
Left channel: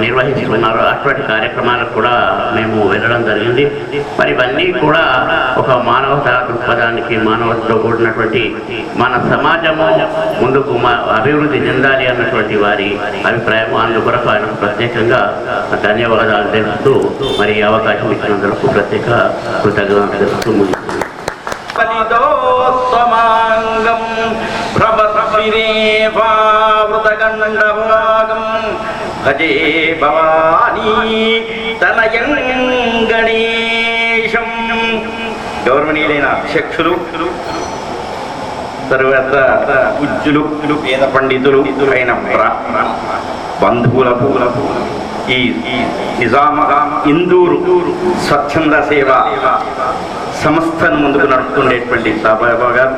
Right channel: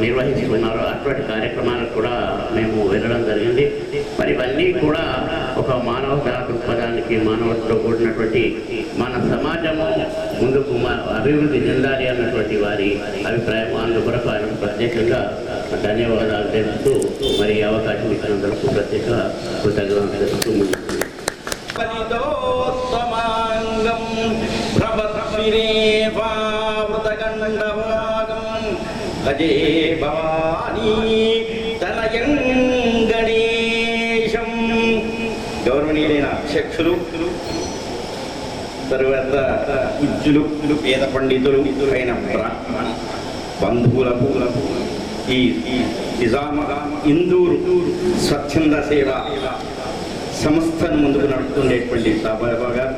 నిర్వహిస్తున్నారు. అటువంటి కార్యక్రమాలకు కూడా మేము వెళ్ళడం జరిగింది. మరి ఇవన్నీ కూడా ఒక మానవతా దృక్పథానికి మానవతలో కూడినటువంటి మన సమాజము ముందుకు అభివృద్ధి చెందాలి అన్నటువంటి వారి అభిప్రాయం. అందుకొరకు ఆయన ప్రత్యేకంగా ధన్యవాదాలు తెలుపుతూ మరి ఈ అవకాశం ఇచ్చినందుకు ప్రత్యేక కృతజ్ఞతలు తెలుపుతూ భజే భవానీ తనయం గణేశం. గౌరవనీయులైన అధ్యక్షులు, తరువాత పూజ్యులు, వేద పండితులు అయిన బంధువులకు ఈ ఇందూరు స్వచ్ఛంద సేవ సంస్థను ముందుకు నడుపుతుండేటువంటి సాయిబాబా గారు,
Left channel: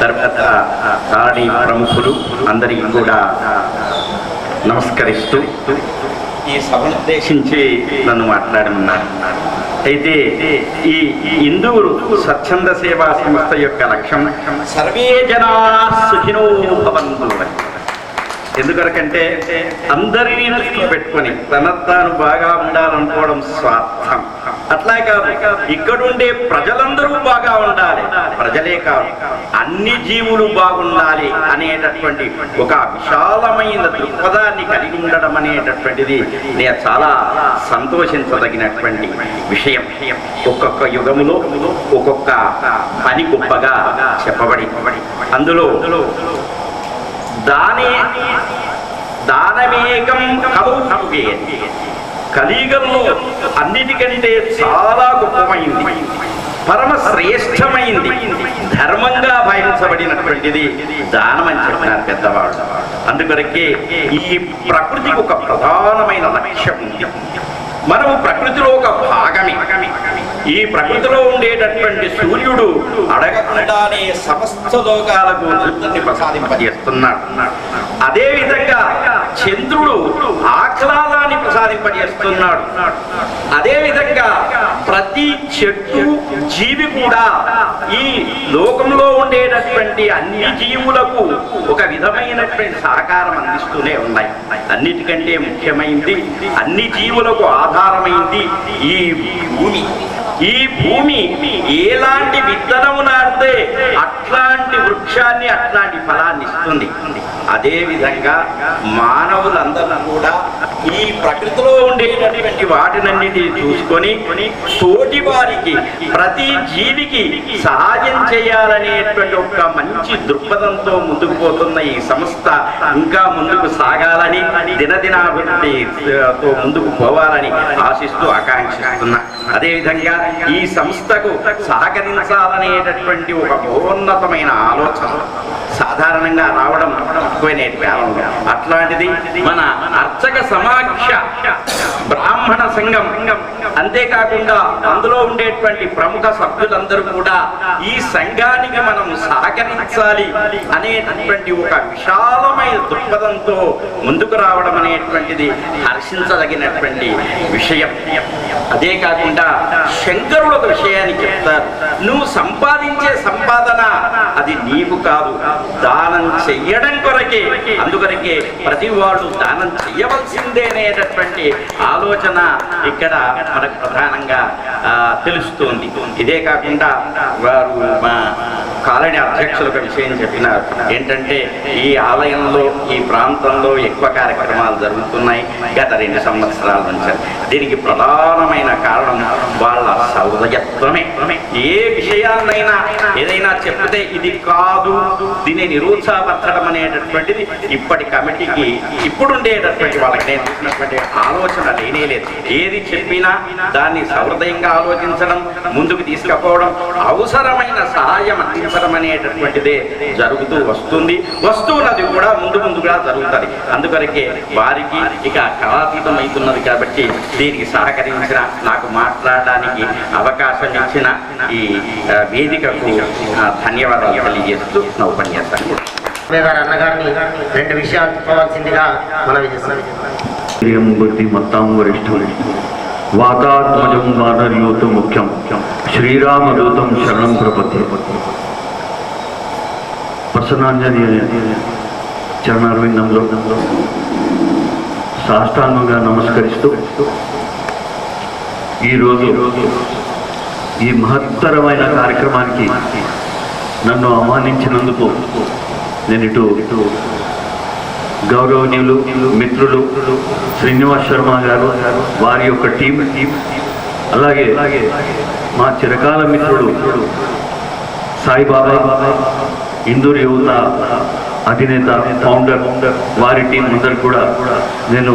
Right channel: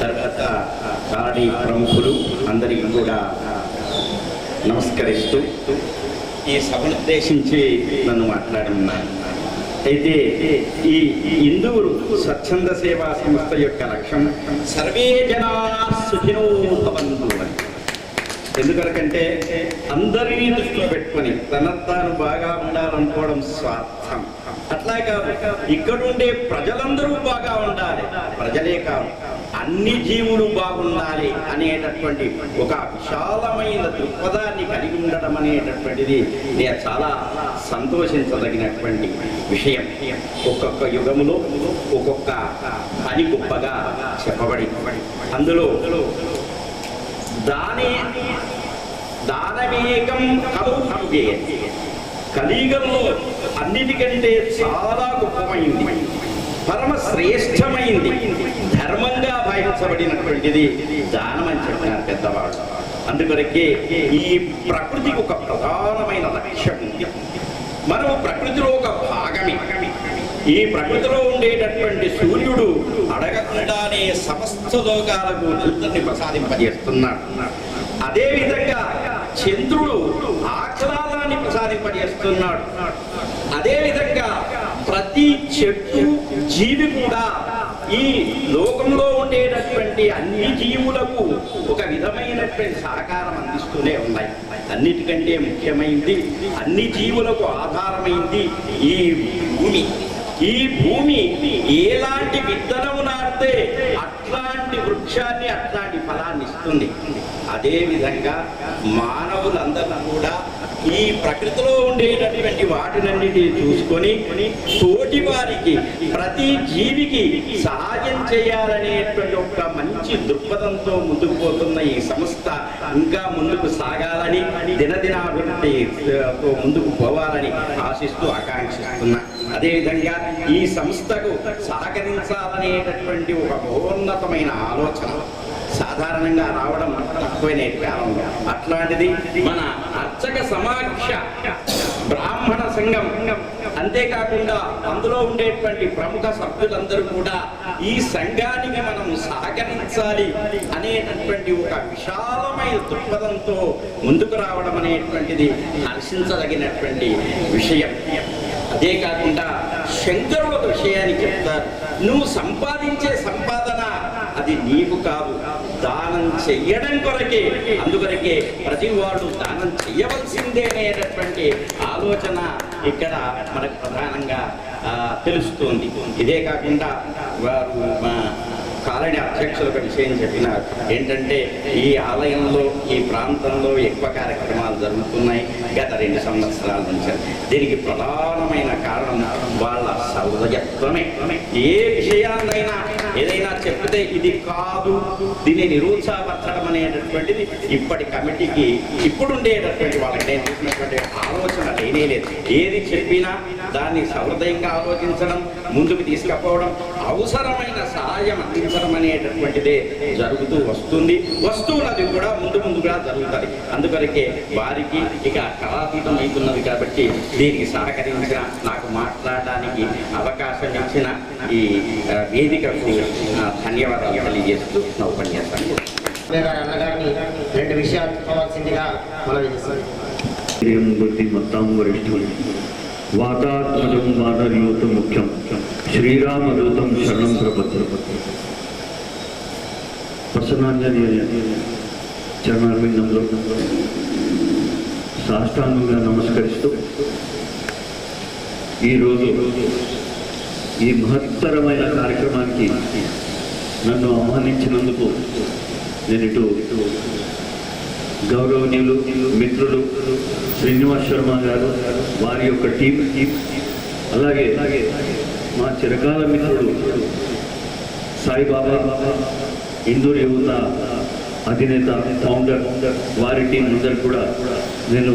తర్వాత కాలనీ ప్రముఖులు అందరికీ కూడా నమస్కరిస్తూ ఈ సభను ఉద్దేశించి నన్ను మాట్లాడమన్నారు. అయితే ఈ ఇందూరు స్వచ్ఛంద సేవా సంస్థ యొక్క లక్ష్యం సర్వే జనా సుఖినో భవంతు. ఎందుకంటే అందరినీ దృష్టిలో పెట్టుకొని తాను బాగా ఉండాలనుకోవడం స్వార్థం. అట్లా కాదు, ఇక్కడుండే ప్రజలందరూ బాగా ఉండాలి, ప్రజలే కాదు అన్ని జీవులు బాగుండాలి అనేటటువంటి ఒక విశాలమైన దృక్పథాన్ని కలిగి ఉండడం అనేటటువంటిది నేను చాలా సంతోషించదగినటువంటి విషయం. ఒక్కొక్క యుగములో ఒక్కొక్క పని గొప్పగా చెప్పబడి అందులో దానమేకం కలుగే కలియుగంలో అన్నిటికంటే చాలా గొప్పమైంది, పరమ శ్రేష్టమైంది, ధర్మంగా భావించబడినటువంటిది దానం అని చెప్పినారు పెద్దవాళ్ళు. అందుకొరకే ఈ ప్రకృతికి ఒక ప్రధానమైన లక్ష్యం ఉంది. మనము ప్రకృతిలో ఒక భాగమే. ఈ ప్రకృతిలో ఉండేటటువంటి సూర్యుడు అడగకుండానే సమస్త లోకాలకు వృత్తిని ప్రసాదింపజేస్తున్నాడు. అదేవిధంగా చంద్రుడు ఆహ్లాదాన్ని ప్రసాదింపజేస్తున్నాడు. అదేవిధంగా ప్రతి చెట్టు జీవి కూడా ఈ లోకంలో ఉండేటటువంటి అన్ని జీవులకు ఒక విధమైనటువంటి సహకారం అందిస్తూనే ఉన్నాయి. అన్నిటికంటే ముఖ్యమైనది, అన్ని జీవులకు ఆధారమైంది ఈ భూమి. ఈ భూమి ఎలాంటి విత్తనము నాటితే అట్లాంటి వృక్షాన్ని, అట్లాంటి ఫలాన్ని ఇస్తుంది. అదేవిధంగా మానవులందరూ కూడా ఈ ప్రకృతిలో ఉండేటటువంటి వాటినన్నిటిని చూసుకొని తోటి వారికి, ప్రతి జీవికి సహాయం చేయాలనేటువంటి ఒక మంచి దృక్పథంతో ముందుకు పోతున్న ఈ సంస్థ ఇంకా ముందుకు సాగాలని, దినదినాభివృద్ధితో ముందుకు పోవాలని ఆశిస్తూ ఆకాంక్షిస్తున్నా. అదేవిధంగా ఈ సంస్థకు సహకరించాలనేటటువంటి ఒక మహోన్నతమైన ఆలోచన సాధారణంగా రావడం తక్కువ నేటి కాలంలో. అట్లాంటిది మన అర్చక సమాక్ష బ్రాహ్మణ సంఘం, అంతేకాకుండా అందులో ఉండేటువంటి ప్రముఖ సభ్యులందరూ కూడా ఈ సంఘానికి మనం సహకరించాలి అనేటటువంటి ఒక విశాలమైన దృక్పథంతో ముందుకు రావడం అనేటువంటిది హర్షించదగినటువంటి విషయం. అదే కాకుండా శంకరుడు ఒక విషయాన్ని చెప్తారు, నువ్వు సంపాదించే సంపాదన అది నీకు కాదు, దానం చెయ్యడం కొరకే. అందుకొరకే ప్రతి వాళ్ళు దానం చెయ్యవలసిందే అనేటటువంటి ఆలోచన ఇక్కడ మనకు ప్రధానంగా తెలుస్తుంది. ఇదే కాకుండా వారు మా కాలనీ అధ్యక్షులు ఒక విషయం చెప్పినారు, ఏంటంటే ఈ ఆలయంలో ఈ ప్రాంతంలో ఎక్కువ కార్యక్రమాలు జరుగుతున్నాయి గత 2 సంవత్సరాల నుంచి. దీనికి ప్రధానమైన కారణం వాళ్ళ సౌలయత్వమే. ఏ విషయాన్నైనా ఏదైనా చెప్తే ఇది కాదు, దీన్ని నిరుత్సాహపరచడం అనేటటువంటిది ఇప్పటి కమిటీకి ఇప్పుడుండేటటువంటి వాళ్ళకి నేను చూసినటువంటి ఆలోచన లేనేలేదు. ఏది చెప్పినా దాన్ని సహృదయంగా ఆలోచించడం, ముందుకు తీసుకుపోవడం, అవసరమైన సహాయం అందించడం అనేటటువంటిదే జరుగుతూ వస్తున్నది కూడా ముందుగా జరుగుతుంది. అందుకొరకే వారికి ఇక కళాతీతం అవుతున్నది కాబట్టి దీనికి సహకరించిన, నాకు మాట్లాడడానికి అవకాశం ఇచ్చిన ఈ వేదికకు ధన్యవాదాలు తెలియజేస్తూ నా ఉపన్యాసాన్ని అన్నగారిని 2 విషయాలు చెప్పవలసిందిగా మనవి చేస్తాను. బుద్ధి మత్తాం వరిష్ఠులు వాతాత్మజం వానర్యూతం ముఖ్యం శ్రీరామదూతం శరణం ప్రపత్తి. ప్రసన్నాంజనేయ చరణారవిందంలో సాష్టాంగంగా నమస్కరిస్తూ ఈరోజు ఈ మహత్తరమైన కార్యక్రమానికి నన్ను ఆహ్వానించినందుకు నేను ఇటు గౌరవనీయులు మిత్రులు శ్రీనివాస్ శర్మ గారు, వారి యొక్క టీం, అలాగే మా చిరకాల మిత్రుడు సాయిబాబా ఇందూరు యువత అధినేత ఫౌండర్, వారి టీం అందరు కూడా నేను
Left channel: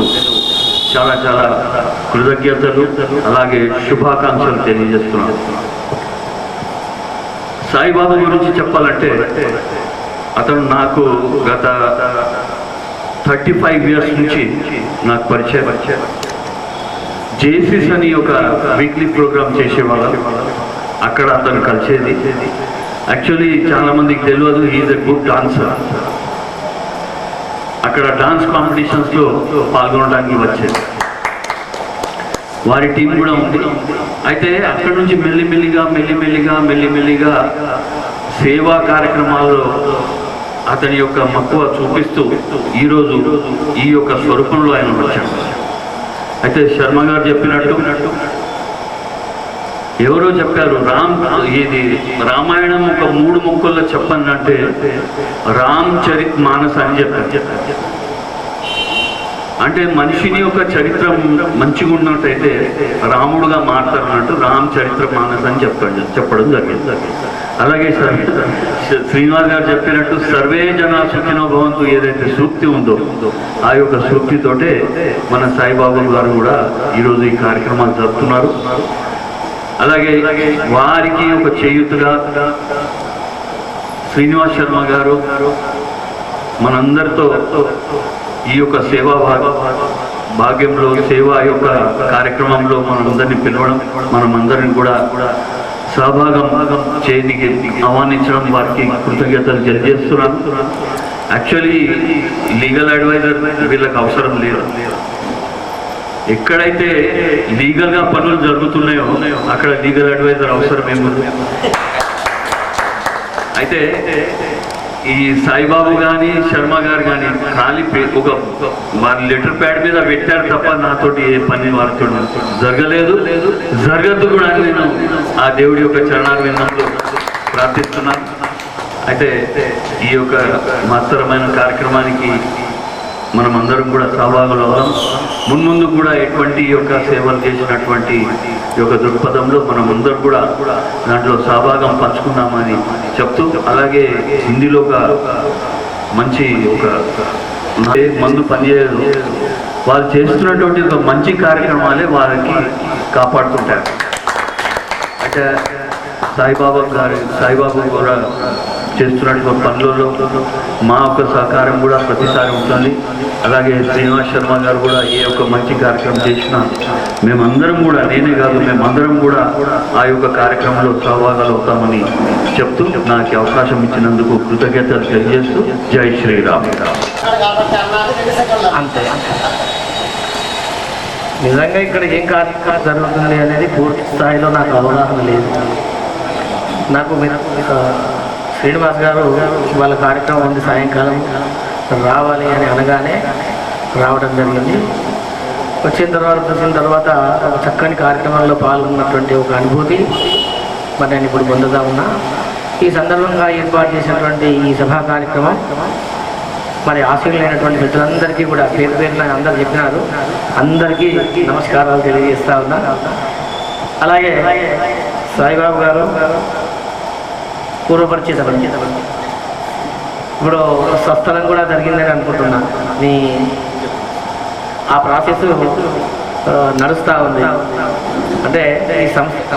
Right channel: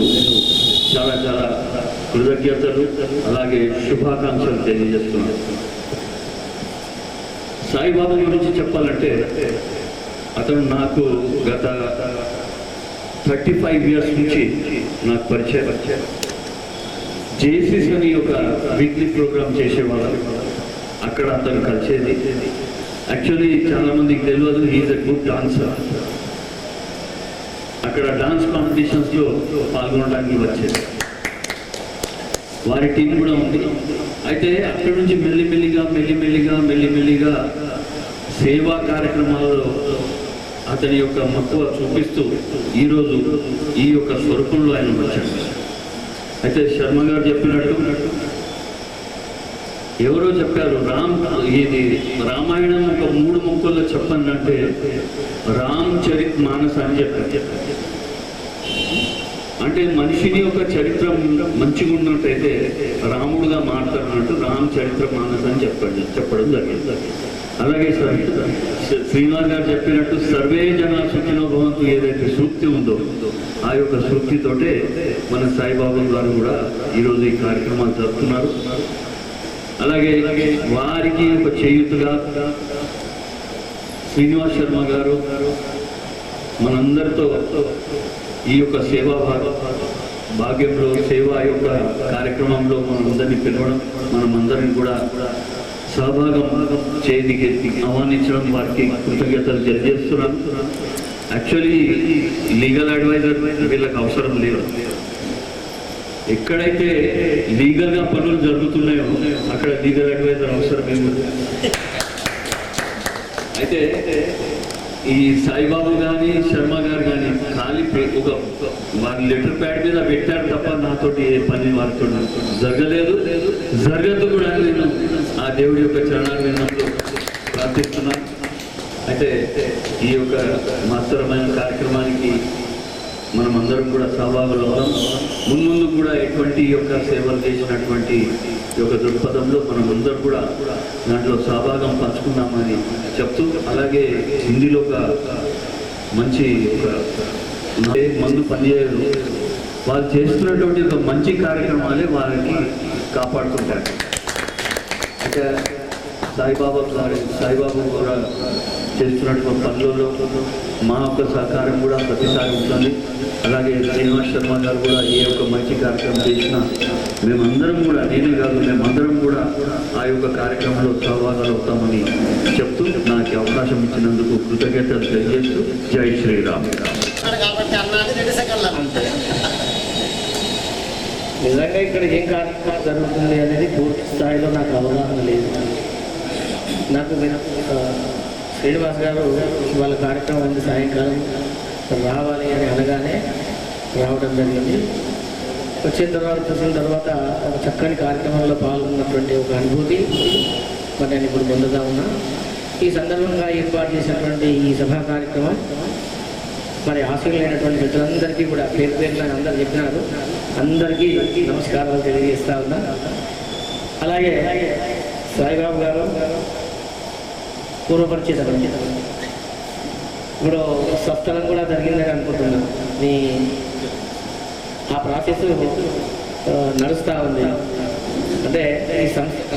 చాలా కృతజ్ఞతలు అలాగే శుభాకాంక్షలు తెలియజేస్తున్నాను. సాయిబాబా గురించి చెప్పాలంటే అతను నాకు గత 35 ఇయర్స్ నుంచి నాకు పరిచయం. జేసీస్ అని ఒక వీక్లీ ప్రోగ్రామ్ చేసేవాళ్ళం, అక్కడ అతను కలిసేది. యాక్చువల్లీ చాలామందికి తెలియదు, హీఈస్ ఎ గుడ్ డాన్సర్. అక్కడ డాన్స్ కాంపిటీషన్స్లో పాల్గొనడానికి వచ్చేది. వారి టీం కూడా ఉంది. అయితే అక్కడ నుంచి మెల్లిమెల్లిగా సేవా కార్యక్రమాల్లో అతని యొక్క మక్కువ చూపిస్తూ ఈరోజు ఈ యొక్క స్వరూపంలో ఆయన వచ్చాడు. అయితే శర్మ గారు చెప్పినట్టు ఎవరో చెప్పారు, ఇది రామాయణం ఒక 3 ముక్కల్లో చెప్పండి అంటే రామ్ చరిత్ మానస్ అని చెప్పారు. అంటే మనిషిని యొక్క చరిత్ర మంచిగా ఉన్నట్టయితే రాముడుగా మారుతారన్నట్టు రామ్ చరిత్ర మానస్ అని చెప్పడం జరిగింది. అలాగే శ్రీనివాస్ గారు చెప్పినట్టు సర్వే జనా సుఖినో భవంతు ఏదైతే సూక్తి ఉందో ఆ యొక్క సూక్తితోటే మన సాయిబాబా గారు కూడా ఈరోజు ఈ కార్యక్రమాలు జరుపుతున్నారు. అలాగే వారికి ఒక చేయూతగా శ్రీనివాస్ శర్మ గారు మనందరితో ఈ యొక్క సేవా భాగ్యంలో సేవా యొక్క కార్యక్రమంలో మనందరినీ పిలవడం, మనమందరిని కూడా సహభాగం చేయడానికి ఆహ్వానించడం వారికి కృతజ్ఞతలు తెలియజేస్తున్నాను. యాక్చువల్లీ లీగల్ అడ్వైజర్ వీళ్ళకి అవసరం లేదు. ఎక్కడైతే లీగల్గా పనులు జరుగుతున్నాయో అక్కడ లీగల్ అడ్వైజర్ అవసరం ఏముంది. అయితే ఈ సాయిబాబు కానీ శర్మ గారు కానీ ఖాళీ ఒక వారి లెటర్ ప్యాడ్ మీద పెట్టారు తప్ప నాతోటి ఏ పని వారితో జరగదు కూడా నేను ఆ దేవుడి యొక్క చరణారవిందంలో ప్రార్థిస్తున్నాను. అయితే ఈ యొక్క మహత్తరమైన కార్యక్రమానికి మనం అందరం కూడా సహభాగులు అవుదాం. మున్ముందు కూడా ఎటువంటి యొక్క సేవలు చేసినటువంటి ఈ యొక్క దృక్పథంలో మనం అందరం కూడా దాంట్లో సహభాగం పంచుకుందామని చెప్తూ, అలాగే హిందీలో ఒక మంచి ఒక మందు పనిచేయదు, వాళ్ళు చేస్తున్నటువంటి ఒక మంచి కార్యక్రమాలే వారికి కాపాడుతుంటారు. అయితే సాయిబాబా కూడా చేస్తున్నటువంటి పనులలో మా యొక్క సహకారం కూడా ప్రతిసారి ఉంటుంది. అలాగే శ్రీనివాస్ శర్మ గారు కూడా ఏ ఒక్క మంచి కార్యక్రమం చేసినా మేమందరం కూడా, నేనే కాదు మేమందరం కూడా ఆ యొక్క కార్యక్రమంలో సహభాగాలు అవుతామని చెప్తూ నాకు అవకాశం ఇచ్చినందుకు కృతజ్ఞతలు తెలియజేస్తూ జై శ్రీరామ్. అంతే. నిజంగా ఇక్కడ ఏం కార్యక్రమం జరుగుతుంది అనేది పూర్తి స్థాయిలో నాకు అవగాహన లేదు. నాకు శ్రీనివాస్ గారు వాళ్ళ కార్యక్రమం ఉంది సాయంకాలం రావాలి అని అనగానే రావడం జరిగింది. చూసిన తర్వాత ఒక చక్కని కార్యక్రమంలో పాల్గొన్నటువంటి ఒక అనుభూతి మరి నేను ఇప్పుడు పొందుతా ఉన్నా. ఈ సందర్భంగా ఏర్పాటు చేసినటువంటి ఈ సభా కార్యక్రమం మరి ఆశీర్వైనటువంటి మిత్రులందరికీ కూడా పేరు పేరున అందరూ చెప్పినారు, అందరికీ నమస్కారాలు తెలియజేస్తా ఉన్నా. అలాగే సాయిబాబు గారు పూర్వపరిచితం, ఇప్పుడు స్వస్థలం కూడా జరిగిందని అనుకుంటున్నా. మీ ఆ ప్రాసెస్ నడుస్తూ ఉంది. అంటే ఈ సంస్థ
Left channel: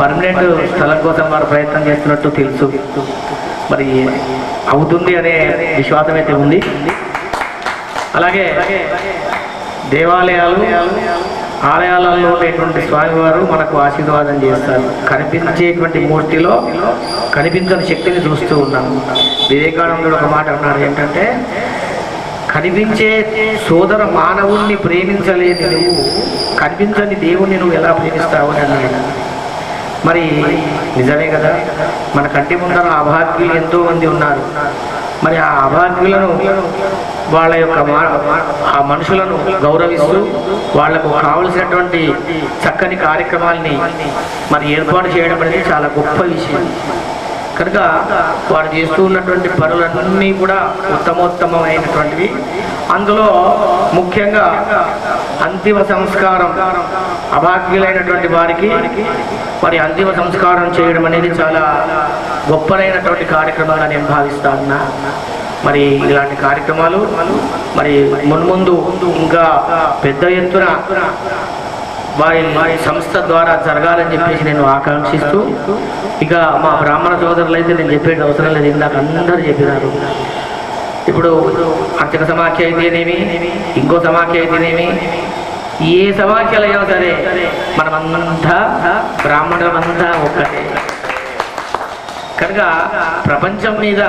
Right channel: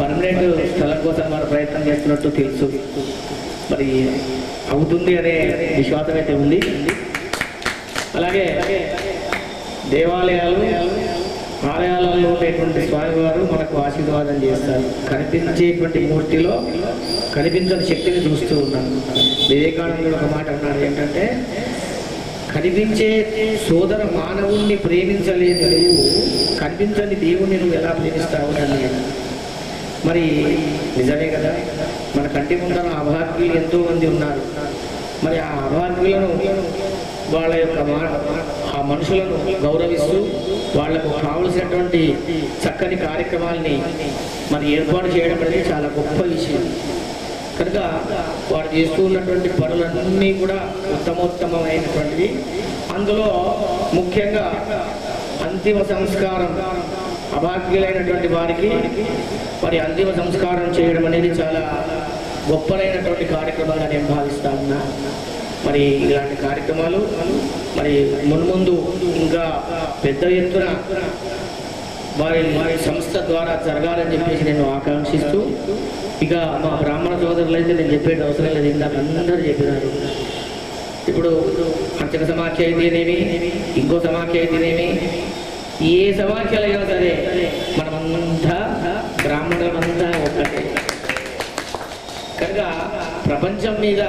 పర్మనెంట్ స్థలం కోసం వారు ప్రయత్నం చేస్తున్నట్టు తెలుసు. మరి అవుతుంది అనే విశ్వాసం అయితే ఉంది. అలాగే దేవాలయాలు ఆలయాలలో ఉండేటువంటి స్వామివారు మనకు ఆశీర్వాదం చేస్తారు. కనిపించేటువంటి మూర్తిలో కనిపించని శక్తిని చూస్తూ ఉన్నాము. వివేకానందుడు ఒక మాట అన్నాడు, ఏంటంటే కనిపించే సోదర మానవుణ్ణి ప్రేమించలేని నువ్వు కనిపించని దేవుణ్ణి నువ్వు ఎలా ప్రేమిస్తావు అని అన్నాడు. మరి నిజమే కదా, మన కంటి ముందర అభాగ్యులు ఎంతోమంది ఉన్నారు. మరి ఆ అభాగ్యులను వాళ్ళ యొక్క ఆ మనుషులను గౌరవిస్తూ వాళ్లకు కావలసినటువంటి చక్కని కార్యక్రమాల్ని మరి ఏర్పాటు చేయడం అనేది చాలా గొప్ప విషయం. కనుక వారు చేస్తూ ఉన్నటువంటి పనులన్నీ కూడా ఉత్తమోత్తమైనటువంటివి. అందులో ముఖ్యంగా అంతిమ సంస్కారం, అభాగ్యులైనటువంటి వారికి మరి అంతిమ సంస్కారం చేయడం అనేది చాలా గొప్పనైనటువంటి కార్యక్రమాలు నేను భావిస్తా ఉన్నా. మరి ఇలాంటి కార్యక్రమాలు మరి మున్ముందు ఇంకా పెద్ద ఎత్తున వారి సంస్థ ద్వారా జరగాలని చెప్పేసి నేను ఆకాంక్షిస్తూ, ఇక మా బ్రాహ్మణ సోదరులు అయితే నేను చెప్పేది అవసరం లేదు, ఇందాక అందరూ చెప్పినారు. ఇప్పుడు అర్చక సమాఖ్య అయితేనేమి, ఇంకో సమాఖ్య అయితేనేమి, ఏ సమాఖ్యలు అయినా సరే మనమంతా బ్రాహ్మణులమంతా ఒక్కటే. కనుక ప్రపంచం మీద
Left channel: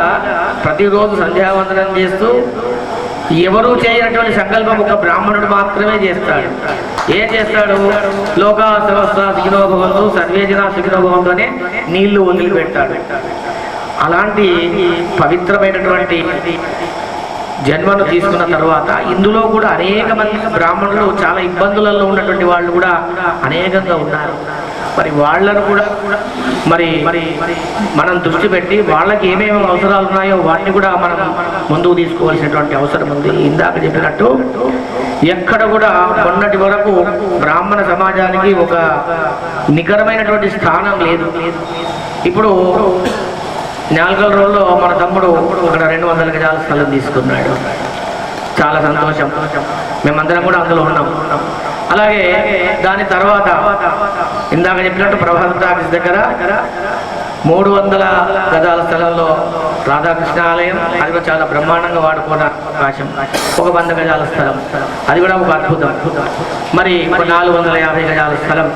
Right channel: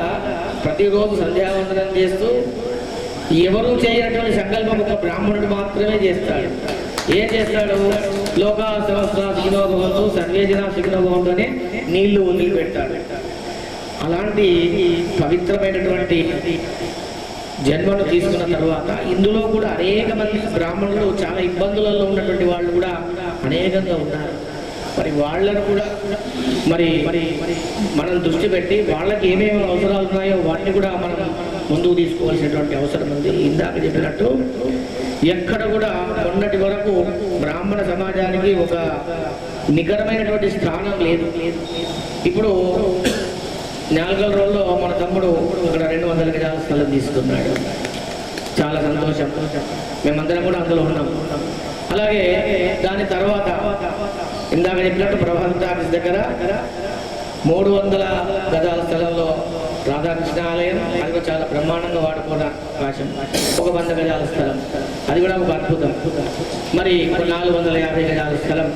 ప్రతిరోజు సంధ్యావందనం చేస్తూ ఎవరూ చేయనటువంటి సంకల్పం ఒక బ్రాహ్మణుడు మాత్రమే చేస్తాడు. ఏం చేస్తాడు? లోకా సమస్త సుఖినో భవంతు, సర్వే జనా సుఖినో భవంతు అనే నీళ్లు వదిలిపెట్టాడు. అలాంటి పవిత్రమైనటువంటి జన్మను తీసుకున్న తర్వాత ఇందులో కూడా అనేక మంది బ్రాహ్మణులు చాలా ఇబ్బందులలో ఉన్నటువంటి వాళ్ళు కూడా అనేకంగా ఉన్నారు. మరి వాళ్ళను కూడా మరి మనం దృష్టి పెట్టి వాళ్ళకి ఏమేమి అవసరాలు ఉన్నాయో వాటిని కూడా మనం ముందుకు తీసుకోవాల్సినటువంటి అవసరం ఉంది. ఇందాక చెప్పినట్టు ఎక్కడ కూడా మొన్నటి వరకు బ్రాహ్మణ సమాజానికి ఒక నికరమైనటువంటి స్థానం లేదు. ఇప్పుడు నాలుగల రోజుల్లో మన తమ్ముడు అక్కడ 200 గజాల స్థలం తీసుకున్నాడు. చాలా సంతోషం, మేమందరం కూడా అందులో ఉన్నాం. అలాగే దాని తర్వాత ఇందాక చెప్పినట్టు ప్రభాత ఆఫీస్ దగ్గర 300 గజాల స్థలంలో రాధాకృష్ణ ఆలయం, అది కూడా చాలా బ్రహ్మాండంగా వాడుకున్న అవకాశం. ఒక 100 గజాల స్థలం, అది కూడా ఒక అద్భుతం. మరి 450 గజాల స్థలం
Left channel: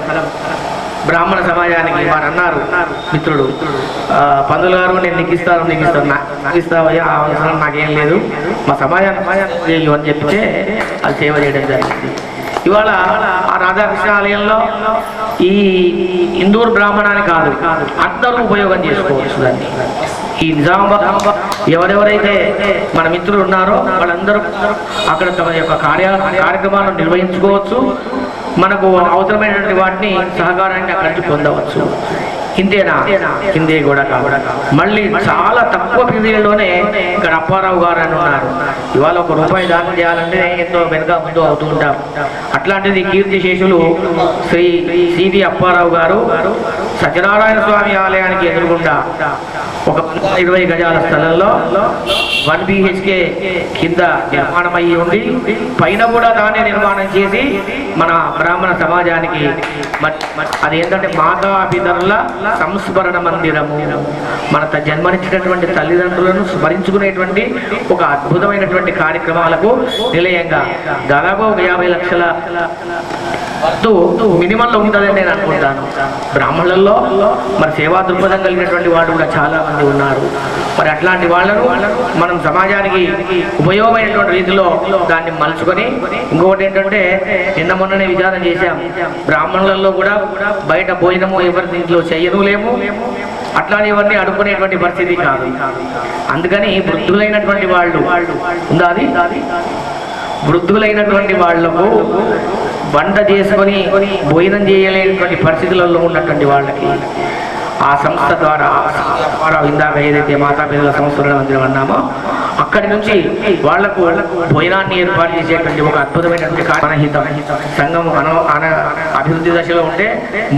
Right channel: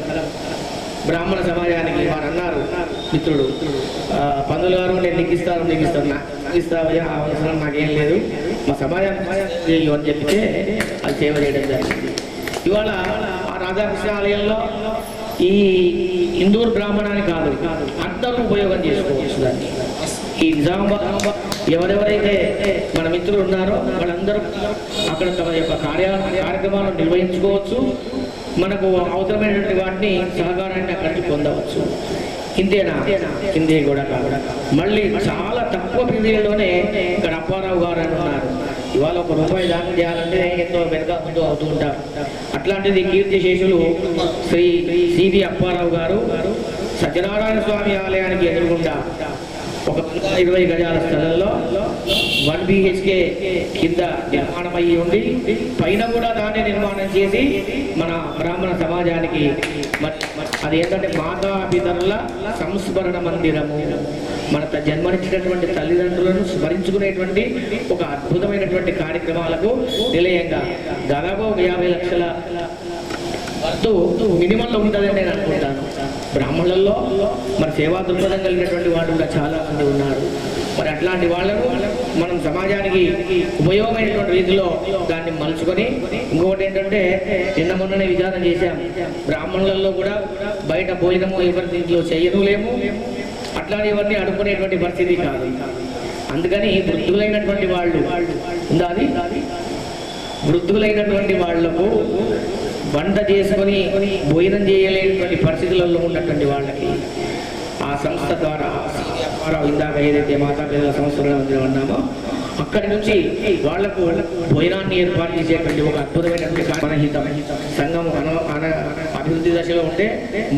బ్రాహ్మణ సమాజానికి వారు అన్నారు మిత్రుడు, పందులు గారు నేను నీకు ఇస్తావయ్యా, ఆ అవసరం నాకేం లేదు, మా సమాజానికి అని చెప్తే అది సేవ చేయడం జరిగింది. ఇవాళ ఆ రాధాకృష్ణ ఆలయంలో ఈ ఇందూరు బ్రాహ్మణాన్ని కాదు అందరూ ఉపయోగం చేసుకోవచ్చు దాన్ని. ఈ నిజామాబాద్ ఎవరెవరైతే మన మిత్రులు ఉన్నారో వాళ్ళందరూ అక్కడ తమ యొక్క కార్యక్రమాలను నిర్వహించుకోవచ్చు. మనకు అవసరమైనటువంటి వాటిని సహకారాన్ని అక్కడి నుంచి పొందవచ్చు. ఇంతేనా? కిందే కూడా కావడం. మళ్ళీ చాలా తక్కువ పీరియడ్లోనే ఇక్కడ అప్పారావు గారు అని ఉన్నారు. ఇవాళ ₹1 దానం చేయాలంటే ఎంతో వెనుక ముందు అవుతూ ఉంటాం. అట్లాంటిది కీర్తిశేషులు శ్రీ సివి అప్పారావు గారు సత్యనారాయణ స్వామి ఆలయానికి ఎదురుగుండా ఒక 20 గజాల స్థలంలో 1 BHK కింద నిర్మాణం అయ్యి ఉండి పైన కూడా దాన్ని నిర్మాణం చేసి మన బ్రాహ్మణ సమాజానికి అది ఏంటంటే మాతాపితరుల సంస్మరణ మందిరము, మన జన్మనిచ్చినటువంటి తల్లిదండ్రులను స్మరించుకునేటువంటి ఒక అద్భుతమైనటువంటి కార్యక్రమాలకు నిలయంగా దాదాపు 50 లక్షల మినిమంలో ఉంటుందని నేను అనుకుంటాను. బ్రాహ్మణులలో మరి సేవా దృక్పథం కలిగినటువంటి వాళ్ళు కూడా చాలా మంది ఉన్నారు. మరి అట్లాంటి వాళ్ళను మనం సమాజానికి ఉపయోగమైనటువంటి రీతిలో దాన్ని మలుచుకొని, ఇంకొకటి ఏంటంటే నిన్న మొన్ననే విచారణ చేశాం, బ్రాహ్మణులలో కూడా బయట భోజనము ఎవరి దీంట్లో చెయ్యను లేము, అట్లానే ఇవన్నీ అడుక్కునేటువంటి పరిస్థితి కాదు. అందుకని వృద్ధులైనటువంటి వాళ్ళు ఉందా, అది వృద్ధులైనటువంటి వాళ్లకు వంట చేసుకొని భోజనం చేయలేనటువంటి పరిస్థితులలో ఉన్నటువంటి వాళ్ళకి ఆ సంస్థ ద్వారా ఇందాక ఏదైతే మాతాపితల సంస్థల మందిరం అన్నామో అక్కడి నుంచి వాళ్లకు భోజనాన్ని ఏర్పాటు చేసేటువంటి ఒక అద్భుతమైనటువంటి మనహితం సంఘం అభివృద్ధి దశలో ఉంటే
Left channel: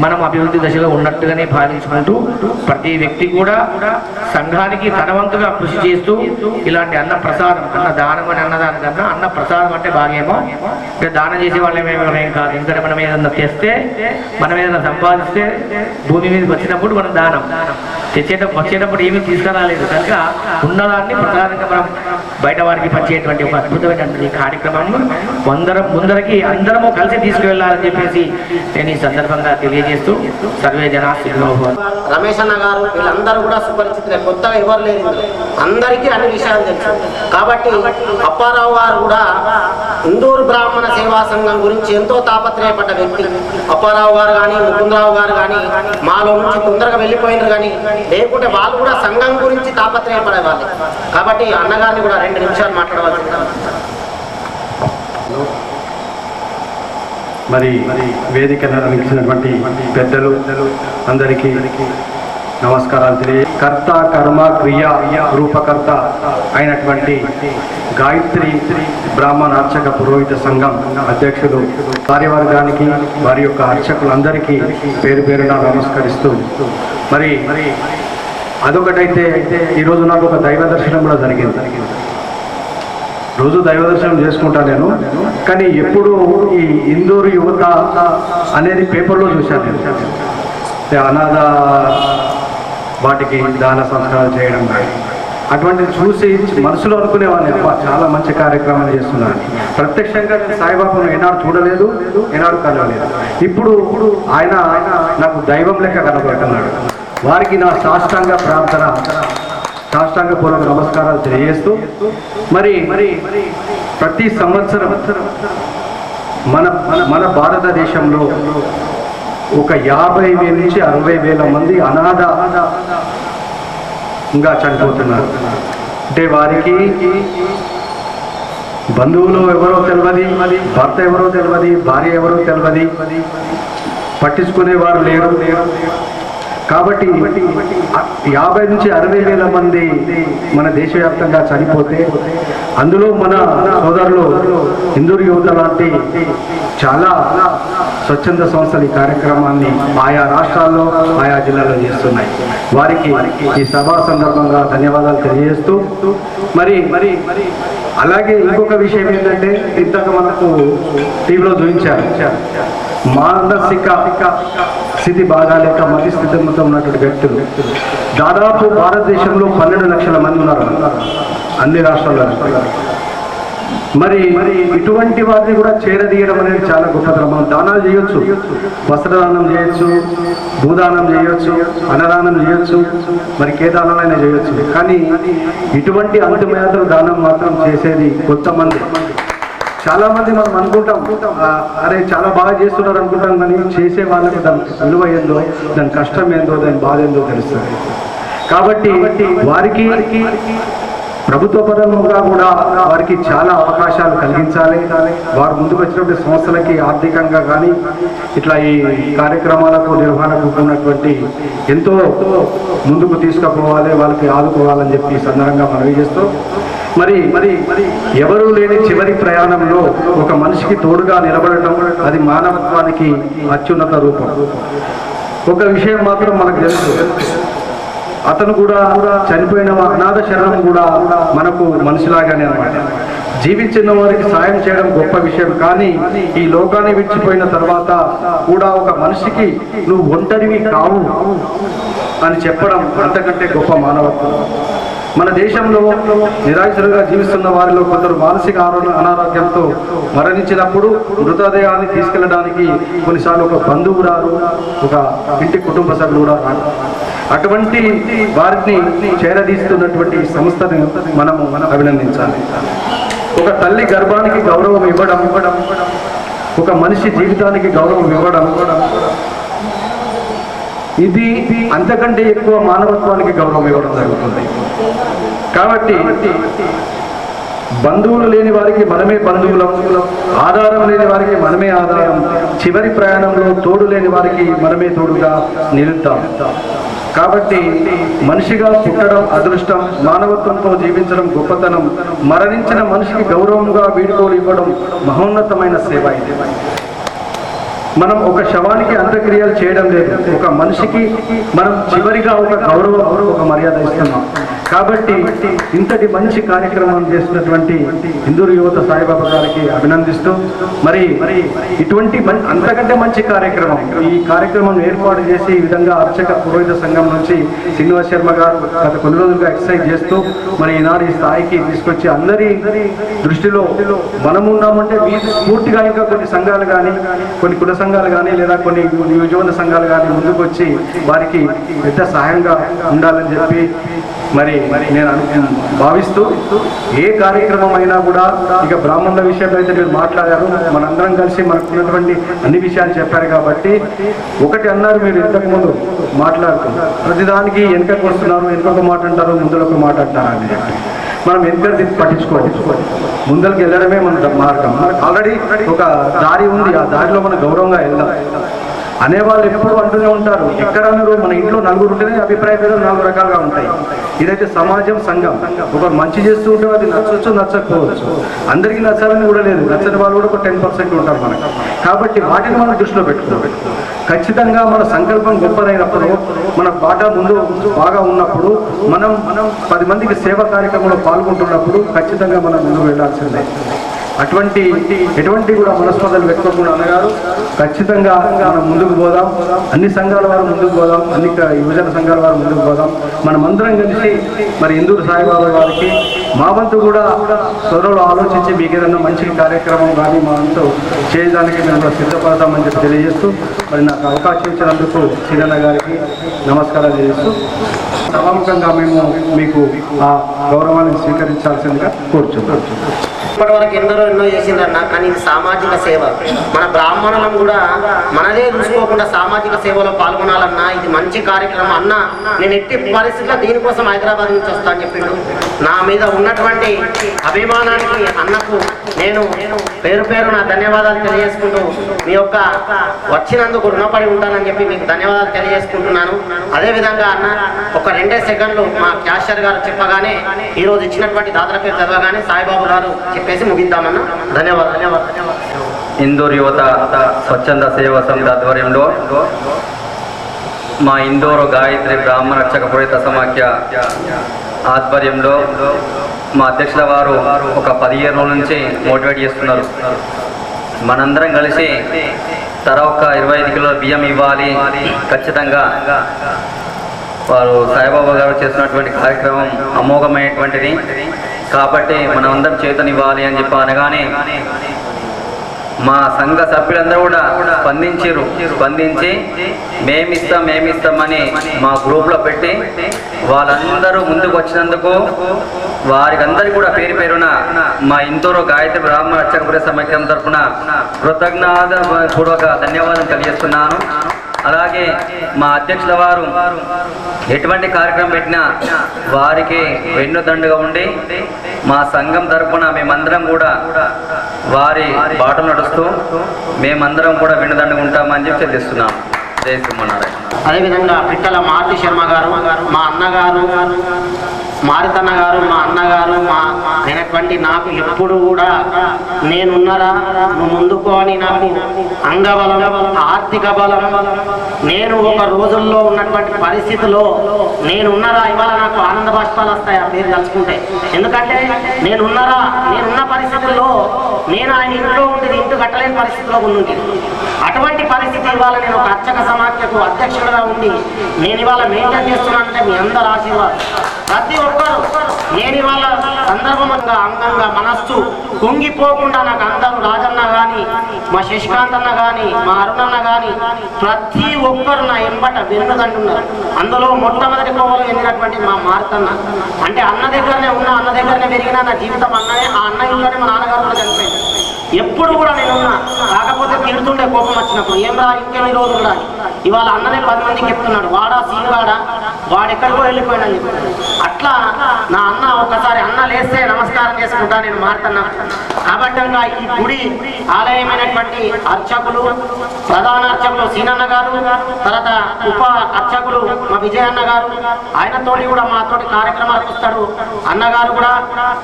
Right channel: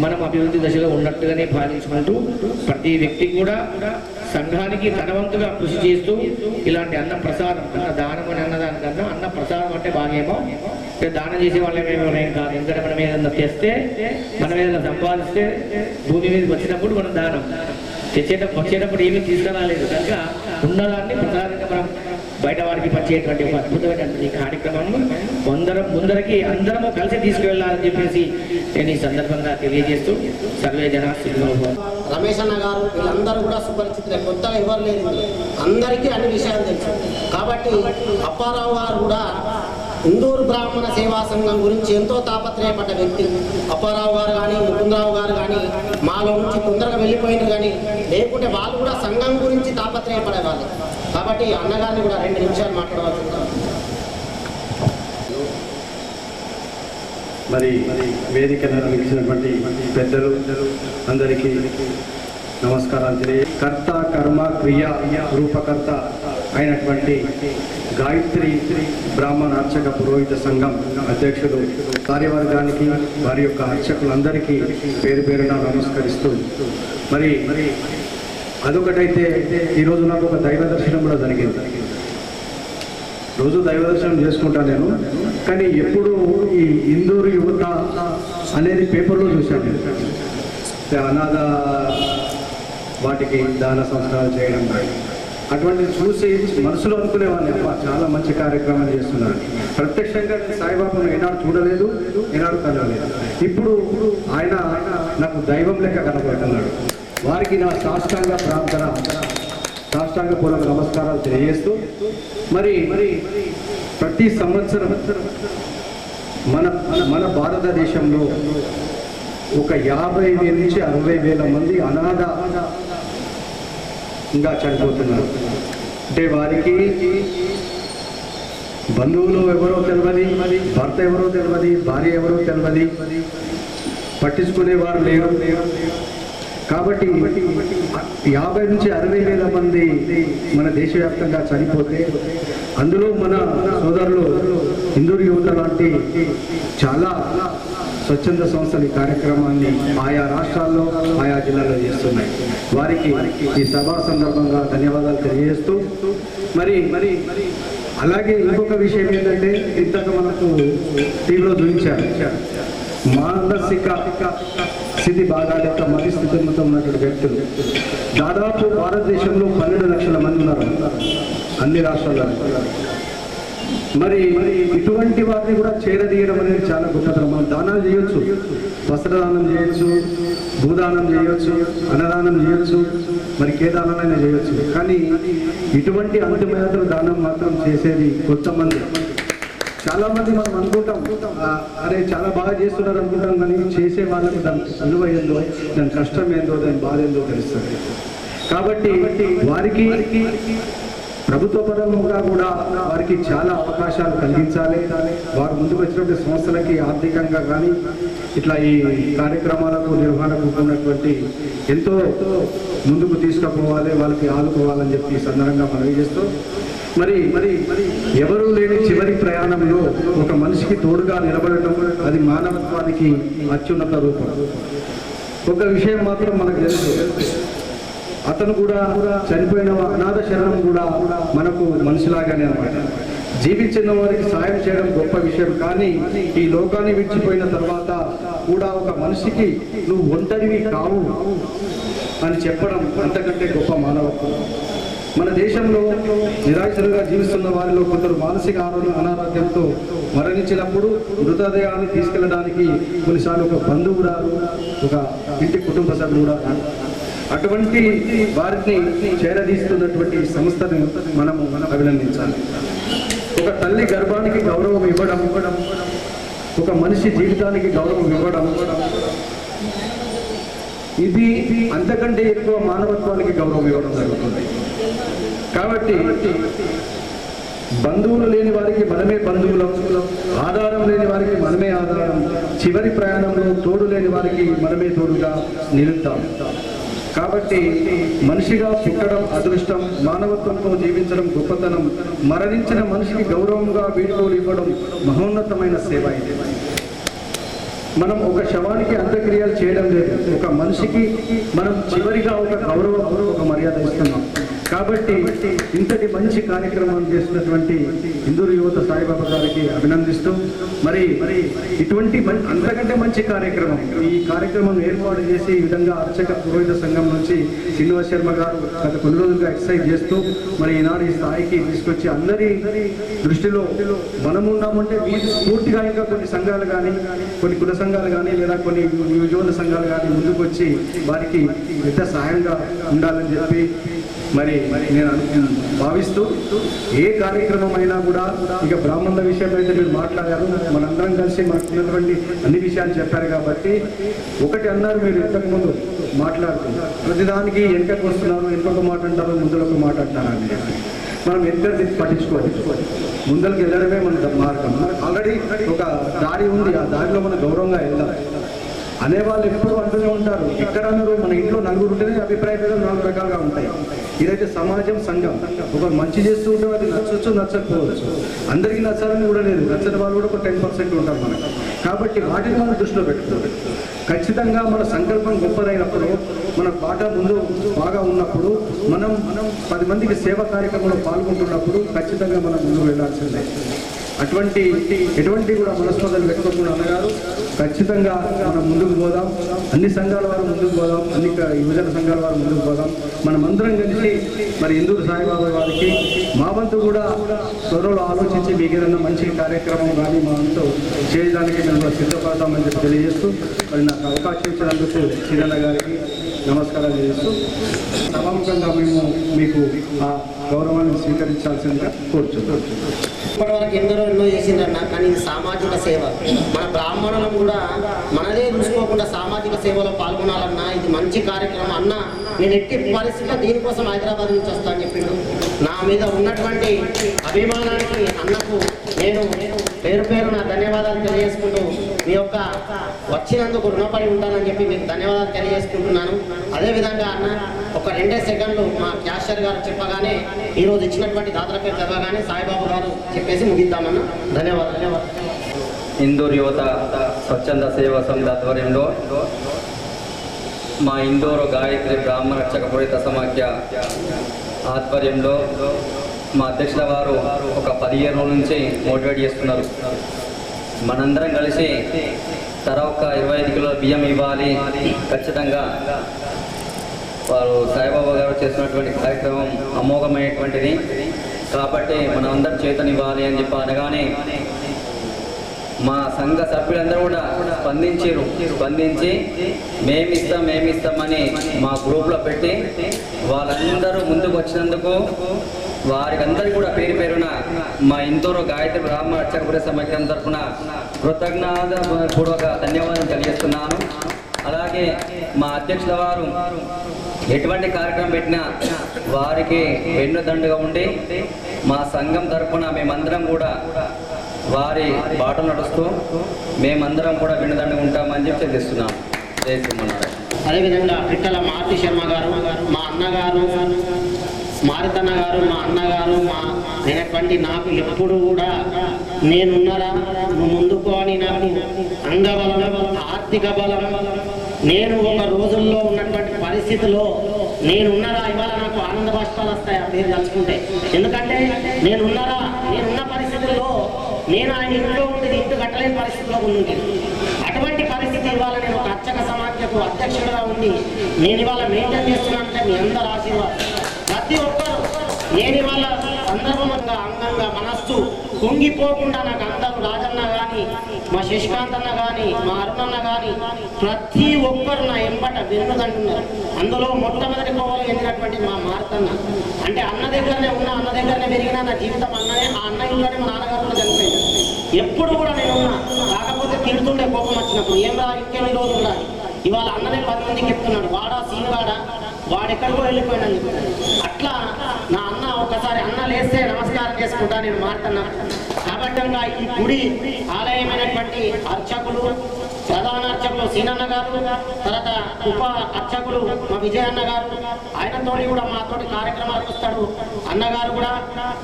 మనం అభివృద్ధి దశలో ఉన్నట్టుగానే భావించుకుంటూ ప్రతి వ్యక్తి కూడా సంఘానికి తనవంతుగా కృషి చేస్తూ ఇలాంటి అన్న ప్రసాదం, అన్న దానం అని అన్నదానికన్నా అన్న ప్రసాదం అంటే బాగేమో, అంటే దానం చేసే వాళ్ళేమేం కాదు. ఎందుకంటే మనం ఏదన్నా తెస్తే, మనం ఏదైనా సంపాదిస్తే భూమి మీదకి వచ్చినప్పుడు మనం దానం వచ్చేటప్పుడు ఏమీ తీసుకురాలేదు కనుక ఉన్నదాన్ని ప్రసాదంగా మనం బయట వారికి పంచేటువంటి ఒక అద్భుతమైనటువంటి కార్యక్రమం ముందరకి అందరము కలిసి తీసుకువెళ్ళాలని చెప్పేసి నేను ఈ సందర్భంగా తెలియజేస్తూ సర్వే జనా సుఖినో భవంతు. రమేష్ అన్న గారు వీళ్ళందరూ కూడా సుపరిచితులే, కొత్తగా ఎవరు లేదు, అందరికీ అన్ని విషయాలు తెలుసు. కాబట్టి అప్పారావు గారు కూడా ఇందూరు బ్రాహ్మణ సేవా సంఘం గురించి ఎంతో తాపత్రయపడ్డ వ్యక్తి. అప్పారావు గారు కానీ ముకుందరావు గారు కానీ మాలో నుంచి తొందరగా వెళ్ళిపోయినారు, కానీ లేకుంటే వాళ్ళు కూడా సంఘం గురించి తాపత్రయపడే వాళ్ళు. కాబట్టి అన్నగారిని కూడా 2 నిమిషాలు మాట్లాడవలసింది. మరి వేదిక నిర్వహించినటువంటి పెద్దలు అందరికీ నమస్కారాలు తెలియ. కర్త కర్మ క్రియ రూపకర్త అయినటువంటి గాయత్రి బ్రాహ్మణ అర్చక పురోహిత సంఘం అధ్యక్షులు కార్యవర్గానికి వారి యొక్క అర్చకులందరికీ పేరు పేరున నమస్కరిస్తూ, మరి అదొకటైతే ఈరోజు నాకు ఒక దైవ దర్శనం కూడా జరిగింది. రోజు దైవ దర్శనం చేసుకుంటా నేను, కానీ ఎప్పుడు ఈ ఇందూరు యువత అనేది పేపర్లో చూశాను నేను. అనాథ వాటికి దాన సంస్కారాలు చేయడం కానీ అటువంటిది చూసి మనసులో అనుకునేవాడిని, అబ్బా చాలా మంచి కార్యక్రమాలు చేస్తున్నాను. ప్రత్యక్షంగా నేను సాయిబాబాను ఏనాడు చూడలేదు, ఏనాడు కలవలేదు. ఇప్పుడు ఆయన నాకు దైవం లెక్క కనబడుతున్నాడు. వారికి నా సాష్టాంగ ప్రార్థన, సాష్టాంగపూర్వక నమస్కారాలు తెలియజేస్తూ, మరి ప్రతి సంవత్సరం మన భారతదేశంలో ఒక 50,000 నుంచి 60,000 మంది అనాథంగా చనిపోతున్నారు. అంటే వారికి బంధువులు ఎవరో తెలియదు, భర్త ఎవరో తెలియదు, భార్య ఎవరో తెలియదు, పట్టించుకునేవారు లేరు. కాబట్టి 50 నుంచి 60,000 మంది మన దేశవ్యాప్తంగా చనిపోతే అందులో మన సోదరులు ఇందూరు యువత లాంటి చాలా స్వచ్ఛంద సంస్థలు ఈ కార్యక్రమాన్ని ఆయా రాష్ట్రాల్లో ఆయా జిల్లాల్లో చేస్తున్నాయి. వారికి ఈ సభా సందర్భంగా ధన్యవాదాలు తెలియజేస్తూ, మరి అలాగే ఇంకొక విషయం ఏంటంటే ఇంతక మనకు టీవీలో చూపించారు, మానసిక స్థితి బాగాలేక మతి స్థితితో ఉన్నటువంటి వ్యక్తులు దాదాపు భారతదేశంలో 12 లక్షల మంది ఉన్నారు అన్ని రాష్ట్రాల్లో. మరి ఇటువంటి వారిని కూడా చేరదీయడం అనేది చాలా గొప్పతనం. మనం దానాలు చేయొచ్చు, వస్త్రదానం చేయొచ్చు, భూదానం చేయొచ్చు, అన్నదానం చేయొచ్చు, మరి ఏ దానాలైనా చేయొచ్చు. కానీ ఇటువంటి అంతిమయాత్ర దానం మాత్రం చేసేది కొంతమంది. చాలా మంది మనం అనుకుంటాం, అరే చాలా బాగా చేస్తున్నారు అనుకుంటాం, కానీ చేసే వాళ్ళకి దాని విలువ ఏందో, దాని కష్టం ఏందో, దాని బాధ ఏందో తెలుస్తుంది. కాబట్టి వారికి ప్రభుత్వ పరంగా కూడా వారికి చాలా అవకాశాలు కలిగించాలి. వారు ముందుకు వచ్చినటువంటి సంస్థలకి ఆర్థికంగా కానీ ఇట్లా ఈ కార్యక్రమాలకు నిర్వహణకు ఉన్నటువంటి ఎంతో ముందుకు తీసుకుపోవాలి, వాళ్ళకి ఆదుకోవాలని చెప్పి ఈ సందర్భంగా మనవి చేస్తూ, మరి ఎవరూ లేని చివరి ప్రయాణంలో ఒక మనిషికి తోడుగా నిలబడటం అది మానవత్వానికి అత్యున్నత రూపం. ఒక విషయం మాత్రం మనకు తెలుసు, అతను కూడా చనిపోయిన అనాథ శరణం కూడా మనకు మనిషిలాగానే అన్నమాట. జీవించిన వారికి సాయం చేయడం గొప్ప విషయం, కానీ ఈ లోకాన్ని విడిచిపోయిన తర్వాత కూడా ఒక మనిషికి నువ్వు ఒంటరివి కావు అని చెప్పడం అంతకంటే గొప్ప మానవత్వం. మన దేశంలో నిరాశలుగా జీవిస్తున్న వారిలో కొందరు మానసిక అనారోగ్యంతో మరణించినప్పుడు మృతదేహాన్ని తీసుకెళ్ళడానికి కొన్నిసార్లు ఒక బంధువు రారు, ఒక ఇంటి కుటుంబ సభ్యులు కూడా రారు. అటువంటి వారిని చేరదీస్తున్నటువంటి సంస్థను మనము అభినందించాలి. ఒక తల్లి గర్భానికి గౌరవం ఇవ్వడం, ఒక మనిషి జీవితానికి గౌరవం ఇవ్వడం, ఇది అంతకంటే ఎక్కువ మానవత్వానికి గౌరవం ఇవ్వడం జరుగుతుంది. కాబట్టి బంధువులు లేని వారికి మనమే బంధువులం, ఆధారం లేని వారికి మనమే ఆధారం, చివరి ప్రయాణంలో తోడు లేని వారికి మనమే తోడుగా నిలుద్దాం. కాబట్టి మనిషిగా పుట్టడం అదృష్టం, మానవత్వంతో జీవించడం గొప్పతనం, మరణించిన మనిషికి గౌరవంగా వీడ్కోలు ఇవ్వడం మహోన్నతమైన సేవ. ఇది మనం ఒక శవానికి అంత్యక్రియలు చేయడం లేదు, ఒక మనిషికి మనం చివరిగా ఒక గౌరవం, ఒక మర్యాద ఇస్తున్నాం. కాబట్టి ఇంతటి మంచి కార్యక్రమం చేసినటువంటి హిందూ యువత సాయిబాబా గారికి అభినందిస్తూ, మరి ఇటువంటి అంతకంటే మంచి కార్యక్రమం, ఈ కార్యక్రమం ఏర్పాటు చేసి ఈ విధంగా అర్చక పురోహిత సంఘం నుంచి శ్రీనివాస శర్మ గారు గత కొన్ని రోజులుగా ఎక్సర్సైజ్ చేస్తూ మరి ఈనాడు ఈ స్థాయికి తీసుకొచ్చి అందరి దృష్టిలో మనమున్నామంటే వీధి పూర్తిగా ఇంకా కొన్ని సంఘాలు కానీ, కొన్ని కుల సంఘాలు కానీ, లేదా కొన్ని యువజన సంఘాలు కానీ ముందుకు వచ్చి వారికి పెద్ద సహాయంగా ఉండాలని చెప్పి మరి నేను భావిస్తూ, ఏ కార్యక్రమం అయినా కూడా ఇక బ్రాహ్మణుల విషయంలో అయితే మీరు మాట్లాడారు, మనందరం కలిసి మనకున్నటువంటి అన్ని విషయాలు చెప్పారు. కాబట్టి ఒకటి అన్నారు మీరు ఇంతకుముందు మాట్లాడుతున్నారు, ప్రతిదానికి వెనుకకు వస్తున్నారు, వెనుకొక మాట అంటారు, ముందులకు మాట అంటారు అని చెప్పి మనం వెనుక పట్టించుకోవాలి. ముందరికి వెళ్ళడమే మన మార్గం. మనకు ఆల్రెడీ ఒక దారి ఉంది, ఆ దారిలో మనం గౌరవంగా వెళ్దాం. అనేవాళ్ళు ఎప్పుడు అంటూనే ఉంటారు, ఎక్కడ అన్నారు మన ఇంట్లో నలుగురు ఉంటేనే అభిప్రాయ భేదాలు 4 రకాలుగా ఉంటాయి. ఇదైతే సమాజం, సంఘం. ఒకరు మంచి చేస్తూ ఉంటే అది నచ్చవచ్చు, నచ్చకపోవచ్చు. అందరికీ నచ్చాలని కూడా లేదు, నచ్చని వాళ్ళు కూడా ఒక 10% ఉంటారు మనకు. కాబట్టి వాటిని మనం దృష్టిలో పెట్టుకోవాలి. ఖచ్చితంగా మన సంకల్పం గొప్పదైనప్పుడు, మన బాట ముందు బాగా ఉన్నప్పుడు, మనం 10 మందికి సేవా కార్యక్రమంలో పాల్గొంటున్నప్పుడు ఖచ్చితంగా మనం ముందుకు వెళ్ళాల్సిందే. ఎటువంటి కూడా మనస్పర్ధలు పెట్టుకోకుండా అన్నగారు ఖచ్చితంగా మనం ముందుకు పోదాం. అన్ని సంఘాల వారు ముందుకు పోదాం, అన్ని యువజన సంఘాల వారు ముందుకు పోదాం. మనమందరం కలిసి మరి ఇందూరు సాయిబాబా గారికి మా వంతు కూడా త్వరలో ఆలోచించి మీకు ఏదైనా మంచి కార్యక్రమం కానీ మా వంతు చేయడానికి మేము సిద్ధపడతామని చెప్పి తెలియజేస్తూ, మరి నాకు అవకాశం ఇచ్చినందుకు సీనన్న గారికి నమస్కారాలు తెలియజేస్తూ, సభాముఖంగా మేము మీకు ఆ గౌరవాన్ని స్వీకరించాల్సిందిగా కోరుచున్నాం. ఇప్పటి వరకు ఎన్నో చేసిండ్రన్న, కానీ ఇది సామాజిక సేవ. మన బ్రాహ్మణులం కూడా మనదే చూసుకోకుండా సామాజిక సేవలో పాల్గొనాలన్నా ఇది మంచి కార్యక్రమం అన్న. నేను ఎట్టి పరిస్థితుల్లో దీనికోసం హైదరాబాద్ నుంచి వస్తా అని చెప్పిండు. నా మీద ఉన్నటువంటి అభిమానానికి అన్నకు నేను పేరు నా ధన్యవాదాలు తెలియజేసుకుంటూ, మీ యొక్క వచ్చినందుకు రుణపడి ఉంటానని చెప్పి మీకు ధన్యవాదాలు తెలియజేసుకుంటున్నాను. అదేవిధంగా అన్న ఒక 2 సెకండ్లు మా క్యాషియర్ గారు చెప్పగానే, ఈరోజు ఇచ్చినటువంటి దాతల పేరు చదవగానే సాయిబాబు గారు చెప్పేసి ముగిద్దామన్నా. ధన్యవాదాలు. ఇందూరు యువత స్వచ్ఛంద సేవా సమితి ఆధ్వర్యంలో మా ఇందూరు గాయత్రి బ్రాహ్మణ రక్షక పురోహిత సమాఖ్య ఆధ్వర్యంలో మా అధ్యక్షుల వారు ఒక 15 రోజుల నుంచి మోటివేట్ చేస్తున్నారు. మనందరం కలిసి ఒక 25 కిలోల బియ్యం ఇవ్వాలి ఖచ్చితంగా. వారు సాయిబాబా గారు చేస్తున్నటువంటి కార్యక్రమం అమోఘమైనటువంటిది, కాబట్టి మనం అందరం చేతనివ్వాలి అని చెప్పి అనగానే మా సంఘ సభ్యులందరూ కూడా స్పందించి మేమిస్తామని మా గ్రూప్లో పెట్టి వాళ్ళందరూ ముందుకు వచ్చినందుకు వారికి అందరికీ కూడా పేరున మా ఇందూరు గాయత్రి బ్రాహ్మణ రక్షక పురోహిత సమాఖ్యం తరఫున కృతజ్ఞతాపూర్వక ధన్యవాదాలు తెలియజేస్తున్నాను. అలాగే మా అధ్యక్షుల వారు ఎటువంటి కార్యక్రమం పెట్టినా వారికి వెన్నుదండుగా ఉండి మా సంఘం తరఫున మేమందరం కూడా వారి బాటలు నడుస్తూ మేమందరం కూడా వెన్నుదండుగా ఉంటామని చెప్పి తెలియజేస్తున్నాం. జై శ్రీమన్నారాయణ. అదేవిధంగా పిట్టల మారుతి శర్మ గారు, మా అన్నగారు మారుతన్న గారు, మా అన్నగారు, మా అయినటువంటి నాకు ఎప్పుడు కూడా నేనున్నరా నువ్వు ముందుకో అని నాకు అంగబలం, ఆర్థిక బలం, నేను ఒక రోజుల్లో ఉన్నటువంటి పరిస్థితిలో నేనున్నరా ఇవాళ నాకు ఆనంద బాష్పాలు వస్తాయి ఆ పేరు తలుచుకుంటే. ఎందుకంటే నేనున్న పరిస్థితుల్లో నేను ఆయన ఇంట్లో ఉండేది ఇంటి కట్టలేని పరిస్థితిలో ఉంది. అటువంటి పరిస్థితి ఇవాళ నేను ఒక అర్చక సమాఖ్యకు అధ్యక్షుడిగా ఉండి నేను ఇవాళ మెయింటైన్ చేస్తున్నానంటే మీ అందరు ఆశీర్వాదం. ప్రతి ఒక్కరు నేను ఇవాళ సందర్భంగా అంగంగా మనస్సు కుంగిపోకుండా నాకు అందరూ రాజన్న కానీ, మా శశికాంత్ అన్న కానీ, మా అరుణన్న కానీ ప్రతి ఒక్కరు నా ఎంబట వెన్నుదంటున్నారు. అందులో మొట్టమొదటి కోవలో ఎన్నినటువంటి మా మారుతన్న అంటే అన్న దగ్గరనే ఉన్నా, అన్న దగ్గరనే పెరిగినా నా జీవితం అన్ననే. ఆ అన్న ఇంట్లోనే మా నాన్నగారు కూడా చనిపోయింది. ఎప్పుడు కూడా నేనున్నా, కాకపోతే తిడుతుండే కోపం వచ్చినప్పుడు ఏం రా ఇంకెన్ని రోజులు రాని. ఇవాళ అన్ననే 10 మందికి చెప్తున్నాడు, వాడా సీనుగాడా వాడెక్కడికో వెళ్ళిపోయాడని చెప్తున్నాడు. అట్లా నా అన్న ఒకసారి అన్న లేస్తే నమస్కారం చేసుకుంటా నేను మారుతున్నా. కాబట్టి ఈ గుడి ఆలయమైనటువంటి అర్చకులు, ప్రధాన అర్చకులు సీనన్న గారు, తర్వాత ఉప అర్చకులు మా విజయన్న గారు, ఆయనతోటి కూడా మాతోటి కార్యక్రమాలకు వస్తాడు అన్నగారు కూడా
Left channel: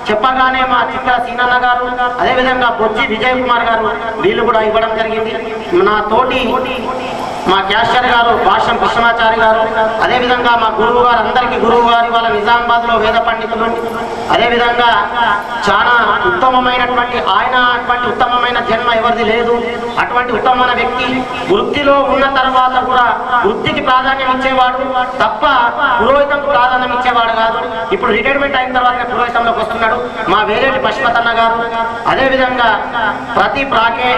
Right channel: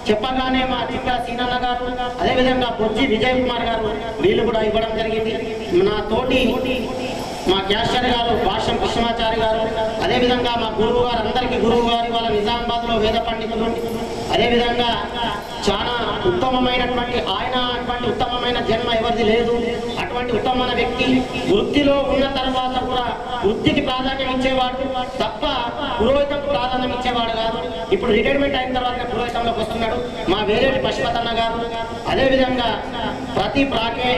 చెప్పగానే మా చిత్ర సీనన్న గారు, అదేవిధంగా బొజ్జి విజయ్ కుమార్ గారు వీళ్ళు కూడా ఇవ్వడం జరిగింది. నా తోటి మా క్యాషియర్ గారు భాష్యం కృష్ణమాచారి గారు, అదేవిధంగా మా గురువు గారు, అందరికీ గురువు గారు ఇవాళ నిజామాబాద్లో వేద పండితులు, అదేవిధంగా చాలా ఉత్తమమైనటువంటి ఆయన అటువంటి ఉత్తమమైన జన్మ ఎవరిది లేదు. అటువంటి ఉత్తమమైన వ్యక్తి వృత్తిలో ఉన్న తర్వాత కూడా వృత్తికి ప్రాధాన్యం ఇచ్చేవాడు తప్ప పురోహితంకు ప్రాధాన్యం ఇచ్చేవాడు కాదు. ఇప్పుడు రిటైర్మెంట్ అయిన తర్వాత పురోహితంలోకి వస్తున్నాడు మా వేరేటి పశుపతన్న గారు, అదేవిధంగా ప్రతి ప్రాకే,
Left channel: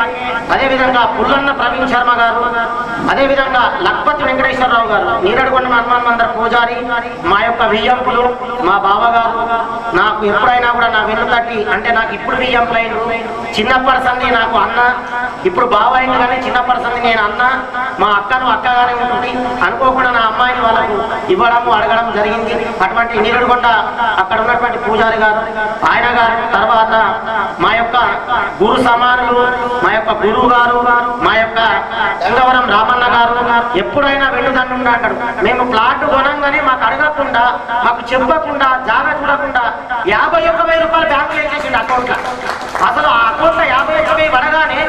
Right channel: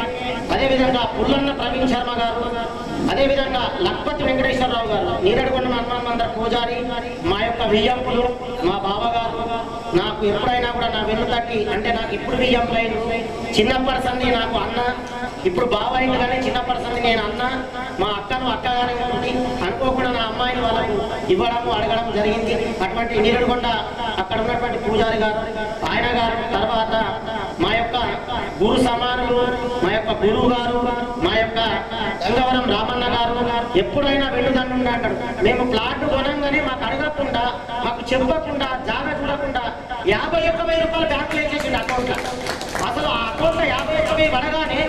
అదేవిధంగా పుల్లన్న ప్రవీణ్ శర్మ గారు, అదేవిధంగా లక్పతి వెంకటేశ్వరరావు గారు, నీరడుగొండ హనుమాన్ మందిర పూజారి, మా యొక్క వియ్యంపులు మా బావగారు. నాకు ఎప్పుడైనా కూడా నా వెన్ను తట్టి అంటే నాకు ఇప్పుడు వియ్యంపులు అయిన చిన్నప్పటి సంది నాకు అన్న, ఇప్పుడు బావ అయింది కానీ చిన్నప్పటి సంది నేను అన్న, మా అక్కను అక్కగానే ఉంటుంది. అనుకోకుండా నా అమ్మాయిని వాళ్ళకు ఇవ్వడము అడగడం జరిగింది. అటువంటి నీరడుగొండ అక్కడ ఉన్నటువంటి పూజారి గారు, ఆయన గారు, తర్వాత మా యొక్క గురు సమానులు, మా యొక్క గురువు గారు, మా యొక్క గంగవరం రామన్న గారు ఎప్పుడైనా వెన్నుదండు అంటాడు. మేము ప్లాట్ కొనంగానే మాకు అడగకుండా, మాకు చెప్పకుండా, జాగా చూడకుండా 51,000 రూపాయలు బ్యాంకులు వేసేసిండు అకౌంట్. అసలు ఆ అకౌంట్ 51,000 పడగానే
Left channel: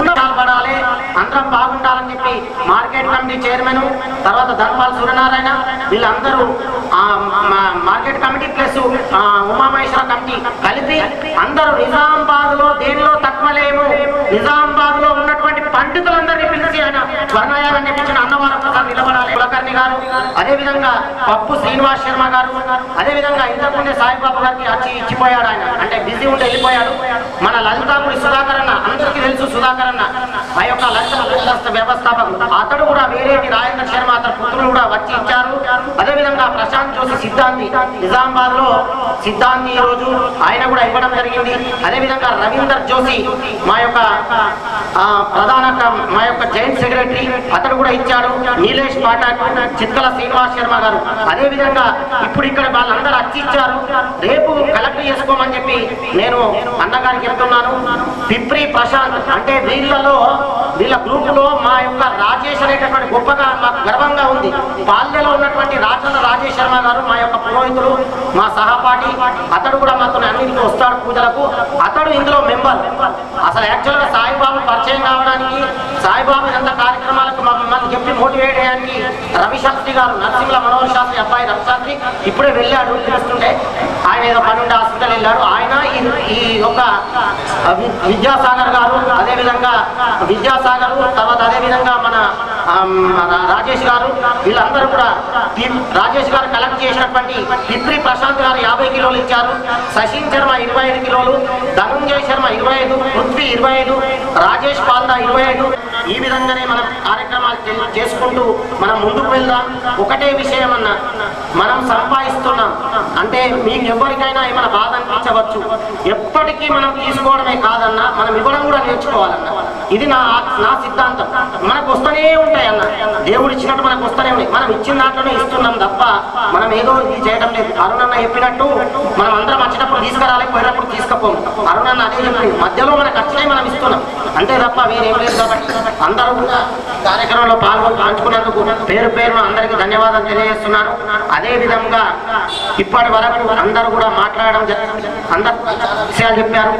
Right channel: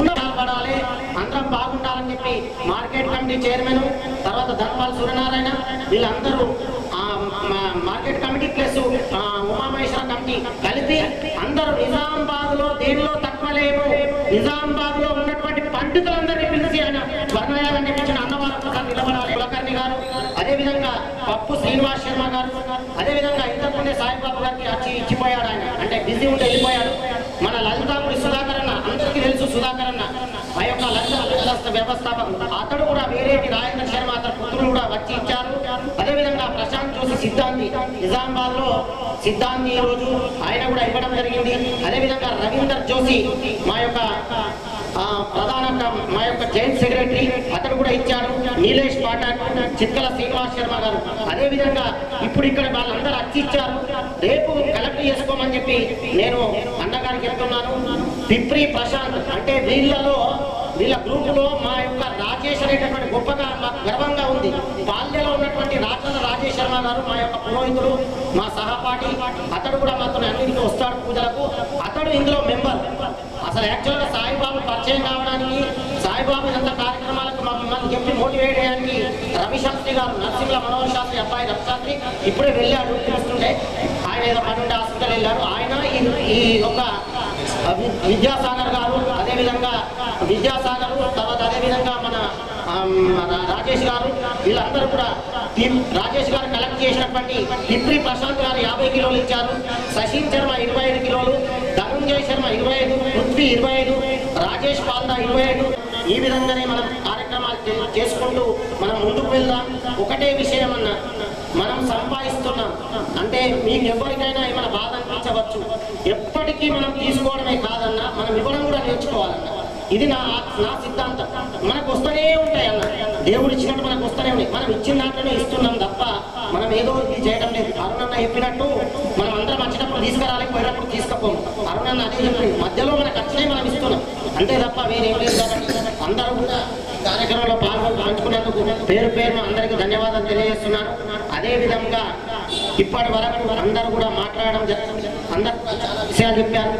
ఉన్న పడాలి, అందరం బాగుండాలని చెప్పి మార్కెట్ కమిటీ చైర్మన్, తర్వాత ధర్మాల సూర్యనారాయణ వీళ్ళందరూ market committee plus Umamaheswara committee కలిపి అందరూ నిజామాబాద్ లో దేనిలో తక్కువ లేము, నిజామాబాద్ లో ఉన్నటువంటి పండితులందరినీ పిలిచి ఆయన వర్ణయాలను నేర్పించిన అన్నవారు ఒకసారి నిలబడాలి. కులకర్ణి గారు, అదేవిధంగా పప్పు శ్రీనివాస్ శర్మ గారు, అదేవిధంగా ఇంతకుముందే సాయిబాబు గారికి వచ్చి ఇచ్చిపోయాడు. ఆయన అంటే బిజీ ఉంటే వెళ్ళిపోయాడు. మన లలితాపురి సుధాకర్ అన్న, అందరికీ తెలుసు సుధాకర్ అన్న, ఆ యొక్క లలిత వ్యవస్థాపకులు, అతడు కూడా వేరేటి రాజేంద్ర శర్మ అతని పుత్రులు కూడా వచ్చి ఇచ్చారు. అదేవిధంగా ప్రశాంత్ జోషి సిద్ధాంతి, నిజామాబాద్ లో సిద్ధాంతి ఈ రోజు ఆయన కూడా ఇవ్వడం జరిగింది. అదేవిధంగా రవీందర్ జోషి మా యొక్క ప్రధాన మా యొక్క జాయింట్ సెక్రటరీ అతడు కూడా ఇచ్చాడు. నీలేష్ పాఠక్, చిత్తల శ్రీనివాస్ శర్మ గారు, అదేవిధంగా ఇప్పుడు ఇక్కడ వాళ్ళందరూ వచ్చి ఇచ్చారు. రేపు కలెక్ట్ చేసుకోమని చెప్పి నేను అన్నగారికి చెప్తున్నాను. పిప్రి ప్రశాంత్ అంటే వీళ్ళ గ్రూపులో మా యొక్క రాజేష్ అనేటటువంటి గొప్పగా మాకు గర్వంగా ఉంది. పాల్యలో ఉన్నటువంటి రాజేష్ శర్మ గారు మా యొక్క పురోహితుడు, మా సహపాఠి, అతడు కూడా మాతో అన్నింటికి వస్తాడు పూజలకు. అతడు ఇందులో మెంబర్. అసలు యాక్చువల్గా సాయిబాబు పరిచయం కావడానికి, సాయిబాబు ఎంత కార్యక్రమాలకు మమ్మల్ని చెప్పి మోటివేట్ చేయడానికి రవిశాస్త్రి గారు, నరసింహ మనోహర్ శాస్త్రి అబ్బాయి రవిశాస్త్రి ఇప్పుడే వెళ్ళాడు. తెలుస్తుంటే ఆయన ఏదో పని ఉండే హాస్పిటల్ వెళ్ళాడు. ఆయన ఈ యొక్క విద్యాసాగర్ గారు, అదేవిధంగా విద్యాసాగర్, తర్వాత అదేవిధంగా మన రాజేష్ గారు, వీళ్ళందరూ కూడా రాజేష్ గారు కలెక్ట్ చేసినటువంటి పిప్రి ప్రశాంత్ గారు 50 కిలోలు ఇచ్చారు. సచిన్ శర్మ 25 కిలోలు, ధనుంజయ్ శర్మ 25, పృథ్వీ 25, రాజేష్ పాల్దా 25. ఈ విధంగానే మనం కార్యక్రమాలు చేసుకుంటూ మనం ముందుకు వెళ్దాం. ఒకటే విషయం అన్న, మనం సంపాదిస్తున్నాం అంటే మీకు ఎవరికైనా ఏమైనా బాధ అనిపించవచ్చు. ఎప్పటికీ మనం తీసుకోవడమే కాదన్నా, మనం ఇవ్వడం కూడా నేర్చుకోవాలన్న. ఇది నా సిద్ధాంతం. మనకు వస్తూనే ఉంటాయి అన్న, దేవుడు ఇచ్చినట్టు మనకు వస్తూనే ఉన్నాయి. మనం ఇచ్చిన దాంట్లోనే ఇస్తున్నాం తప్ప మనం ఏదో ఇది చేయడం లేదు. అరుణన్న చెప్పినట్టు మనం అందరం వచ్చినప్పుడు తీసుకురాలి, పోయినప్పుడు తీసుకుపోము. అరుణన్న అదే చెప్పి మధ్యలో మనకు వచ్చినాయి మనం ఇస్తున్నాం అంతే తప్ప వేరేం లేదు. కాబట్టి అందరూ కూడా కార్యక్రమంలో పంచుకున్నందుకు పేరు పేరున అందరికీ ధన్యవాదాలు తెలియజేస్తున్నాను. అదే విధంగా ఇప్పటి వరకు అందరూ కూడా మాట్లాడడం జరిగింది, అందరూ విషయాలు చెప్పారు.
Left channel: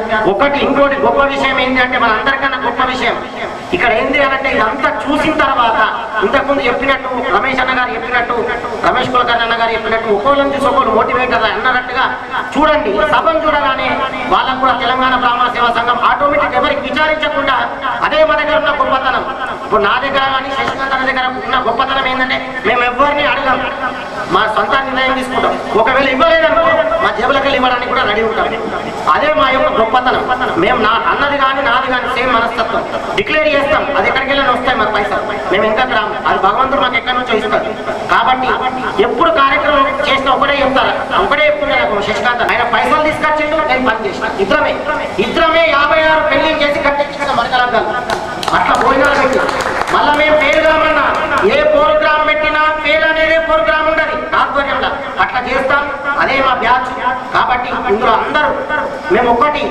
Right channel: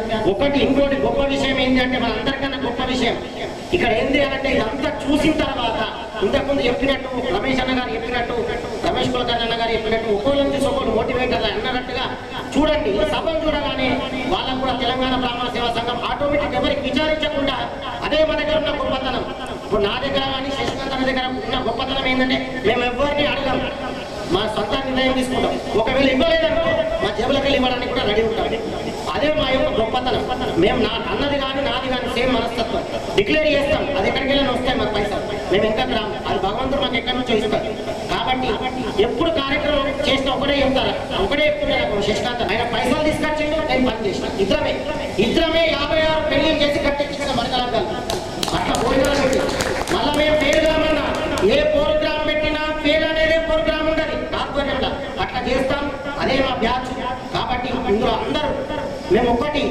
ఇంకోటి గొప్ప విషయం ఏంటి అంటే మన అందరికన్నా గొప్ప విషయం ఇక్కడ ఏంటి అంటే ఇదంతా చూసిన తర్వాత ఇంతకుముందు చెప్పినట్టు రమేష్ అన్న గారు చెప్పినట్టు, రమేష్ కులకర్ణి అన్న గారు చెప్పినట్టు ఒక్కోళ్ళని చూసి ఒకళ్ళు మోటివేటర్ అన్నట్టుగా చూడండి. సభను చూడగానే వాళ్ళకు కూడా తెలంగాణ బ్రాహ్మణ సేవా సంఘం ఆటోమేటిక్ ఎవరికి విచారించకుండా అదే మన దగ్గర ఉన్న గొప్పతనం. ఇప్పుడు నా దగ్గర కానీ శశికాంత్ అన్న దగ్గర ఉన్న గొప్పతనం ఏంటంటే మేము ఎవరిని అడగం, మా సొంత నిర్ణయం తీసుకుంటాం. ఒకవేళ ఇవ్వలేదనుకో మా జేబులకెళ్ళి ఇవ్వడానికి కూడా రెడీ ఉంటాం. అదే మా యొక్క గొప్పతనం. మేము అన్నది కానీ నాది కానీ సేమ్ మనస్తత్వం. డిక్లేర్ చేస్తాం, అది ఎక్కడికి వెళ్ళని వస్తాయి మాకు పైసలు, మేము ఇంకా గ్రామం అది భగవంతుడు మాకు ఎక్కడి నుంచో ఇస్తారు. కాబట్టి ఎప్పుడు కార్యక్రమం చేసిన ఒకటే చెప్తారు, ఒకటే చెప్తున్నాను శశికాంత్ ఆయన పైసలు తీసుకొచ్చిండు, నేను పని చేసిన. ఇద్దరమే 56 పెళ్లి చేసి కట్టెక్కించిన మరకలగ్గాలి అట్లా భోజనాలు పెట్టి మళ్ళీ మేము ఫెయిల్ కామన్నా ఏ ప్రోగ్రామ్ పెట్టినా ఫెయిల్ అనేదే ప్రోగ్రామ్ ఉండదు ఆధ్వర్యంలో అట్లా చేస్తాం. అదే మా బ్యాచ్. కాబట్టి ఇందులో అందరూ మేము ఒక్కటి,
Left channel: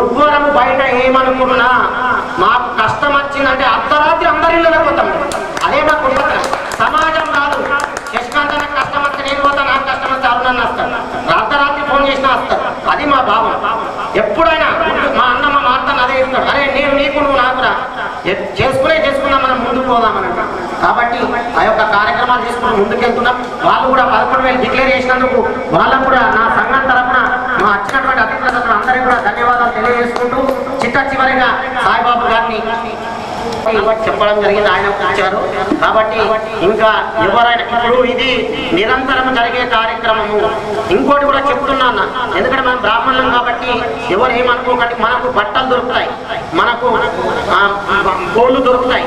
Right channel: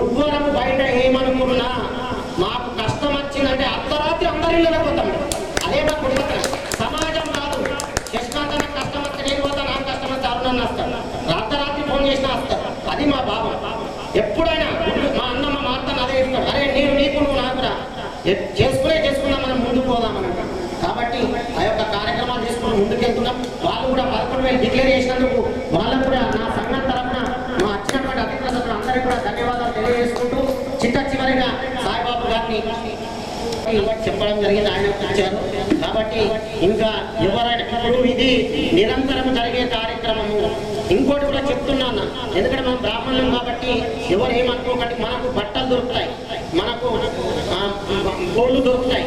ఎవ్వరము బయట ఏమనుకున్నా మాకు కష్టం వచ్చిందంటే అర్ధరాత్రి అందరి ఇళ్ళలో పోతాం. అదే మా కుటుంబం. సమాజం కాదు శశికాంత్ నాకు కష్టం వస్తే నేను పోతా, నాకు కష్టం వస్తే అరుణన్న వస్తాను, అర్ధరాత్రి ఫోన్ చేసినా వస్తారు. అది మా భావం. ఎప్పుడైనా మా అన్న మా మార్తను అదే ఇస్తాడు, అరే నేను నీకు నువ్వు నాకురా చేసుకుందాం మనం ముందుకు పోదామని. కాబట్టి ఆ యొక్క కార్యక్రమాలు చేసుకుని ముందుకెళ్తున్నాం. వాళ్ళు కూడా 11,000 డిక్లేర్ చేసినందుకు వాళ్ళకు కూడా నా సంఘం తరఫున మా వచ్చినటువంటి అతిథుల తరఫున అందరికీ కూడా ధన్యవాదాలు తెలియజేసుకుంటూ చివరిగా సాయిబాబు గారిని చెప్పడం జరిగింది, ఆయన ఇచ్చారు. కాబట్టి ఇంకా ఎవరైనా ఇప్పుడు ఇది నిరంతరం జరిగే కార్యక్రమము. ఇంకోటి కూడా చెప్తున్నాను, ఎందుకంటే మనం బ్రాహ్మణులం కాబట్టి ఎవరు ఏమనుకోకండి. మనకు బట్టలు దొరుకుతాయి, మనకు గోళ్ళు దొరుకుతాయి,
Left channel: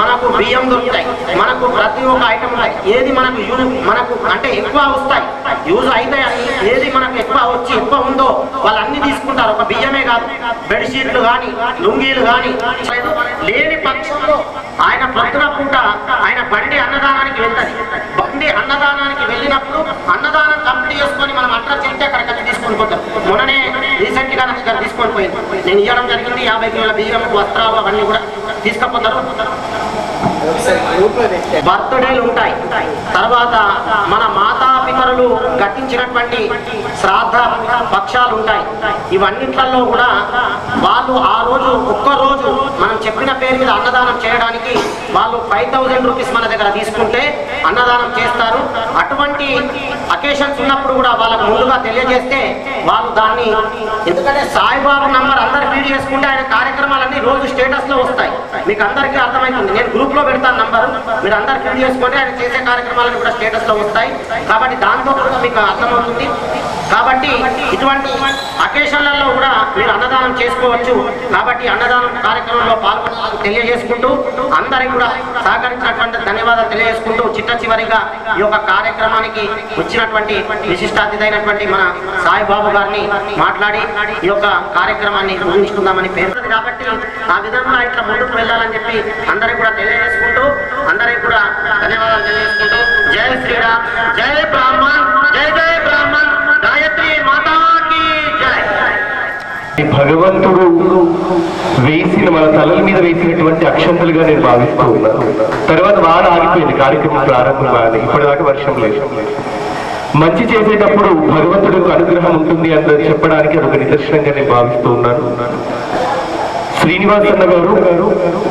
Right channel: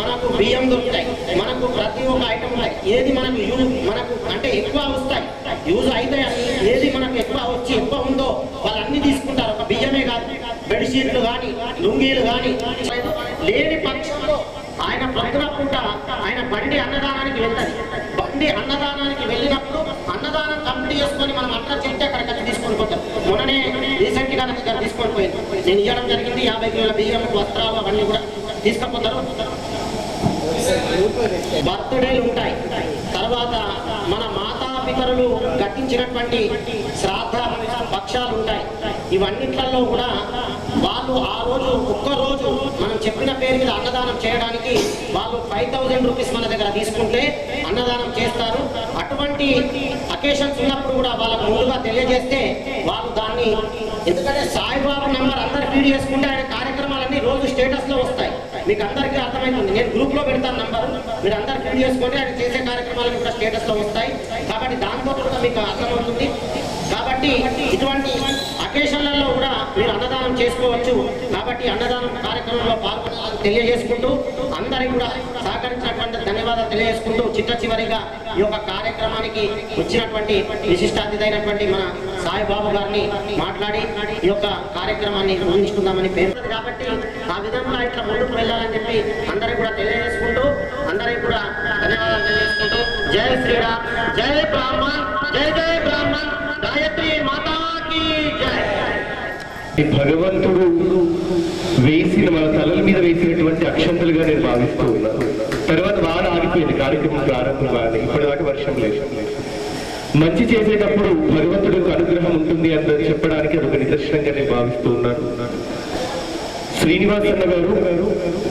మనకు బియ్యం దొరుకుతాయి, మనకు ప్రతి ఒక్క ఐటమ్ ఉన్నాయి. ఏది మనకు అంటే ఎక్కువ వస్తాయి, యూజ్ అవుతాయి అని ఏది మనకు ఎక్కువ ఉందో వాళ్ళు అన్ని తీసుకుంటారు. ఒక బియ్యమే కాదు, బెడ్షీట్లు కానీ లుంగీలు కానీ లేని పక్షంలో ఆయన ప్రొద్దున పూట ఆయన బండి అన్నదానానికి వెళ్తుంది. బండి అన్నదానానికి వెళ్ళినప్పుడు అన్నదానం కంప్లీట్ చేసుకొని మనం అడ్రస్ చెప్తే అక్కడికి వచ్చి తీసుకొని పోతారు. మొన్ననే రీసెంట్ గా నాకు తీసుకొని పోయింది, నేను ఇవ్వడం జరిగింది. 50 కిలోల బియ్యం, వస్త్రాలు అవన్నీ కూడా తీసుకపోతారు. బర్త్డేలు ఉంటాయి, తర్వాత మన మాతాపితరులు గతించినటువంటి శ్రాద్ధ పక్షాలు ఉంటాయి. ఇవన్నిట్లలో కూడా వాళ్ళు ఆ రోజు ఒక్కరోజు మనం చెప్పిన పేరు మీద అన్నదానం చేయడానికి వాళ్ళు 5,000 రూపీస్ మన దగ్గర తీసుకుంటే అన్నదానం చేస్తారు. అటువంటి అకేషన్స్ ఉన్నప్పుడు కూడా వాళ్ళకు ముందుగా తెలియజేస్తే వాళ్ళు దాన్ని, ఎందుకంటే సాయిబాబు నంబర్ అందరు ఫీడ్ చేసుకుంటే ఆయన కార్యక్రమాలన్నీ రోజు స్టేటస్ లో వస్తాయి. మీకు అందరికీ అర్థమవుతుంది, నేను గ్రూప్ లో పెడతాను నంబరు, మీరు అందరు ఫీడ్ చేసుకుంటే ఆయన చేసే కార్యక్రమాలన్నీ కూడా స్టేటస్ లో వస్తాయి. కాబట్టి దాంతో కూడా మీకు అర్థమవుతుంది. కాబట్టి ఇటువంటి అకేషన్లలో కూడా మీరు అన్నదానం చేసుకోవచ్చు. కాబట్టి అన్నదానం కార్యక్రమంలో పాల్గొనాలని తెలియజేసుకుంటూ అందరికి కూడా సహకరించినటువంటి ధన్యవాదాలు తెలియజేసుకుంటూ చివరిగా ఈ యొక్క కార్యక్రమానికి వచ్చినటువంటి విశిష్ట అతిథి అయినటువంటి మన సాయిబాబు గారిని మాట్లాడి ఈ యొక్క కార్యక్రమాన్ని ముగించుకుందామని పేరు. కాబట్టి ఆ విధంగా ఇట్లా ముందుకు వెళ్ళాలని చెప్పి అందరికి కూడా తెలియజేసుకుంటూ అందరికి కూడా ధన్యవాదాలు తెలియజేసుకుంటూ జై శ్రీరామ్, జై బ్రాహ్మణ్, జై జై బ్రాహ్మణ్, గాయత్రి మాతాకి జై. భగవంతుడు వేసిన మన తలల మీద వేసినటువంటి అక్షంతలుగా నేను భావిస్తూ ఉన్నాను. తర్వాత వాన ఆగిపోయింది, కార్యక్రమం ప్రారంభం కాదు, ఇప్పటిదాకా వర్షం లేదు. మంచి చేసేటప్పుడు భగవంతుడికి అనుగ్రహం ఉంటుంది అని చెప్పడానికి అదొక నిదర్శనంగా నేను భావిస్తూ ఉన్నాను. శ్రీనివాస్ అన్న గారు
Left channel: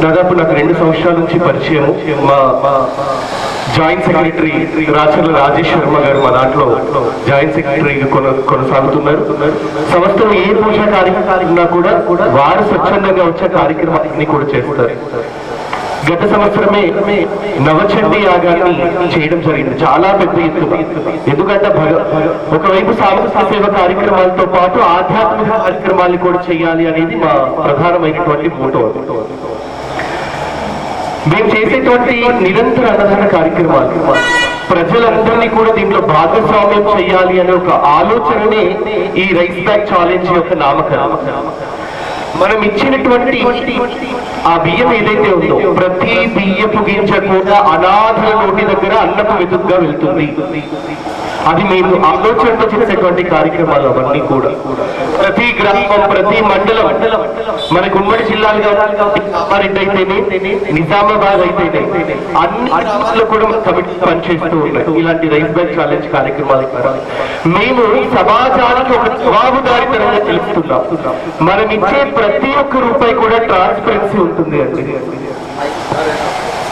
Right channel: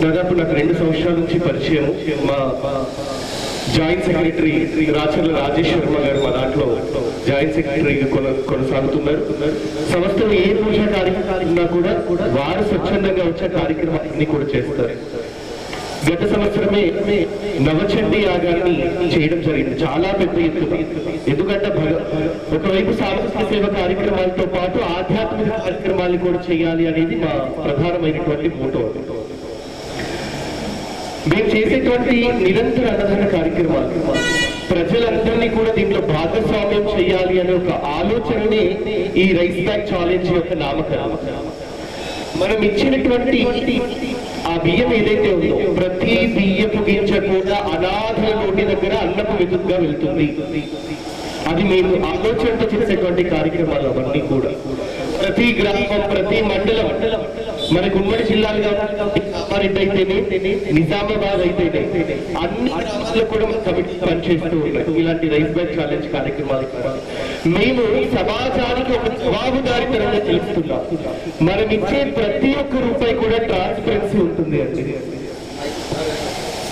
దాదాపు నాకు 2 సంవత్సరాల నుంచి పరిచయం. మా జాయింట్ సెక్రటరీ రాచర్ల రాజేష్ శర్మ గారు మా దాంట్లో జాయింట్ సెక్రటరీగా కొనసాగుతున్నారు. సంస్థలో ఏ పూజా కార్యక్రమాలు ఉన్నా కూడా వారు స్వచ్ఛందంగా వచ్చే కార్యక్రమాన్ని కూడా చేస్తారు. గత సంవత్సరమే నవచండీ యాగాన్ని చేయడం జరిగింది, చాలా పెద్ద ఎత్తున. ఎందుకంటే ఒకవైపు సాంస్కృతిక సేవ కార్యక్రమాలతో పాటు ఆధ్యాత్మిక కార్యక్రమాలు కూడా చేయాలి అనేది మా ప్రధానమైనటువంటి మోటో. మేము చేసేటువంటి నిరంతర అన్నదాన కార్యక్రమాలు ప్రజలందరినీ కూడా దీంట్లో భాగస్వామ్యం చేయాలి అనే ఒక ఆలోచననే ఈ రైస్ బ్యాగ్ ఛాలెంజ్ యొక్క నామకరణం. మనం ఇచ్చినటువంటి ఆ బియ్యం ఏదైతే ఉందో ప్రతి బియ్యపు గింజ కూడా అనాథల నోటి దగ్గర అన్నపు వెతుకుగా వెళ్తుంది. అది మేము ఆలోచనతో చేసేటువంటి కార్యక్రమాలు అవన్నీ కూడా ప్రతి గ్రామం ప్రతి మండలం మనకు ఉమ్మడి జిల్లాలుగా కామారెడ్డి అయితేనే నిజామాబాద్ అయితేనే అన్ని గ్రామాల్లో కూడా కమిటీ పనిచేస్తూ ఉన్నాయి. ఇలాంటి రైస్ బ్యాగ్ ఛాలెంజ్ కార్యక్రమాల ద్వారా మేము సమాజానికి ఒక జవాబుదారీతనంగా తెలుస్తున్నాం. మనం ఇచ్చే ప్రతి ఒక్క రూపాయి కూడా ట్రాన్స్పరెన్సీ ఉంటుంది అండి.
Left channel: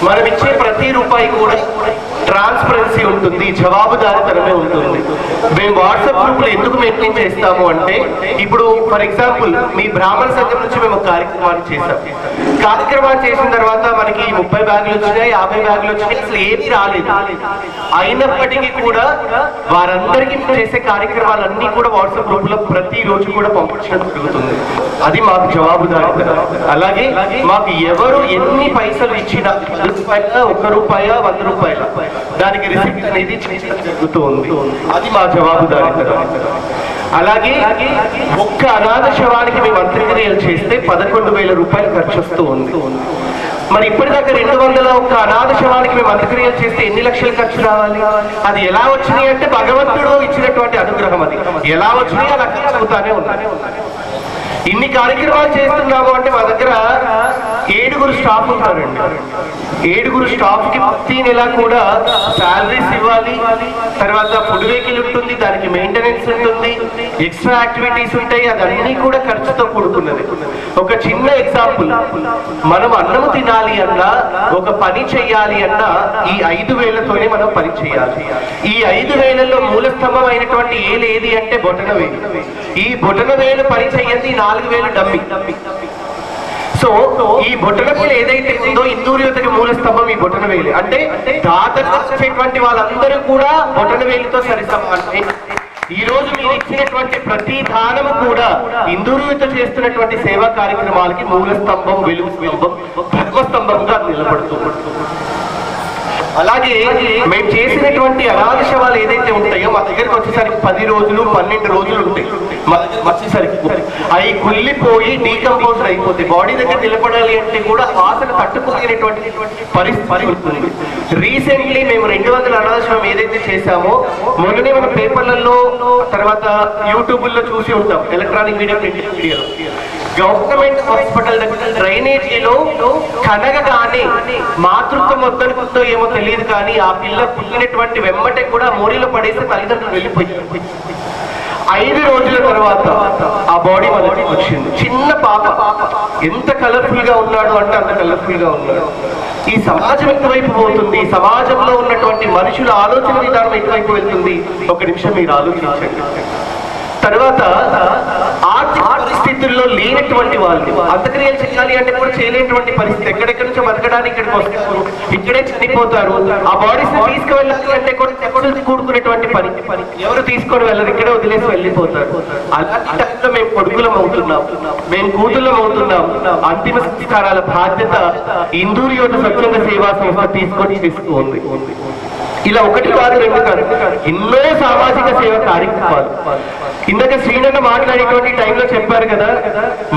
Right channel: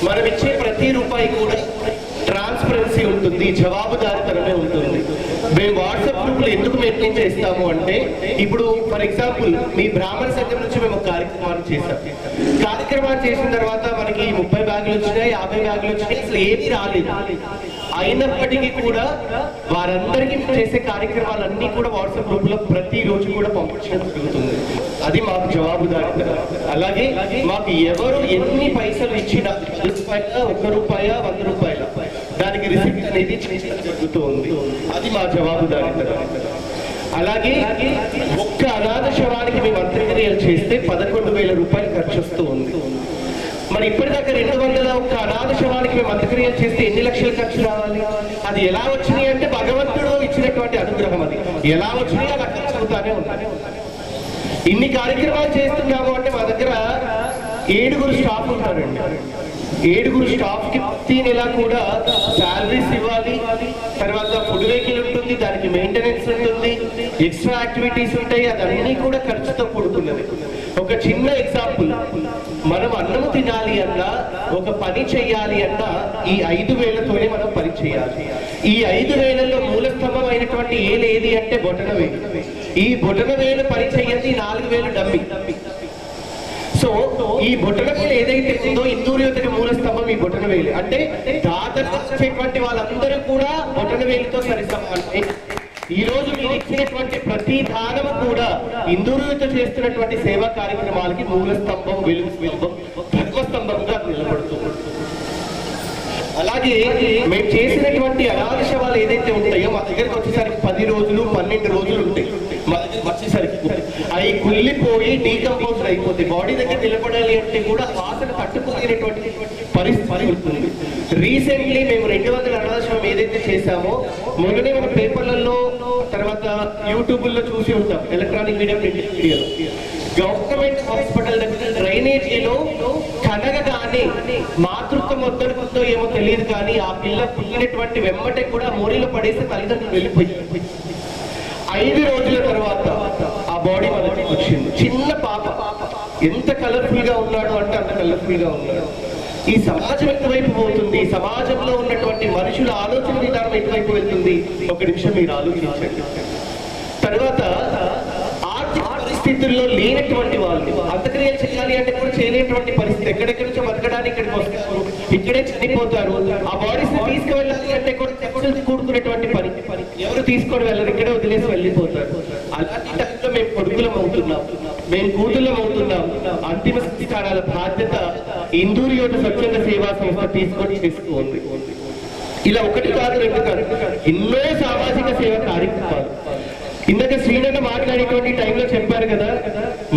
మనం ఇచ్చే ప్రతి రూపాయి కూడా ట్రాన్స్పరెన్సీ ఉంటుంది, జవాబుదారితనమే ఉంటుంది. మేము వాట్సాప్ గ్రూపులు ఎందుకు మెయింటైన్ చేస్తాము అంటే ఇప్పుడు ఫర్ ఎగ్జాంపుల్ మీ బ్రాహ్మణ సంఘం నుంచి మేము కార్యక్రమాన్ని చేసాం. కార్యక్రమాన్ని చేసిన తర్వాత మనకి 30 బ్యాగులు వచ్చినాయి, 50 బ్యాగులు వచ్చినాయి, అసలు ఏమీ రాలేదు. అయినప్పటికీ కూడా వారందరికీ చేసే కార్యక్రమాలన్నీ కూడా వాట్సాప్ గ్రూపులో ప్రతిరోజు కూడా పంపించడం జరుగుతుంది. అది మాకు జవాబుదారితనం. అలాగే మాకు ఎవరు ఎన్ని పైసలు ఇచ్చినా ₹1, ₹100, దానికి రిసిప్ట్ అనేది జరుగుతూ ఉంది. అది మా జవాబుదారీతనం. అలాగే ఒక్క అనాథ శవానికి మేము అంత్యక్రియలు చేస్తే ₹11,000 ఖర్చు వస్తూ ఉంది. మరి ఇప్పటిదాకా 200 ఒక్క అనాథ శవానికి మేము అంత్యక్రియలు చేస్తే ఎన్ని లక్షలు ఖర్చు రావాలి? అది ఎలా వచ్చినాయి అంటే భగవంతుడు ఇచ్చినటువంటి అనుగ్రహం. అది ఎలా వచ్చినాయి అలా ఖర్చు అవుతానే ఉన్నాయి. ఇన్ని కార్యక్రమాలు చేస్తున్నాము అంటే మా దగ్గర 7 స్టాఫ్ ఉంటారండి. 7 స్టాఫ్కి ప్రతి నెల కూడా శాలరీస్ ఇవ్వాలి. తర్వాత ఫుడ్ వెహికల్ ఉంటుంది, దానికి మెయింటెనెన్స్ ఉంటుంది, ఎక్స్ట్రా యాక్టివిటీస్ ఉంటాయి. అదన్నీ కూడా ఖర్చుతో కూడుకున్నది. ఒక చిన్న ఎగ్జాంపుల్, మనం అన్నము తినాలి అన్నా ఒక పని చెయ్యాలి అన్నా ఈ 5,000తోనే మనం పని చేయాలి. ఈ 5,000లో మూల స్తంభం అయినటువంటి ఏది అంటే బొటనవేలు. ఈ బొటనవేలు పని చెయ్యండి 4,000 డమ్మి. సో ఈ బొటనవేలు ఏదైతే ఉందో హిందూ యువతకి మూల స్తంభం ఈ బొటనవేలు. అంటే దాతలు వచ్చేటువంటి వాళ్ళందరూ కూడా బొటనవేలుతో సరిసమానమే. ఈ రోజు మీరు ఇచ్చినటువంటి ప్రతి దానము కూడా హిందూ యువత చేస్తున్నటువంటి సేవా కార్యక్రమాలకి మూల స్తంభం, వెలుగు స్తంభం, ధర్మస్తంభంగా నిలబడుతుంది. అలాగే మేము చేసినటువంటి అనాథ శవాలు ఏదైతే ఉంటాయో మా దగ్గరికి వచ్చేసరికి 10 రోజులు 12 రోజులు ఉంటాయి. మా దగ్గర వచ్చేసరికి అవి కుళ్ళిపోయి డీకంపోజ్ అయిపోతాయి. బాడీ దగ్గర నిలబడాలి అంటే కూడా వాసన తట్టుకోలేనటువంటి పరిస్థితి ఉంటుంది. రీసెంట్లీ మేము 200 అనాథ శవం ఏదైతే చేశామో మొన్ననే మన పేపర్లలో తర్వాత యూట్యూబ్లో చూసి ఉంటాం, ఎలక్ట్రానిక్ మీడియా, ప్రింట్ మీడియాలో. గవర్నమెంట్ హాస్పిటల్ దగ్గర డ్రైనేజీలో కనగగానే మాతృత్వం వద్దనుకుందో ఏమో తెలియదు కానీ ఆ పిల్ల పుట్టినటువంటి వెంబటే కూడా మోరీలో పడేసి తల్లిదండ్రులు వెళ్ళిపోయారు. 5 రోజుల తర్వాత ఆ బాడీ మనకి వచ్చింది. చిన్న పాప ఎంత కలర్ఫుల్ గా ఉన్నాడు అంటే అంత కలర్ఫుల్ గా ఉన్నాడు. ఈ సమాజం ఎటువైపు పోతుంది? ఈ సమాజంలో ఉన్నటువంటి మనుషుల ఆలోచన విధానం ఎటువైపు వెళ్తుంది? ఒక నిమిషం మీరు ఆలోచించండి. తర్వాత ఆర్థిక పరిస్థితుల్లో లేనటువంటి వాళ్ళు అంత్యక్రియలు చేయాలి అంటే కూడా చేయలేనటువంటి పరిస్థితి. ఎక్కడెక్కడి నుంచో బతకడానికి ఇక్కడికి వస్తారు, ఇక్కడే చనిపోతారు. ఆ బాడీస్ తీసుకువెళ్ళాలి అంటే కూడా తెప్పలు కూడుకునేటువంటి పని. ఎవరు తీసుకొని వెళ్ళరు, ఇక్కడే వదిలేసి వెళ్ళిపోతారు. అలాంటి టైంలో మేము కొడుకులం అవుతున్నాం, మేము కూతుళ్ళం అవుతున్నాం. అంతిమ సంస్కారాల బాధ్యత హిందూ యువత స్వచ్ఛంద సేవా సంస్థ తీసుకొని చేస్తుంది. ఇలా 1 కాదు 2 కాదు, ఎన్నో సామాజిక సేవ కార్యక్రమాలు. ఇందాక శ్రీనన్న మాట్లాడేటువంటి టైంలో చెప్పారు కదా,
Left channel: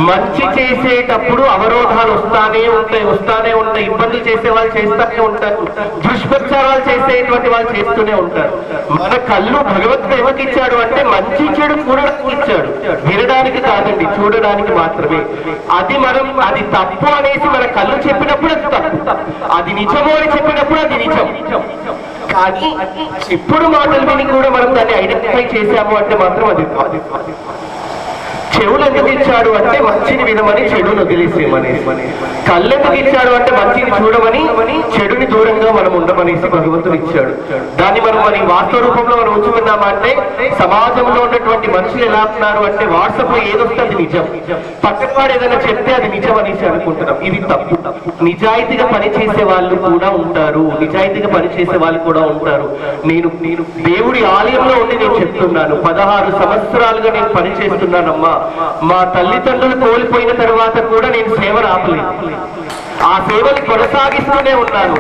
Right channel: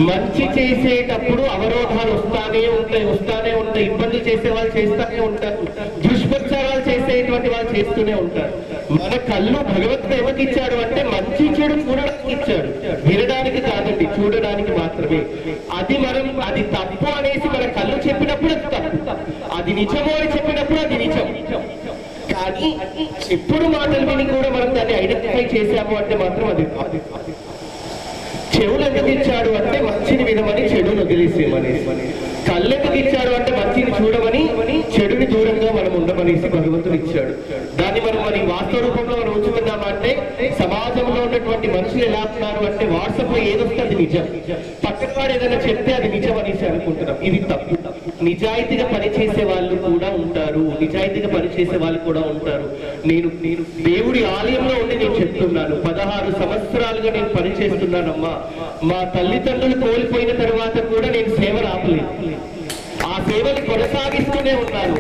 మంచి చేసేటప్పుడు అవరోధాలు వస్తానే ఉంటాయి, ఇబ్బందులు చేసే వాళ్ళు చేస్తూనే ఉంటారు, దుష్ప్రచారాలు చేసేటువంటి వాళ్ళు చేస్తూనే ఉంటారు. మన కళ్ళు భగవంతుడు ఎవరికి ఇచ్చాడు అంటే మంచి చెడు చూడడానికి ఇచ్చాడు, వినడానికి కాదండి, చూడడానికి మాత్రమే. అది తప్పు అనేసి మన కళ్ళు చెప్పినప్పుడు అది తప్పు, అది నిజమో అని చెప్పినప్పుడు అది నిజం. కానీ ఎప్పుడు మాటలు విని కూడా మనం దాన్ని ఐడెంటిఫై చేశాము అంటే మాత్రం అది కాదు. చెవులు ఎందుకు ఇచ్చాడు అంటే మంచిని వినమని, చెడును వదిలేసేమని. కళ్ళు ఎందుకు ఇచ్చాడు అంటే మంచిని చూడమని, చెడుని దూరంగా మనం ఉండమనేసి భగవంతుడు ఇచ్చాడు. దాన్ని మనం మరి వాస్తవ రూపంలో మనం ఉంచుకున్నామంటే సమాజంలో ఉన్నటువంటి మనుషులు ఎలా ఉన్నారు అంటే వాట్సాప్ లో ఏదొస్తే అది నిజం, పక్కన వాడు ఏదైనా చెప్తే అది నిజం అనేసి అనుకుంటున్నాం. ఇది తప్పు. నిజాయితీగా పనిచేసే వాళ్ళు కూడా ఉంటారు, నేను దేవుడి ఆలయంలో ఉండి నేను చెప్తున్నాను, 16 సంవత్సరాలుగా నేను పనిచేస్తున్నానమ్మా. మా తల్లిదండ్రులు కోల్పోయిన తర్వాత కూడా నేను సేవను ఆపలేదు. ఆ సేవలు కొనసాగిస్తూనే ఉన్నాను.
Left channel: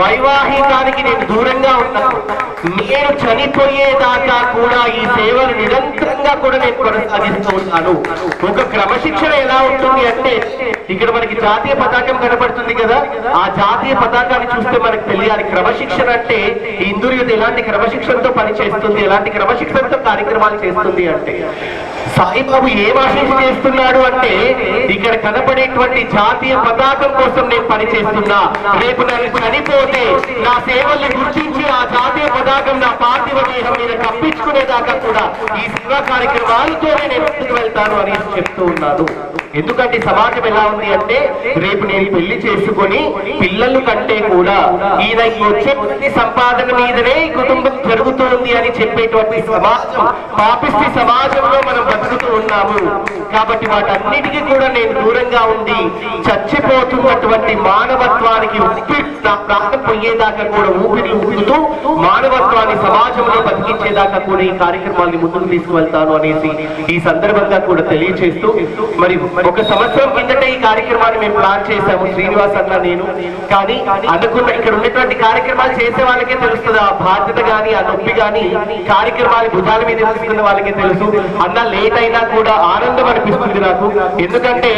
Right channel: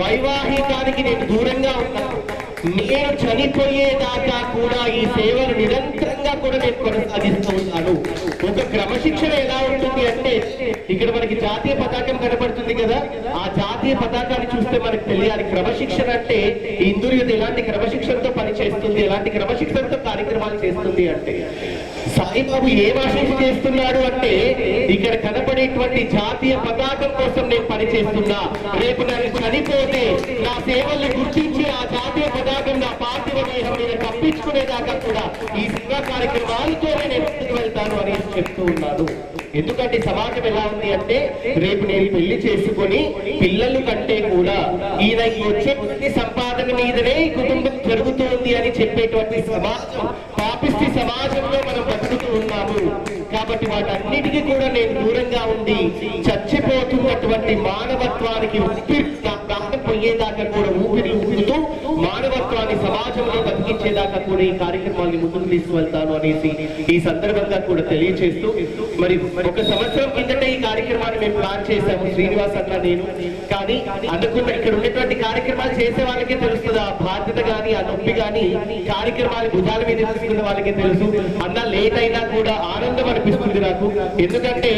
వైవాహికానికి నేను దూరంగా ఉన్నాను. నేను చనిపోయేదాకా కూడా ఈ సేవలు నిరంతరంగా కూడా నేను కొనసాగిస్తూ ఉన్నాను. ఒక క్రమశిక్షణ ఎలా ఉంటుంది అంటే, ఇక్కడ మనకి జాతీయ పతాకం కనపడుతుంది కదా, ఆ జాతీయ పతాకాన్ని చూస్తే మనకు తెలియాలి క్రమశిక్షణ అంటే ఇందూరు యూత్ ఎలాంటి క్రమశిక్షణతో పని చేస్తుంది, ఎలాంటి క్రమశిక్షణతో కార్యక్రమాలు చేస్తుంది అంటే. సాయిబాబు ఏం ఆశించి చేస్తున్నాడు అంటే, ఇక్కడ కనపడేటువంటి జాతీయ పతాకం కోసం నేను పని చేస్తున్నా. రేపు నన్ను చనిపోతే నా సేవల్ని గుర్తించి ఆ జాతీయ పతాకం నా పార్థివ దేహం మీద కప్పించుకునేదాకా కూడా ఈ సేవా కార్యక్రమాలతోనే నేను ముందుకు వెళ్తాను అని చెప్తూ ఉన్నాను. ఎందుకంటే సమాజం ఎలా ఉంది అంటే, రేపు నేను పెళ్లి చేసుకొని పిల్లల కంటే కూడా ఈయన వచ్చే సంపాదన మీదనే ఈ కుటుంబం జరుగుతుంది అని చెప్పేటువంటి సమాజం, పాపిష్టి సమాజంలో మనం బతుకుతూ ఉన్నాము. కాబట్టి వాటన్నిటికీ కూడా నేను దూరంగా ఉండి చచ్చిపోతున్నటువంటి మానవత్వానికి నా ప్రాణం పోయేదాకా కూడా ఊపిరి ఊపుతూ మానవత్వాన్ని సమాజంలో బతికించేదాకా కూడా ఈ కార్యక్రమాన్ని ముందుకు తీసుకువెళ్తాను అనేసి ఈ సందర్భంగా కూడా తెలియజేస్తూ, మరి ఒక సంవత్సరం కిందట ఈ కార్యక్రమాన్ని మేము ప్లాన్ చేశాము, శ్రీనివాస్ అన్న నేను. కానీ అనుకున్న ఇక్కడ ఉన్నటువంటి కార్యక్రమాలు చేసే వాళ్ళకే తెలుస్తుంది ఆ బాధ్యత గాని, ఆ నొప్పి గాని, కార్యక్రమాలు భుజాల మీద తీసుకున్న వాళ్ళకే తెలుసు. అన్న లేట్ అయినా కూడా ఆనందం అనిపిస్తుంది నాకు. ఎందుకంటే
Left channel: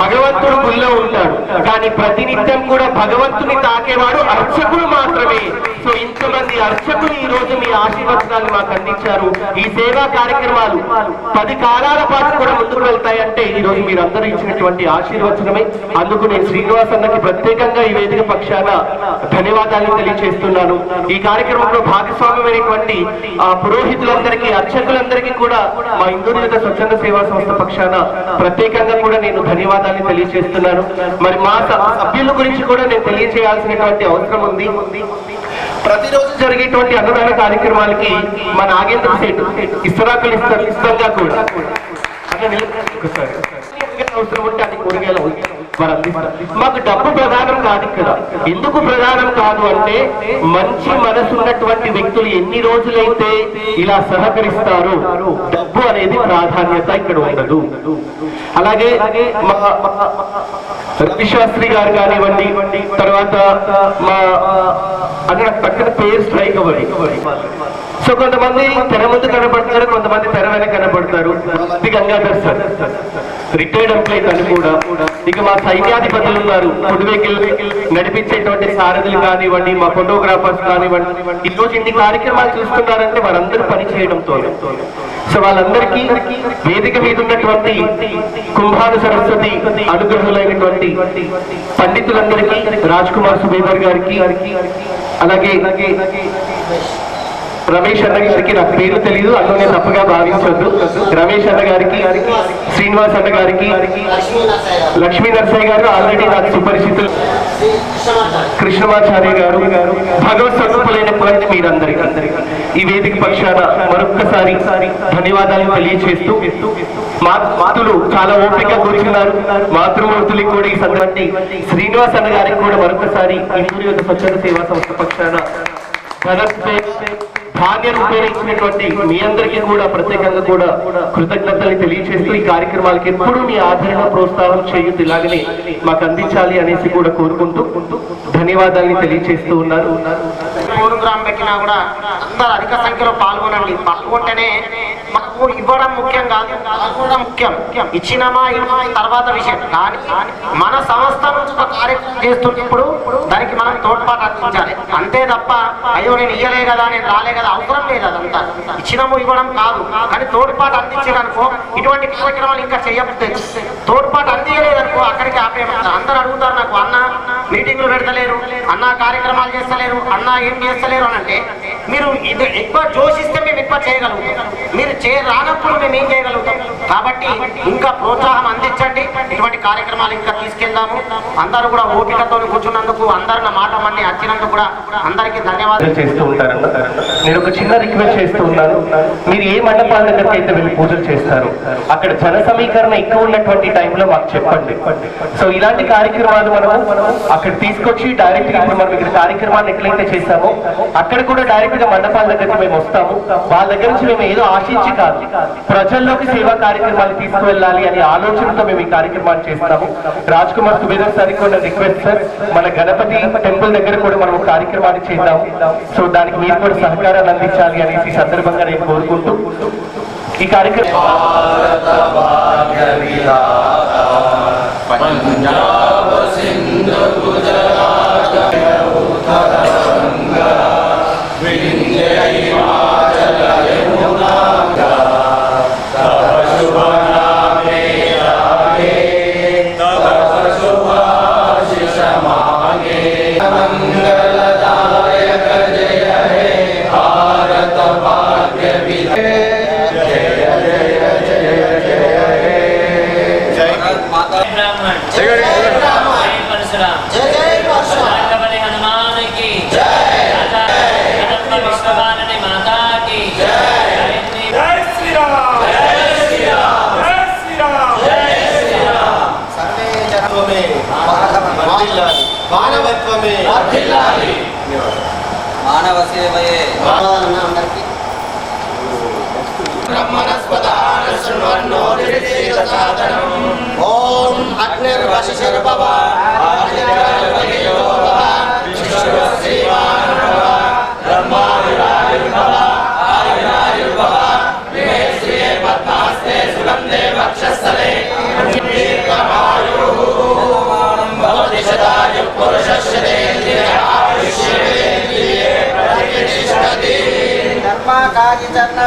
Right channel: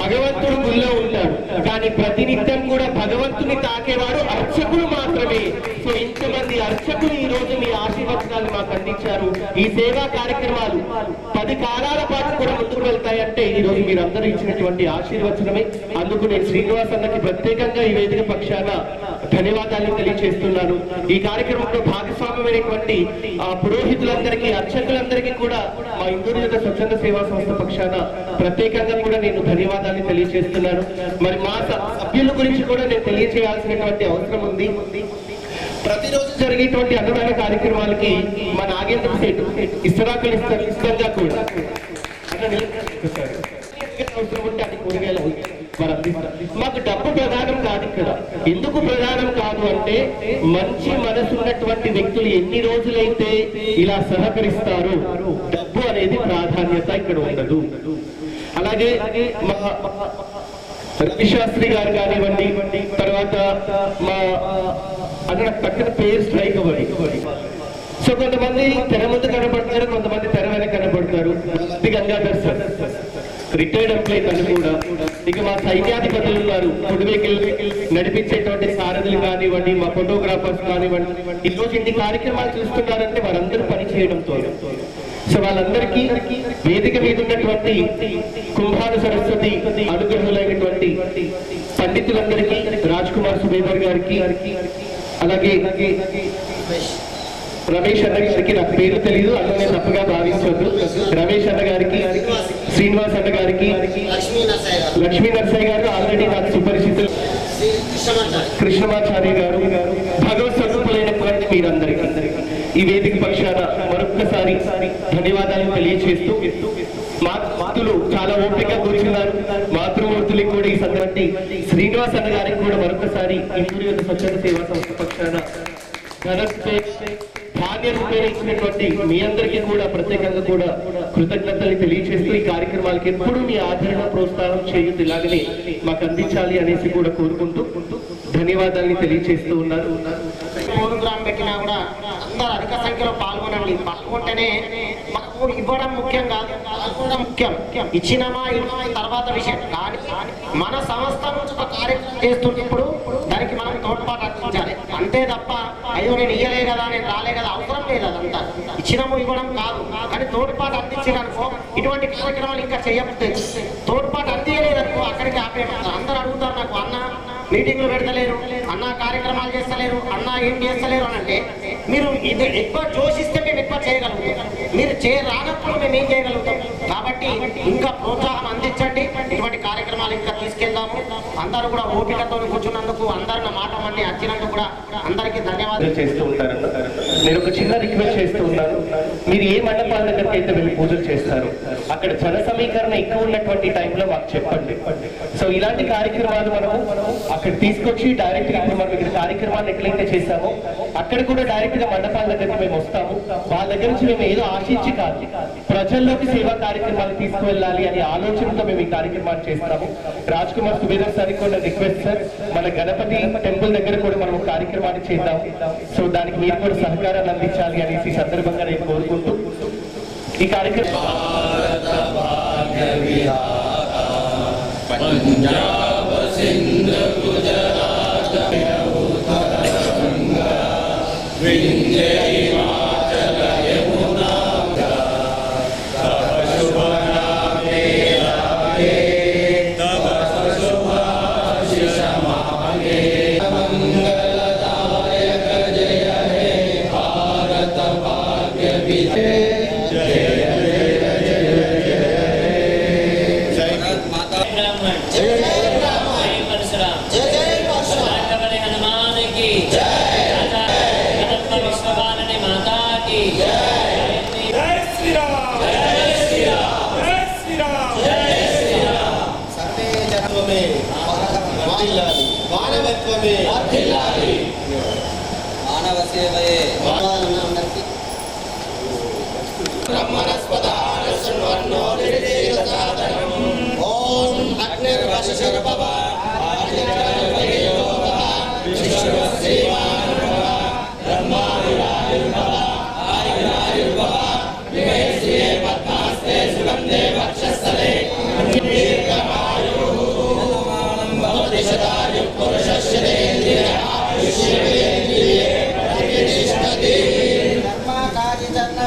భగవంతుడు గుళ్ళో ఉంటాడు, కానీ ప్రతినిత్యం కూడా భగవంతుని తాకేవాడు అర్చకులు మాత్రమే. సో ఇంతమంది అర్చకులు ఈ రోజు మీ ఆశీర్వచనాలు మాకు అందించారు. ఈ సేవా కార్యక్రమాలు 10 కాలాల పాటు కూడా ముందుకు వెళ్తాయంటే ఈ రోజు మీరందరూ ఇచ్చినటువంటి ఆశీర్వచనమే. అందుకు నేను శ్రీనివాస్ అన్నకి ప్రత్యేకంగా ఈ వేదిక పక్షాన ధన్యవాదాలు తెలియజేస్తున్నాను. ఈ కార్యక్రమంలో భాగస్వామ్యమైనటువంటి పురోహితులందరికీ, అర్చకులందరికీ కూడా మా ఇందూరు యూత్ స్వచ్ఛంద సేవా సంస్థ పక్షాన ప్రత్యేకంగా కూడా నేను ధన్యవాదాలు తెలియజేస్తున్నాను. మరి మా సభ్యుల గురించి కూడా నేను తెలియజేయాల్సినటువంటి అవసరం ఉంది. ప్రతిరోజు జరిగేటువంటి అన్నదాన కార్యక్రమాలకి మా నాగేంద్ర సేటు ఇస్తరాకులు ఇష్టంగా కూడా అవసరం ఉంటే అది కూరగాయలు మరి అందిస్తారు. మాకు డబ్బు ప్రధానం కాదు ఇక్కడ. ఎందుకు ప్రధానం కాదు అంటే, మంచి మనసు ఉన్నటువంటి వ్యక్తులు ఎన్ని రోజులైతే ఇలా సహకరిస్తారో డబ్బు అనేది ప్రాధాన్యత ఇక్కడ ఉండదు. అలాగే మా రవిశాస్త్రి గారు కానివ్వండి, తర్వాత మా అక్కడ పక్కన పేరు స్ట్రైక్ అవ్వదు. సో కొంతమంది తెర ముందు కనపడతారు, కొంతమంది తెర వెనక కనపడతారు. గంగాధర్ సార్ రిటైర్డ్ ఎంప్లాయీ తను కూడా. ఇక మా సైన్యాధిపతులు ఉన్నారు, ఫుడ్ వెహికల్ నడిపించేటువంటి సారథులు కానివ్వండి, మా ఫోటోగ్రాఫర్స్ కానివ్వండి. ఈ రోజు ఇన్ని కార్యక్రమాలు చూస్తున్నారంటే వారందరూ పని చేయడంతో. సో వాళ్ళందరికీ వేదిక మీద ఉన్నటువంటి కుంభాను సరస్వతి అనుగ్రహులైనటువంటి పండితులందరికీ, రాజ్ కుమార్ సుబేదర్ గారికి, అలాగే రమేష్ అన్న గారికి, నాకు పేరు తెలియదు అందులోనే తప్పుగా భావించొద్దు, రమేష్ అన్న గారికి, శ్రీనివాస్ అన్న గారికి, లక్ష్మీ నరసయ్య గారు ఆల్రెడీ నాకు సుపరిచితులు, కృష్ణమాచార్య గారు, భగవత్ స్వరూపులైనటువంటి మీరందరికీ ఈ వేదిక పక్షాన మరొక్కసారి ధన్యవాదాలు తెలియజేస్తూ, మాతృలు చాలా ఓపిక కూర్చున్నారు. మాతృమూర్తులకు కూడా ఈ సందర్భంగా శ్రీనివాస్ అన్న గారికి కూడా మరొకసారి ఇందూరు యూత్ స్వచ్ఛంద సేవా సంస్థ పక్షాన ధాన్య రూపేణ ఇచ్చినటువంటి మీ అందరికీ కూడా ప్రత్యేకంగా కూడా కృతజ్ఞతలు తెలియజేస్తూ, ఈ కార్యక్రమాలకి ఎప్పుడు మీ ఆదరణ ప్రోత్సాహం చేయొద్దు, ఇలాగనే మాకు అందించాలి అనేసి కూడా కోరుకుంటూ ధన్యవాదాలు తెలియజేస్తూ ఉన్నారు. ప్రోగ్రాం పెట్టినా కూడా అందరూ అధిక సంఖ్యలో పాల్గొనండి. పాల్గొంటేనే మనకు ఇవ్వడం ముఖ్యం కాదు, పాల్గొనడం ముఖ్యం. ఇచ్చినమా తర్వాత విషయం, కానీ మన సంస్థ నుంచి ఒక కార్యక్రమం చేస్తున్నప్పుడు దానికి మనం తోడ్పాటు అందించాలి. అంతే తప్ప అయ్యో నేను ఇయ్యలే కదా, నేను రాలే కదా, అవసరం లేదు. అదంతా ఇచ్చినము ఇవ్వడం కాదు, కానీ తోడ్పాటు అందించారనుకో ఇటువంటి కార్యక్రమాలు ఇంకా చేయకపోతే, తోడ్పాటు అందించలేదనుకో అక్కడికి ఆపేయమంటారు. అందరూ అడుగుతారు నాకు, అన్న మీటింగ్లు పెడతలేరు, అన్న కార్యక్రమాలు చేస్తలేరు, అన్న ఏం చేస్తలేరు అని అంటే, మీరు ఇది ఎక్కువ జోషిస్తే మేము ఎక్కువ చేయగలుగుతాం, మీరు రానప్పుడు మేము ఏం చేయగలుగుతాం. కాబట్టి ఇంకా ప్రోత్సాహం అందించండి, ఇటువంటి కార్యక్రమాలు ఇంకా తీసుకెళ్దాము. అందరూ కూడా ఓపికతో కూర్చున్నందుకు, అందరు నా మాట మళ్ళీ వచ్చినందుకు కూడా అందరికీ ధన్యవాదాలు చేస్తూ ఉంటారు. నేను ఒక చిన్న రిక్వెస్ట్ చేస్తూ ఉన్నాను, మీరు ఏ మండపాల దగ్గరికి అయితే వెళ్ళి పూజలు చేస్తారు అక్కడ జన సమీకరణ ఎక్కువ ఉన్నటువంటి టైంలో మాకు చెప్పండి. సో ఇలాంటి కార్యక్రమాలు మనము అక్కడ తీసుకొచ్చి డైరెక్ట్ గా ఇప్పుడు మనం ఇక్కడ కార్యక్రమాన్ని ఎట్లయితే చేస్తామో అక్కడ కూడా డైరెక్ట్ నాయకుడిగా మండపాల దగ్గరికి మేము వస్తాము. వాళ్ళ దగ్గర నుంచి మేము ఏదో ఆశించి కాదు, ప్రజల్లోకి సేవా కార్యక్రమాలు తీసుకువెళ్ళాలి అనే ఆలోచనతో మేము ఈ కార్యక్రమాన్ని చేస్తాము. రాజ్ కుమార్ సుబేదర్ సార్ కూడా రిక్వెస్ట్ సార్, మన గణపతి టెంపుల్ దగ్గర కూడా మనం కార్యక్రమాన్ని చేద్దాం. సో దానికి మీరు కూడా సహకారాన్ని అందించాలి అనేసి ఈ సందర్భంగా నేను కోరుకుంటూ ఈ కార్యక్రమం మానవ సేవయే ఓం అగ్నిర్వశిర్భవ ధర్మకార్య చరణ